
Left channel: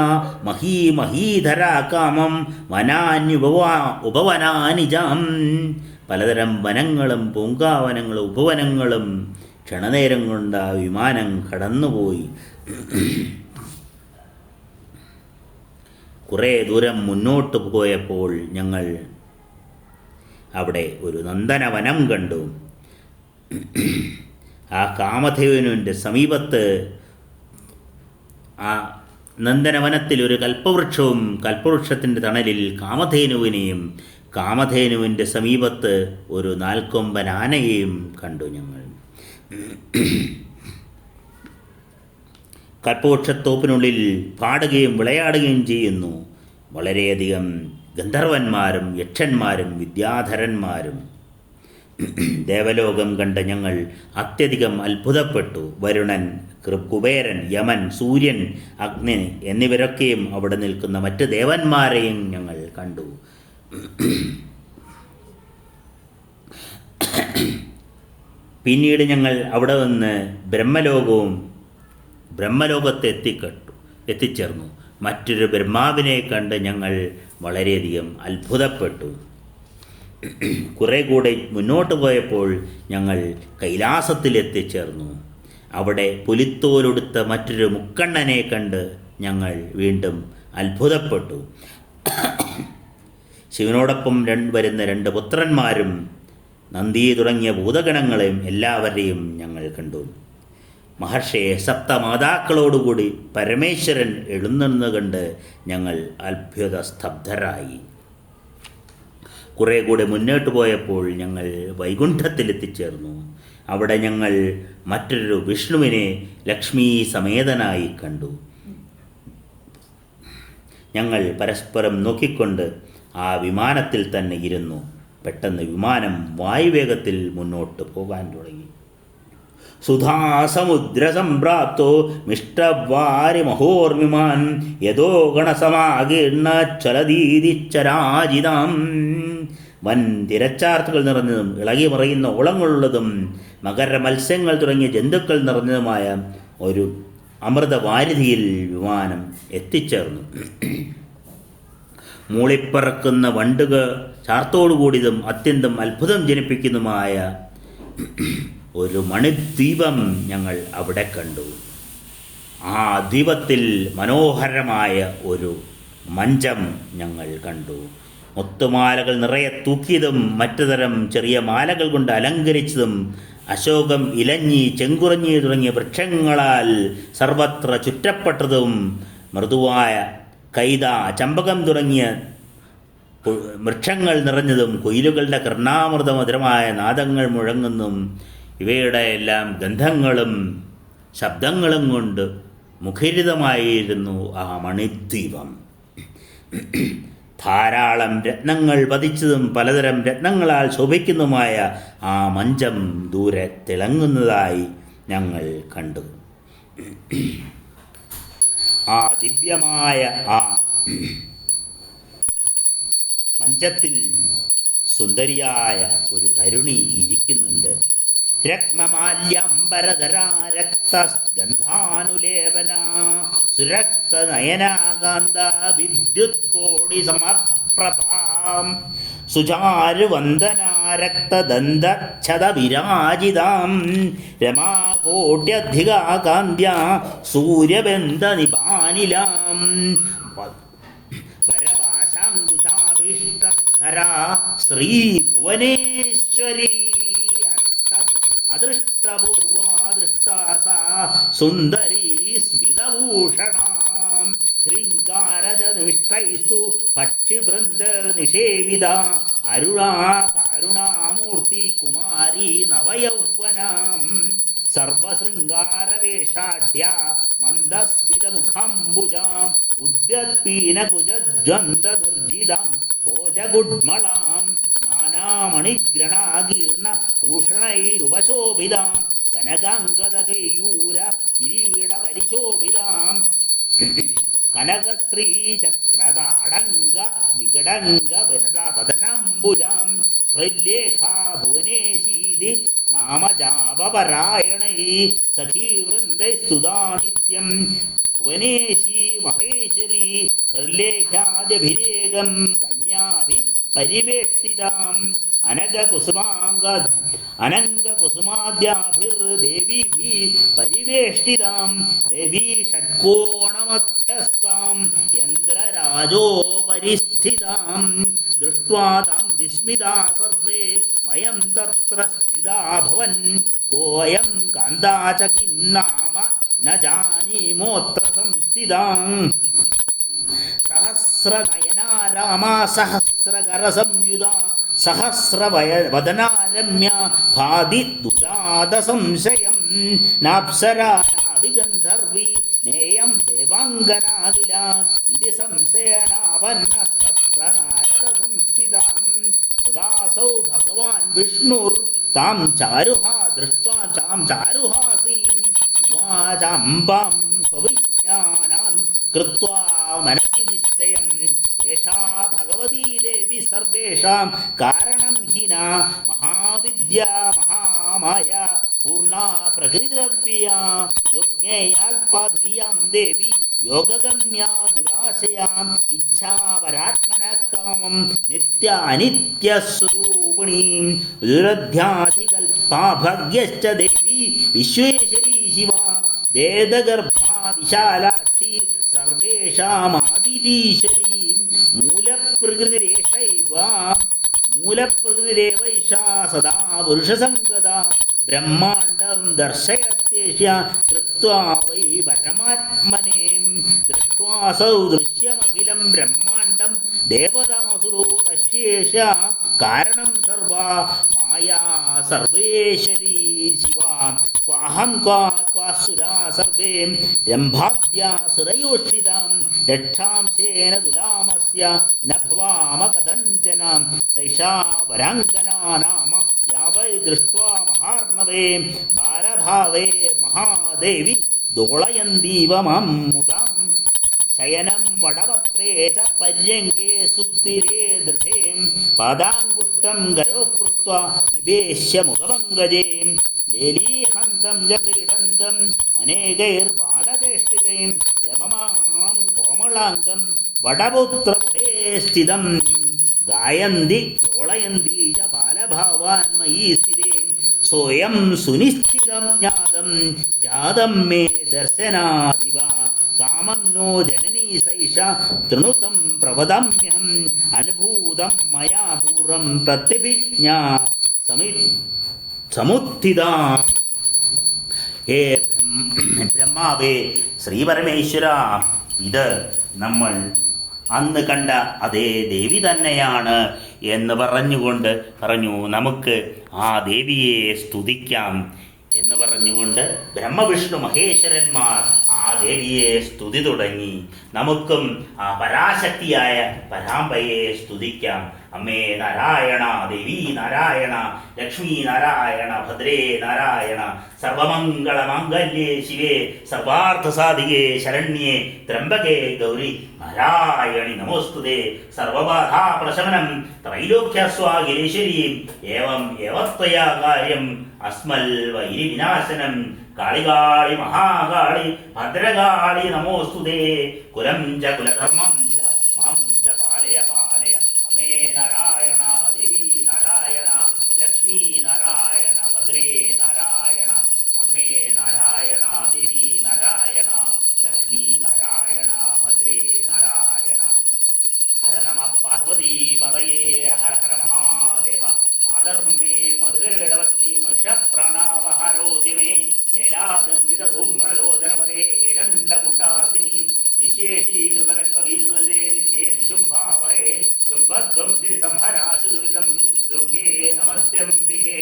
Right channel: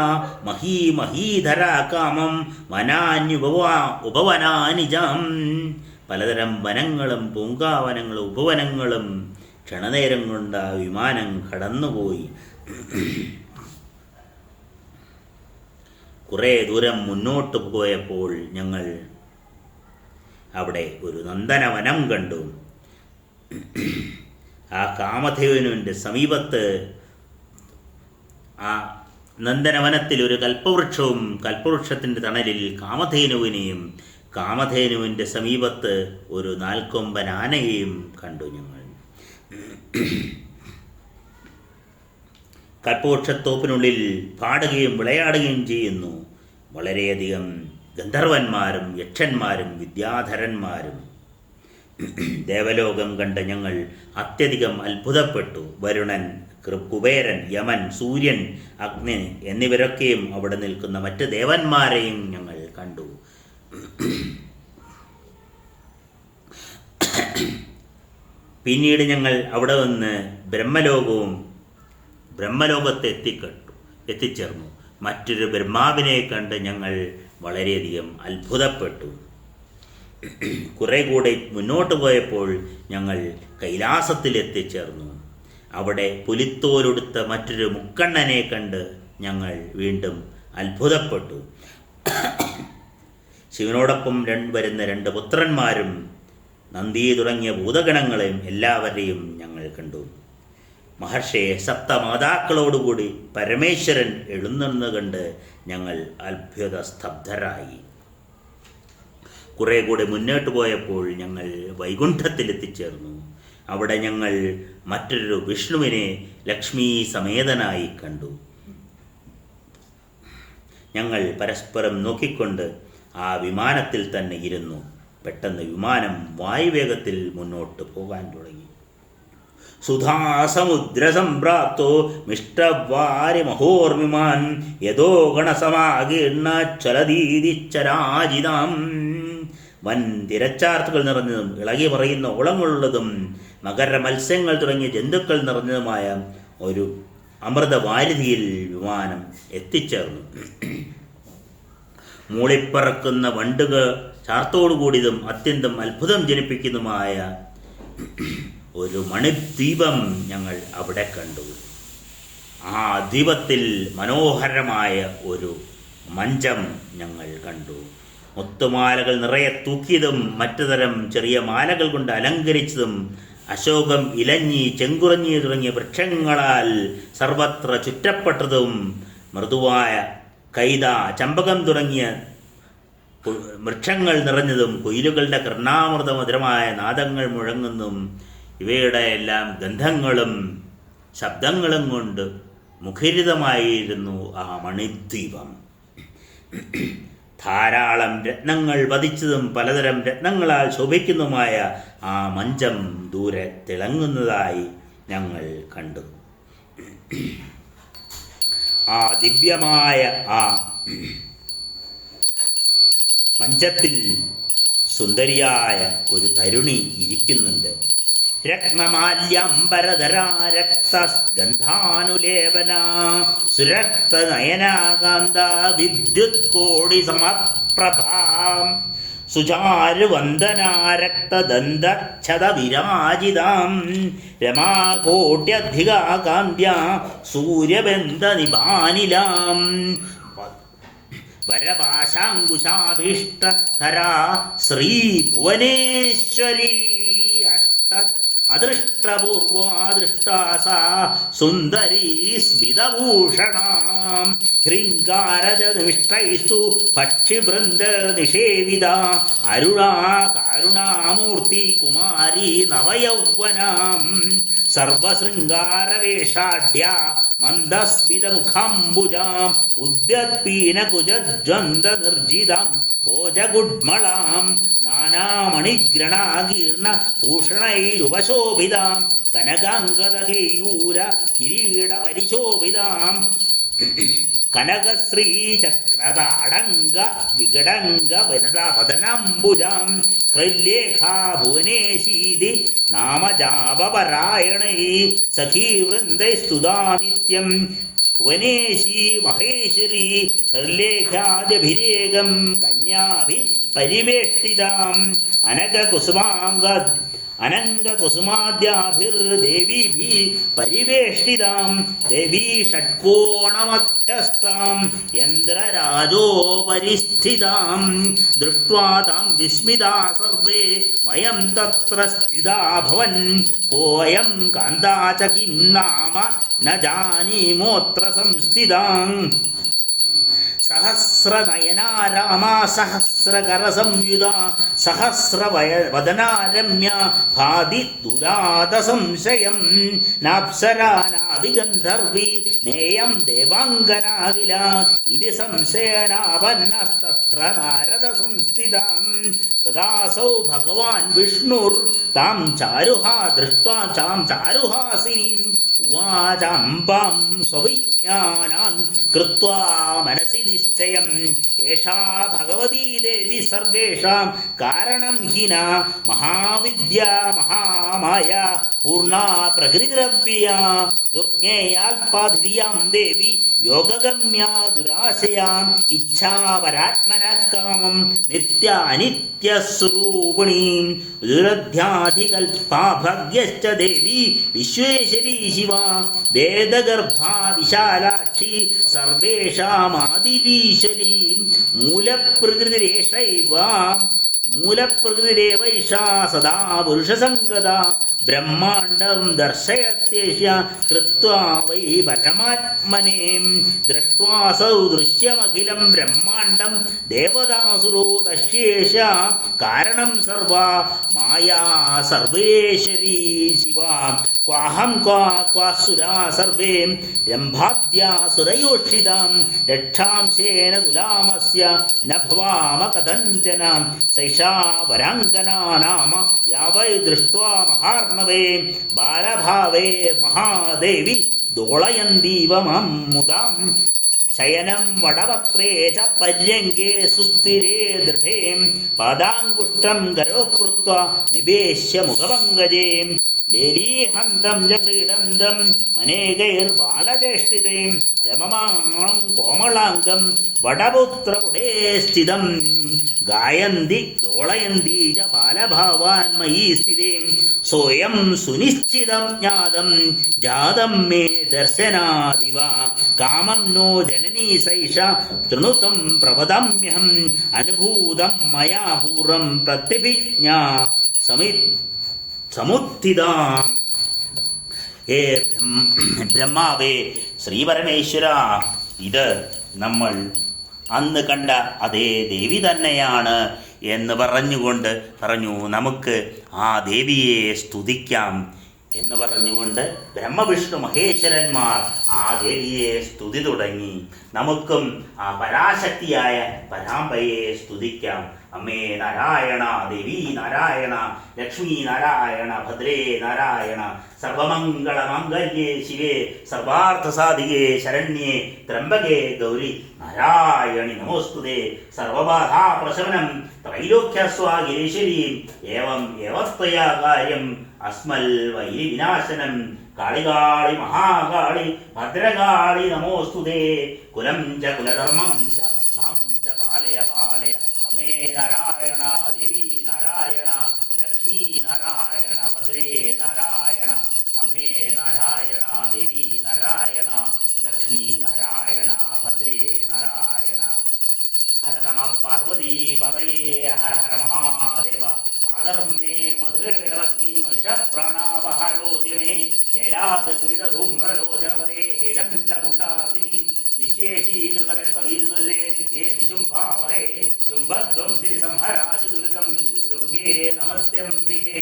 മഹീമഹീധരാ കാമം ഉപവനാനിജാം. പലതരം വനങ്ങളും പൂങ്കാവനങ്ങളും ഉപവനങ്ങളും ക്ഷണനേരം കൊണ്ട് ആ വിമാനം കടന്നുപോയി. കുറേ ദൂരം മുന്നോട്ട് പോയപ്പോൾ ഞങ്ങൾ അവിടെ ഒരു നന്ദനവനം കണ്ടു. ആ കാമധേനുവിൻ്റെ സമീപത്ത് ആ നന്ദനവനത്തിൽ ഒരു കൽപ്പവൃക്ഷവും കൽപ്പവൃക്ഷത്തിൻ്റെ തണലിൽ കാമധേനുവിനെയും കാമധേനുവിൻ്റെ സമീപത്ത് ഒരു നാൽക്കൊമ്പൻ ആനയെയും കണ്ടു ഞങ്ങൾ. കൽപ്പവൃക്ഷത്തോപ്പിനുള്ളിൽ പാടുകയും വിളയാടുകയും ചെയ്യുന്നു വളരെയധികം ഗന്ധർവന്മാരും യക്ഷന്മാരും വിദ്യാധരന്മാരും. ദേവലോകം കണ്ട ഞങ്ങൾ അത്യധികം അത്ഭുതപ്പെട്ടു. വരുണൻ, കുബേരൻ, യമൻ, സൂര്യൻ, അഗ്നി എന്നിവരൊക്കെയും അവിടെ നിൽക്കുന്ന മറ്റ് ദേവന്മാരെയും ഞങ്ങൾ കണ്ടു. പിന്നീട് ഞങ്ങൾ അവിടെ നിന്ന് ബ്രഹ്മലോകത്തെ എത്തിച്ചേർന്നു. മറ്റൊരു ബ്രഹ്മാവിനെ കണ്ട് ഞങ്ങൾ വളരെയധികം അത്ഭുതപ്പെട്ടു. കുറെ കൂടെ മുന്നോട്ട് പോയപ്പോൾ ഞങ്ങൾ കൈലാസത്തിൽ എത്തിച്ചേർന്നു. അവിടെ പുലിത്തോലൊടുത്ത മറ്റൊരു മുക്കണ്ണനെ കണ്ട് ഞങ്ങൾ വീണ്ടും അത്ഭുതപ്പെട്ടു. ശിവനോടൊപ്പം വരുന്ന 2 പുത്രന്മാരും നന്ദി തുടങ്ങിയ ഭൂതഗണങ്ങളെയും എല്ലാവരെയും ഞങ്ങൾ കണ്ടു. മഹർഷിയെ സപ്തമാതാക്കളോടുകൂടി പരമേശ്വരൻ എഴുന്നേന്ന് കണ്ട് ഞങ്ങൾ അത്ഭുത സ്തബ്ധരായി. കുറേ കൂടെ മുന്നോട്ട് പോയപ്പോൾ ഞങ്ങൾ വൈകുണ്ഠത്തിലെത്തിച്ചേർന്നു. അവിടെ ഞങ്ങൾ മറ്റൊരു വിഷ്ണുവിനെ ലക്ഷ്മി സമേതനായി കണ്ടു. ഞങ്ങൾ പരസ്പരം നോക്കിക്കൊണ്ട് ആ വിമാനത്തിൽ തന്നെ ഇരുന്നു. പെട്ടെന്ന് വിമാനം വായുവേഗത്തിൽ മുന്നോട്ട് പോകാൻ തുടങ്ങി. സുധാസമുദ്രസംപ്രാപ്തോ മിഷ്ടവാരി മഹോർമിമാൻ യഥോ ഗണസമാകീർണ ചലദീതിച്ചരാജിതാം. വൻ തിരച്ചാർത്തുകൾ നിറഞ്ഞതും ഇളകി മറയുന്ന ഓളങ്ങളുള്ളതും മകര മത്സ്യങ്ങൾ തുടങ്ങിയ ജന്തുക്കൾ നിറഞ്ഞതുമായ ഒരു അമൃതവാരിധിയിൽ വിമാനം എത്തിച്ചേർന്നു. മൂളിപ്പറക്കുന്ന വണ്ടുകൾ ചാർത്തോടുകൂടിയതും അത്യന്തം അത്ഭുതം ജനിപ്പിക്കുന്നതുമായ ഒരു മണിദ്വീപം ഞങ്ങൾ അവിടെ കണ്ടു. ആ ദ്വീപത്തിൽ മനോഹരമായ ഒരു മഞ്ചം ഞങ്ങൾ കണ്ടു. മുത്തുമാലകൾ നിറയെ തൂക്കിയതും മറ്റു തരം ചെറിയ മാലകൾ കൊണ്ട് അലങ്കരിച്ചതും അശോകം, ഇലഞ്ഞി, ചെങ്കുറഞ്ഞി തുടങ്ങിയ വൃക്ഷങ്ങളാൽ സർവത്ര ചുറ്റപ്പെട്ടതും മൃദുവായ കൈത, ചമ്പകം തുടങ്ങിയ വൃക്ഷങ്ങൾ നിറഞ്ഞതും കുയിലുകളുടെ കർണാമൃതമധുരമായ നാദങ്ങൾ മുഴങ്ങുന്നതും ഇവയുടെ എല്ലാം ഗന്ധങ്ങളും ശബ്ദങ്ങളും കൊണ്ട് മുഖരിതമായിരുന്നു ആ മണിദ്വീപം. ധാരാളം രത്നങ്ങൾ പതിച്ചതും പലതരം രത്നങ്ങളാൽ ശോഭിക്കുന്നതുമായ ആ മഞ്ചം ദൂരെ തിളങ്ങുന്നതായി ഞങ്ങൾ കണ്ടു. ആ ദിവ്യമായ ആ മഞ്ചത്തിൽ സുന്ദരിയായ ഒരു തരുണി ഇരിക്കുന്നുണ്ട്. രത്നമാല്യംബരധരാ രക്തഗന്ധാനുലേപന സുരക്തനയനാകാന്ത വിദ്യുത് കോടി സമപ്രഭാം സുചാരുവന്ദനാ രക്തദന്തച്ഛത വിരാജിതാം രമാകോട്യധികാകാന്ത്യ സൂര്യബന്ധനിപാനിലാം വരഭാഷാങ്കുശാഭീഷ്ടധരാ ശ്രീഭുവനേശ്വരീ അദൃഷ്ടപൂർവാദൃഷ്ടാസാ സുന്ദരീ സ്മിതഭൂഷണാം ഹൃങ്കാരജനിഷ്ടൈസ്തു പക്ഷിവൃന്ദനിഷേവിത അരുണാ കാരുണാമൂർത്തി കുമാരീ നവയൗവനാം സർവശൃംഗാരവേഷാഢ്യ മന്ദസ്മിതമുഖാംബുജാം ഉദ്യത്പീനകുജജ്വന്ദനിർജിതാം ഭോജഗുഡ്മളാം നാനാമണിഗ്രണാകീർണ ഭൂഷണൈരുപശോഭിതാം കനകാംഗദകേയൂര കിരീടപരിശോഭിതാം കനകശ്രീചക്രതാടങ്ക വികടങ്ക വദനാംബുജാം ഹൃല്ലേഖാ ഭുവനേശീതി നാമജാപപരായണൈ സഖീവൃന്ദൈസ്തുതാനിത്യം ഭുവനേശീ മഹേശ്വരീ ഹൃല്ലേഖാദ്യഭിരേകം കന്യാഭി പരിവേഷ്ടിതാം അനംഗകുസുമാദ്യാഭിർദേവീഭി പരിവേഷ്ടിതാം ദേവീ ഷഡ്കോണമധ്യസ്ഥാം യന്ത്രരാജോപരിസ്ഥിതാം ദൃഷ്ട്വാ താം വിസ്മിതാ സർവേ വയം തത്ര സ്ഥിതാഭവൻ കോയം കാന്താ ച കിം നാമ ന ജാനീമോത്ര സംസ്ഥിതാം സഹസ്രനയനാ രാമാ സഹസ്രകരസംയുതാ സഹസ്രവദനാരമ്യ ഭാതി ദുരാദസംശയം നാപ്സരാ നാഭിഗന്ധർവി നേയം ദേവാംഗനാകില ഇതി സംശയനാപന്നസ്തത്ര നാരദ സംസ്ഥിതാം തദാസൗ ഭഗവാൻ വിഷ്ണുർ താം ചാരുഹാ ദൃഷ്ട്വാ ചാം ചാരുഹാസിനീം ഉവാചാംബാം സ്വവിജ്ഞാനാൻ കൃത്വാ മനസി നിശ്ചയം ഏഷാ ഭഗവതീ ദേവി സർവേഷാം കാരണം ഹിന മഹാവിദ്യാ മഹാമായ പൂർണ്ണാ പ്രകൃതിരവ്യ ദുർജ്ഞേയാൽപാധിയാം ദേവി യോഗഗമ്യാ ദുരാശയാം ഇച്ഛാപരാത്മനകാമം നിത്യാനിത്യസ്വരൂപിണീം ദുരധ്യാധികൽപാഭഗ്യശ്ച ദേവി വിശ്വേശ്വരീ ശിവ വേദഗർഭാ വിശാലാക്ഷി സർവേഷാമാദിരീശ്വരീ മൂലപ്രകൃതിരേവൈഷാ സദാ പുരുഷസംഗതാ ബ്രഹ്മാണ്ഡം ദർശയത്യേഷ കൃത്വാ വൈ പരമാത്മനെ ദൃഷ്ട്വാസൗ ദൃശ്യമഖിലം ബ്രഹ്മാണ്ഡം ദേവതാസുരോ ദശ്യേഷ കാരണം സർവാ മായാ സർവേശ്വരീ ശിവ ക്വാഹം ക്വാസുരാ സർവേ രംഭാദ്യാസുരയോഷിതാം രക്ഷാംശേന തുലാമസ്യ ന ഭവാമ കഥഞ്ചന സൈഷാ വരാംഗനാ നാമ യാവൈ ദൃഷ്ട്വാ മഹാർണവേ ബാലഭാവേ മഹാദേവി ദോളയന്തീവ മാം മുദാം ശയനം വടവക്രേ ച പര്യങ്കേ സുസ്ഥിരേ ദൃഢേ പാദാങ്കുഷ്ടം ഗരോ കൃത്വാ നിവേശ്യ മുഖപങ്കജേ ലേലീഹന്തം ച ക്രീഡന്തം അനേകൈർബാലചേഷ്ടിതേ രമമാണം കോമളാംഗം വടപുത്രപുടേ സ്ഥിതം ഗായന്തി ദോളയന്തി ച ബാലഭാവാൻ മയീ സ്ഥിതേ സോയം സുനിശ്ചിതം ജ്ഞാതം ജാതം മേ ദർശനാദിവ കാമം നോ ജനനീ സൈഷ തൃണുതം പ്രവദമ്യഹം അനുഭൂതം മയാ പൂർവം പ്രത്യഭിജ്ഞാ സമുത്ഥിതാ. ഹേ ബ്രഹ്മാവേ ശ്രീപരമേശ്വര, ഇത് നമ്മൾ അന്ന് കണ്ട അതേ ദേവി തന്നെയാണ് എന്ന് പറഞ്ഞു നമുക്ക് ആ ദേവിയെ സ്തുതിക്കാം എന്ന് പറഞ്ഞുകൊണ്ട് ബ്രഹ്മവിഷ്ണു മഹേശ്വരന്മാർ ആ ദേവിയെ സ്തുതി തുടങ്ങി. നമുക്കും ആ പരാശക്തിയായ പരാമ്പയെ സ്തുതിക്കാം. അമ്മേ നാരായണ, ദേവി നാരായണ, ലക്ഷ്മി നാരായണ, ഭദ്രേ നാരായണ, സർവമംഗളമാംഗല്യേ ശിവേ സർവാർത്ഥസാധികേ ശരണ്യേ ത്രംബകേ ഗൗരി നാരായണി നമോസ്തുതേ. സർവബാധാപ്രശമനം ത്രൈലോക്യസ്വാഗിരീശ്വരീം ഏവം ഏവത്വയാ കാര്യം അസ്മൽ വൈരി വിനാശനം. കാളികാളി മഹാകാളി ഭദ്രകാളി നമോസ്തുതേ. കുലം ച കുലധർമ്മം ച മാം ച പാലയ പാലയ. അമ്മേ നാരായണ, ദേവി നാരായണ, ലക്ഷ്മി നാരായണ, ഭദ്രേ നാരായണ. അമ്മേ നാരായണ, ദേവി നാരായണ, ലക്ഷ്മി നാരായണ, ഭദ്രേ നാരായണ. ഹര നമ പാർവതീ പതയേ. ഹര ഹര മഹാദേവ. മാധർമ്മേ മധുരേടവഗ്നി മഹിഷപ്രണാപഹാരോദ്യമേ ഹേലാധൂമ്രലോചനവദേ ഹേരണ്ഡമുണ്ടാർദിനി നിശേഷീകൃതരക്തബീജതല്ലേ നിത്യേ ശുംഭാവഹേ ശുംഭധ്വംസിനി സംഹരാശു ദുരിതം ദുർഗേ നമസ്ത്യംബികേ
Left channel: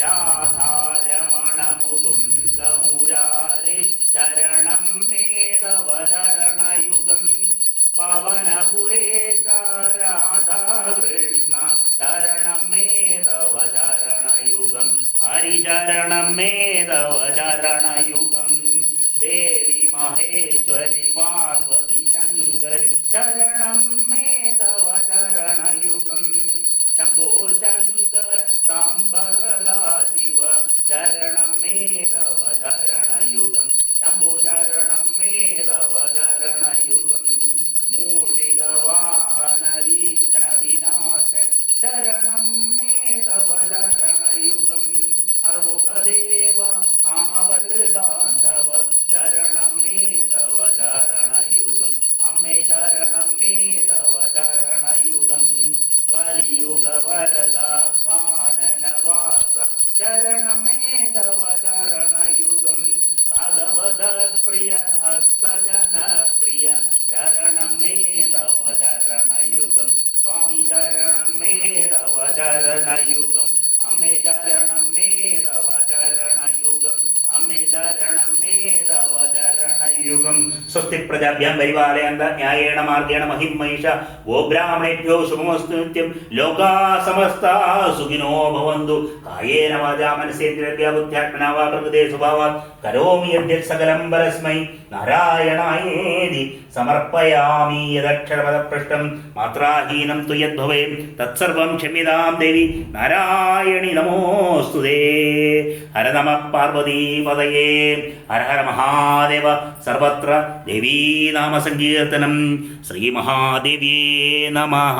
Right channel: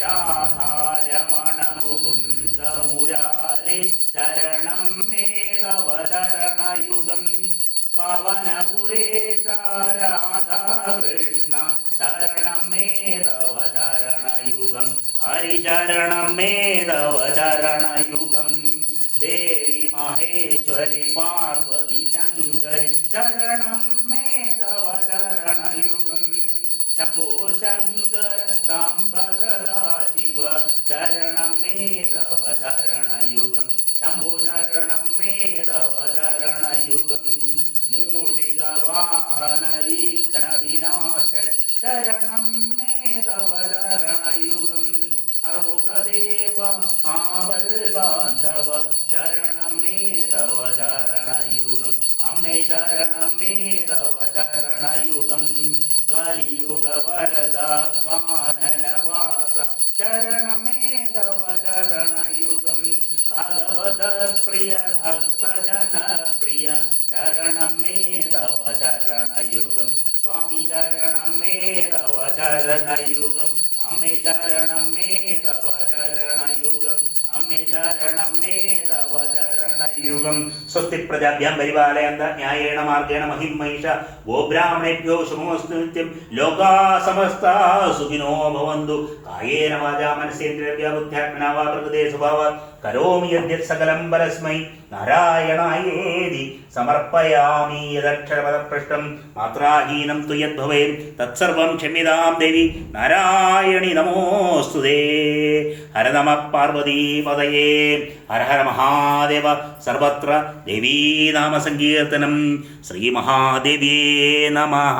രാധാരമണ മുകുന്ദ മുരാരേ ശരണം മേ തവ ചരണയുഗം പവനപുരേശ രാധാകൃഷ്ണ ശരണം മേ തവ ചരണയുഗം ഹരിശരണം മേ തവ ചരണയുഗം ദേവി മഹേശ്വരി പാർവതി ശങ്കരി ശരണം മേ തവ ചരണയുഗം ശംഭോ ശങ്കര സാംബ സദാ ശിവ ശരണം മേ തവ ചരണയുഗം ശംഭോ ശരണം മേ തവ ചരണയുഗം മൂഷിക വാഹന വിഘ്ന വിനാശ ശരണം മേ തവ ചരണയുഗം അർമുഖദേവ ആപൽ ബാന്ധവ ശരണം മേ തവ ചരണയുഗം അമ്മേ ശരണം മേ തവ ചരണയുഗം കലിയുഗ വരദ കാനനവാസ ശരണം മേ തവ ചരണയുഗം ഭഗവത പ്രിയ ഭക്തജന പ്രിയ ശരണം മേ തവ ചരണയുഗം സ്വാമി ശരണം മേ തവ ചരണയുഗം അമ്മേ ശരണം മേ തവ ചരണയുഗം അമ്മേ ശരണം മേ തവ ചരണയുഗം സ്വസ്തി പ്രജാഭ്യാം പരിപാലയന്ത ന്യായേണ മാർഗേണ മഹിം മഹിഷ ഗോ ബ്രാഹ്മണേഭ്യോ ശുഭമസ്തു നിത്യം ലോകാ സമസ്താ സുഖിനോ ഭവന്തു കായേന വാചാ മനസേന്ദ്രിയ ബുദ്ധ്യാത്മനാ വാ പ്രകൃതേ സ്വഭാവാത് കരോമി യദ്യത് സകലം പരസ്മൈ നാരായണായേതി സമർപ്പയാമി യദക്ഷരപദപൃഷ്ടം മാത്രാഹീനം തു യദ്ഭവേം തത്സർവം ക്ഷമ്യതാം ദേവി നാരായണി നമോസ്തുതേ. ഹര നമഃ പാർവതീപതയേ ഹര ഹര മഹാദേവ സർവത്ര ദേവീനാമസങ്കീർത്തനം. ശ്രീ മഹാദേവ്യേ നമഃ.